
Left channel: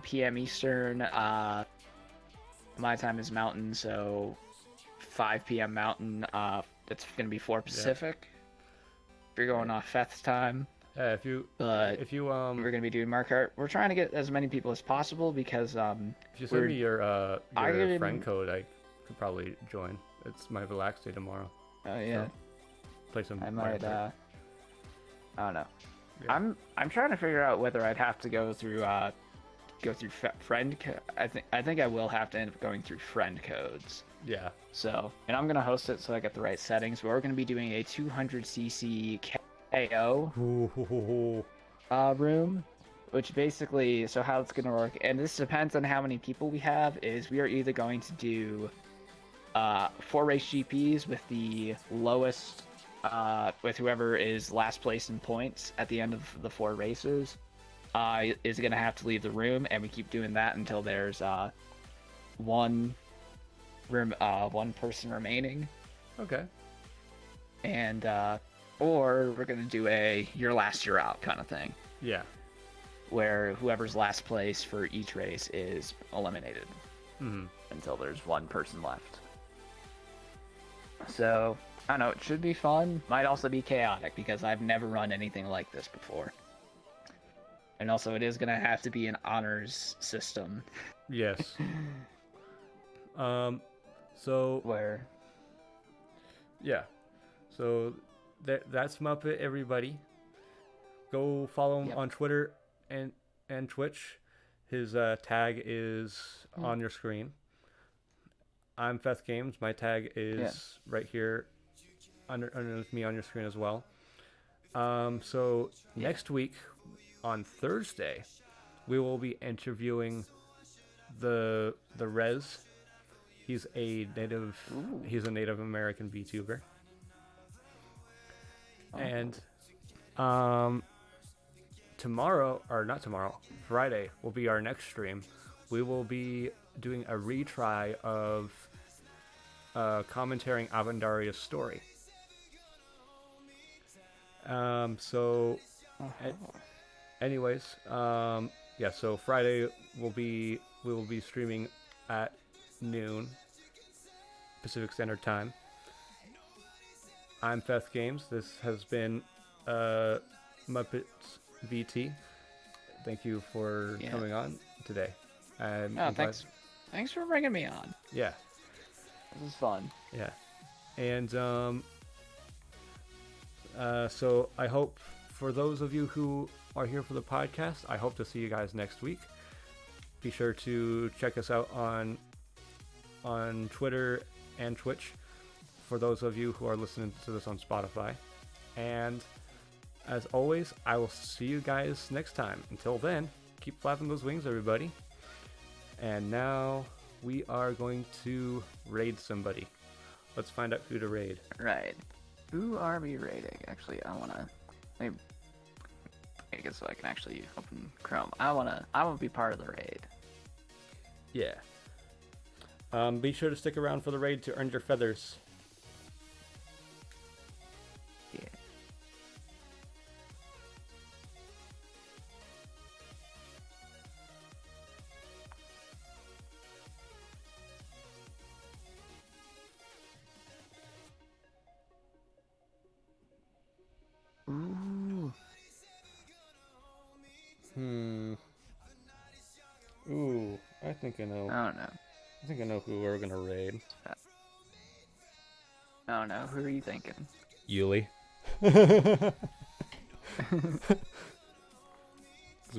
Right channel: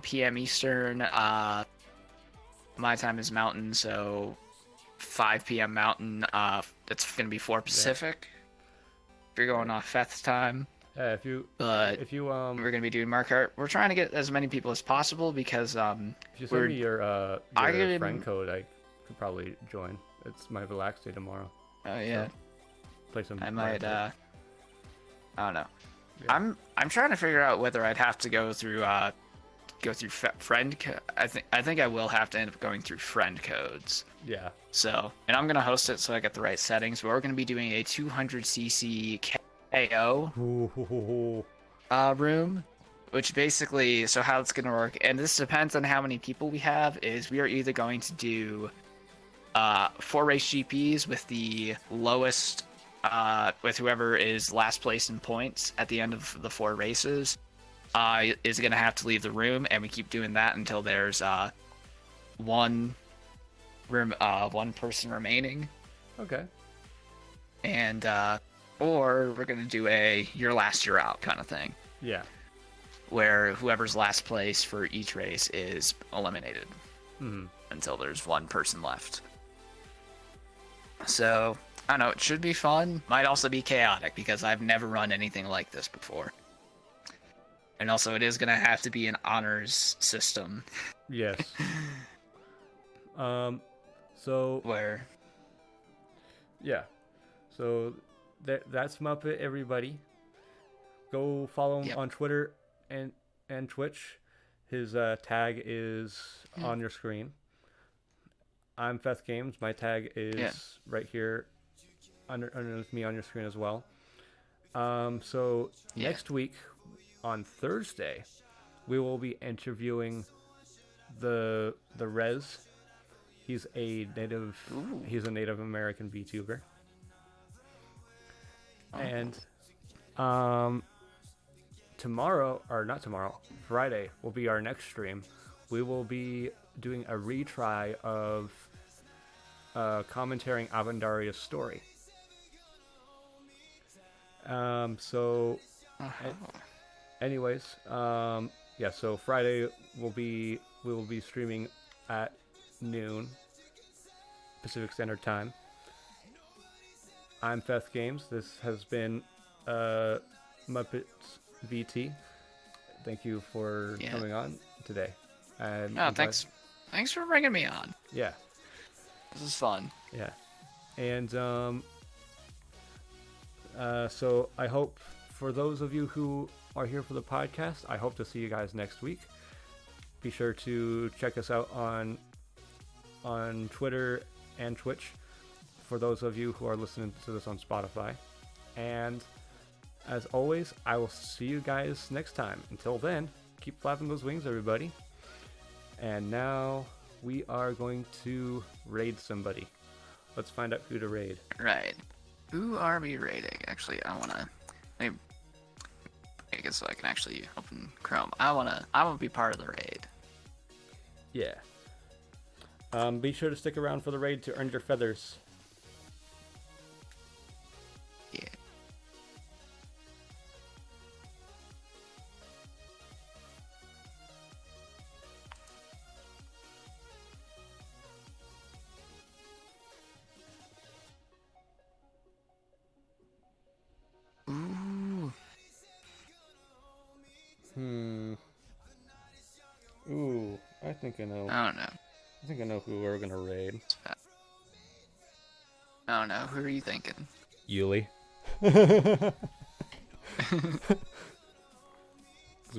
p.m. Eastern. My time is Mountain, so 5 p.m. Mountain. It's gonna be 4 Pacific. Yeah. If you're going off Feth's time. Yeah, if you we're gonna be doing Mario Kart. We're trying to get as many people as possible because if you send me your friend code, I could probably join. It's my relax day tomorrow. Oh yeah. So, play some. I might. I don't know. Yeah. I'm trying to figure out whether I'd have to go through friend. I think I will have to end up going through friend codes. Yeah. So, and I'm gonna host it so I get the right settings. But we're gonna be doing a 200cc KO room, which basically, so how it's gonna work, and this depends on how many people we have. Is we are either going to do 4 race GPs with the lowest. With whoever is last place in points at the end of the 4 races, is going to have to leave the room, and we keep doing that until there's one person remaining. Okay. And or we're going to do a you're last, you're out kind of thing. Yeah. Where whoever's last place for each race is eliminated until there's one person left. So. I don't know, it should be fun. Might also be chaotic because I've never run anything like this before. And also it is going to have to be an honors system. Yes. So... Where? Yeah. So that's Muppet, everybody. Go follow him on Twitter and Twitch. His tag is on your screen. I'm Feth Games. My tag is right here. Underneath me on your screen as well. So next week on Thursday, we will be interviewing the Rez. He's a Native American VTuber. And Friday will be our next stream. We will be doing a retry of commentating Avandaria's story. Anyways, so Friday we will be streaming at noon Pacific Standard Time. I'm Feth Games. This has been Muppets VT. Thank you for coming on today. Thanks for bringing me on. Yeah. This is fun. Yeah. And so I hope for those of you who are here for the podcast, I hope to see you guys next week. Be sure to check us out on Twitter and Twitch for those of you who are listening to this on Spotify. And as always, I will see you guys next time. Until then, keep flapping those wings, everybody. And now we are going to raid somebody. Let's find out who to raid. Right. Who are we raiding? Actually, I guess so I can actually open Chrome. I wanna be part of the raid. Yeah. Be sure to stick around for the raid to earn your feathers. Yeah. Ooh, I think I know. I don't know. I think I know who we're gonna raid. I don't know. Who are you thinking? Yuli.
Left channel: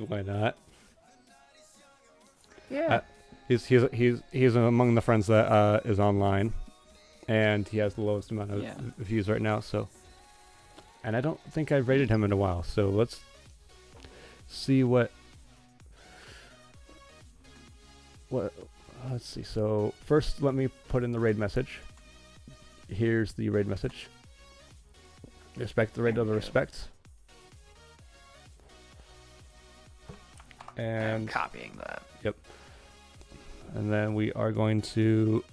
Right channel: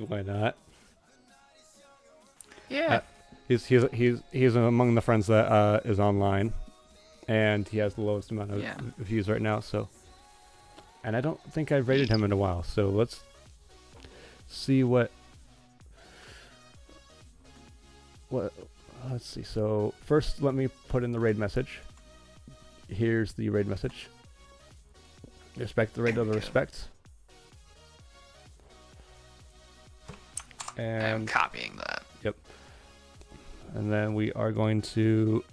Why not? Yeah. He's among the friends that is online, and he has the lowest amount of views right now. So, and I don't think I've rated him in a while. So let's see what. what? Let's see. So first, let me put in the raid message. Here's the raid message. Respect the raid of the respect. And I'm copying that. Yep. And then we are going to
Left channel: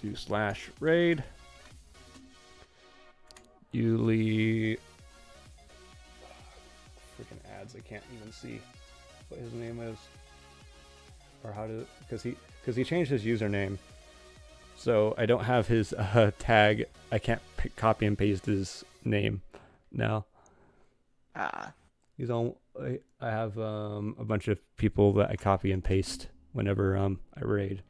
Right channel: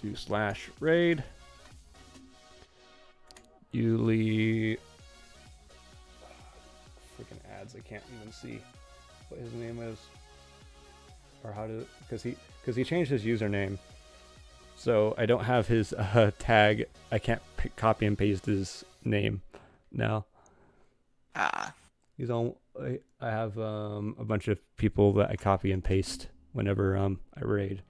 do /raid. Yuli. Freaking ads! I can't even see what his name is, or how to, because he changed his username, so I don't have his tag. I can't copy and paste his name now. He's on. I have a bunch of people that I copy and paste whenever I raid.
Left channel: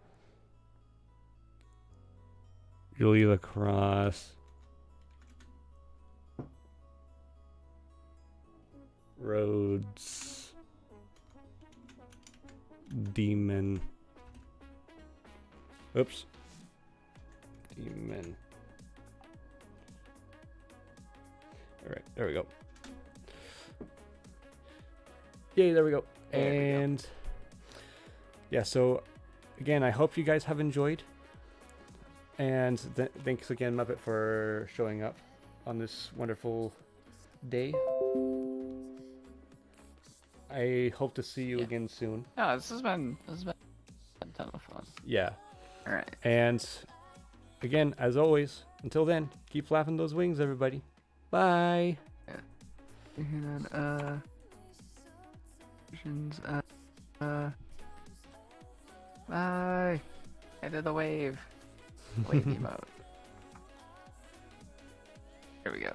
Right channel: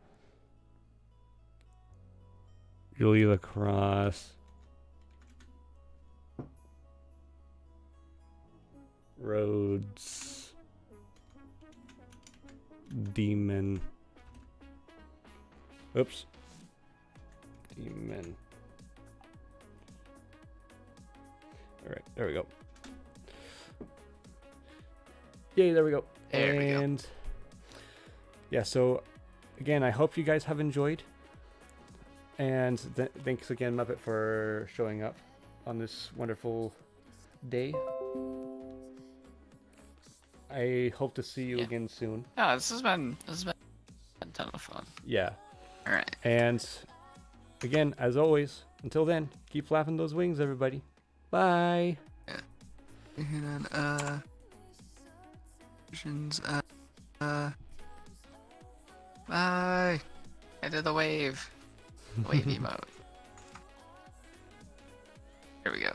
Julie Lacrosse. Rhodes. Demon. Oops. Demon. Alright, there we go. Yay, there we go. And yeah, so again, I hope you guys have enjoyed. And thanks again, Muppet, for showing up on this wonderful day. I hope to see you again soon. Oh, this has been a ton of fun. Yeah. All right. And again, as always, until then, keep flapping those wings, everybody. Bye. Yeah. And bye. I did the wave emote. Here we go.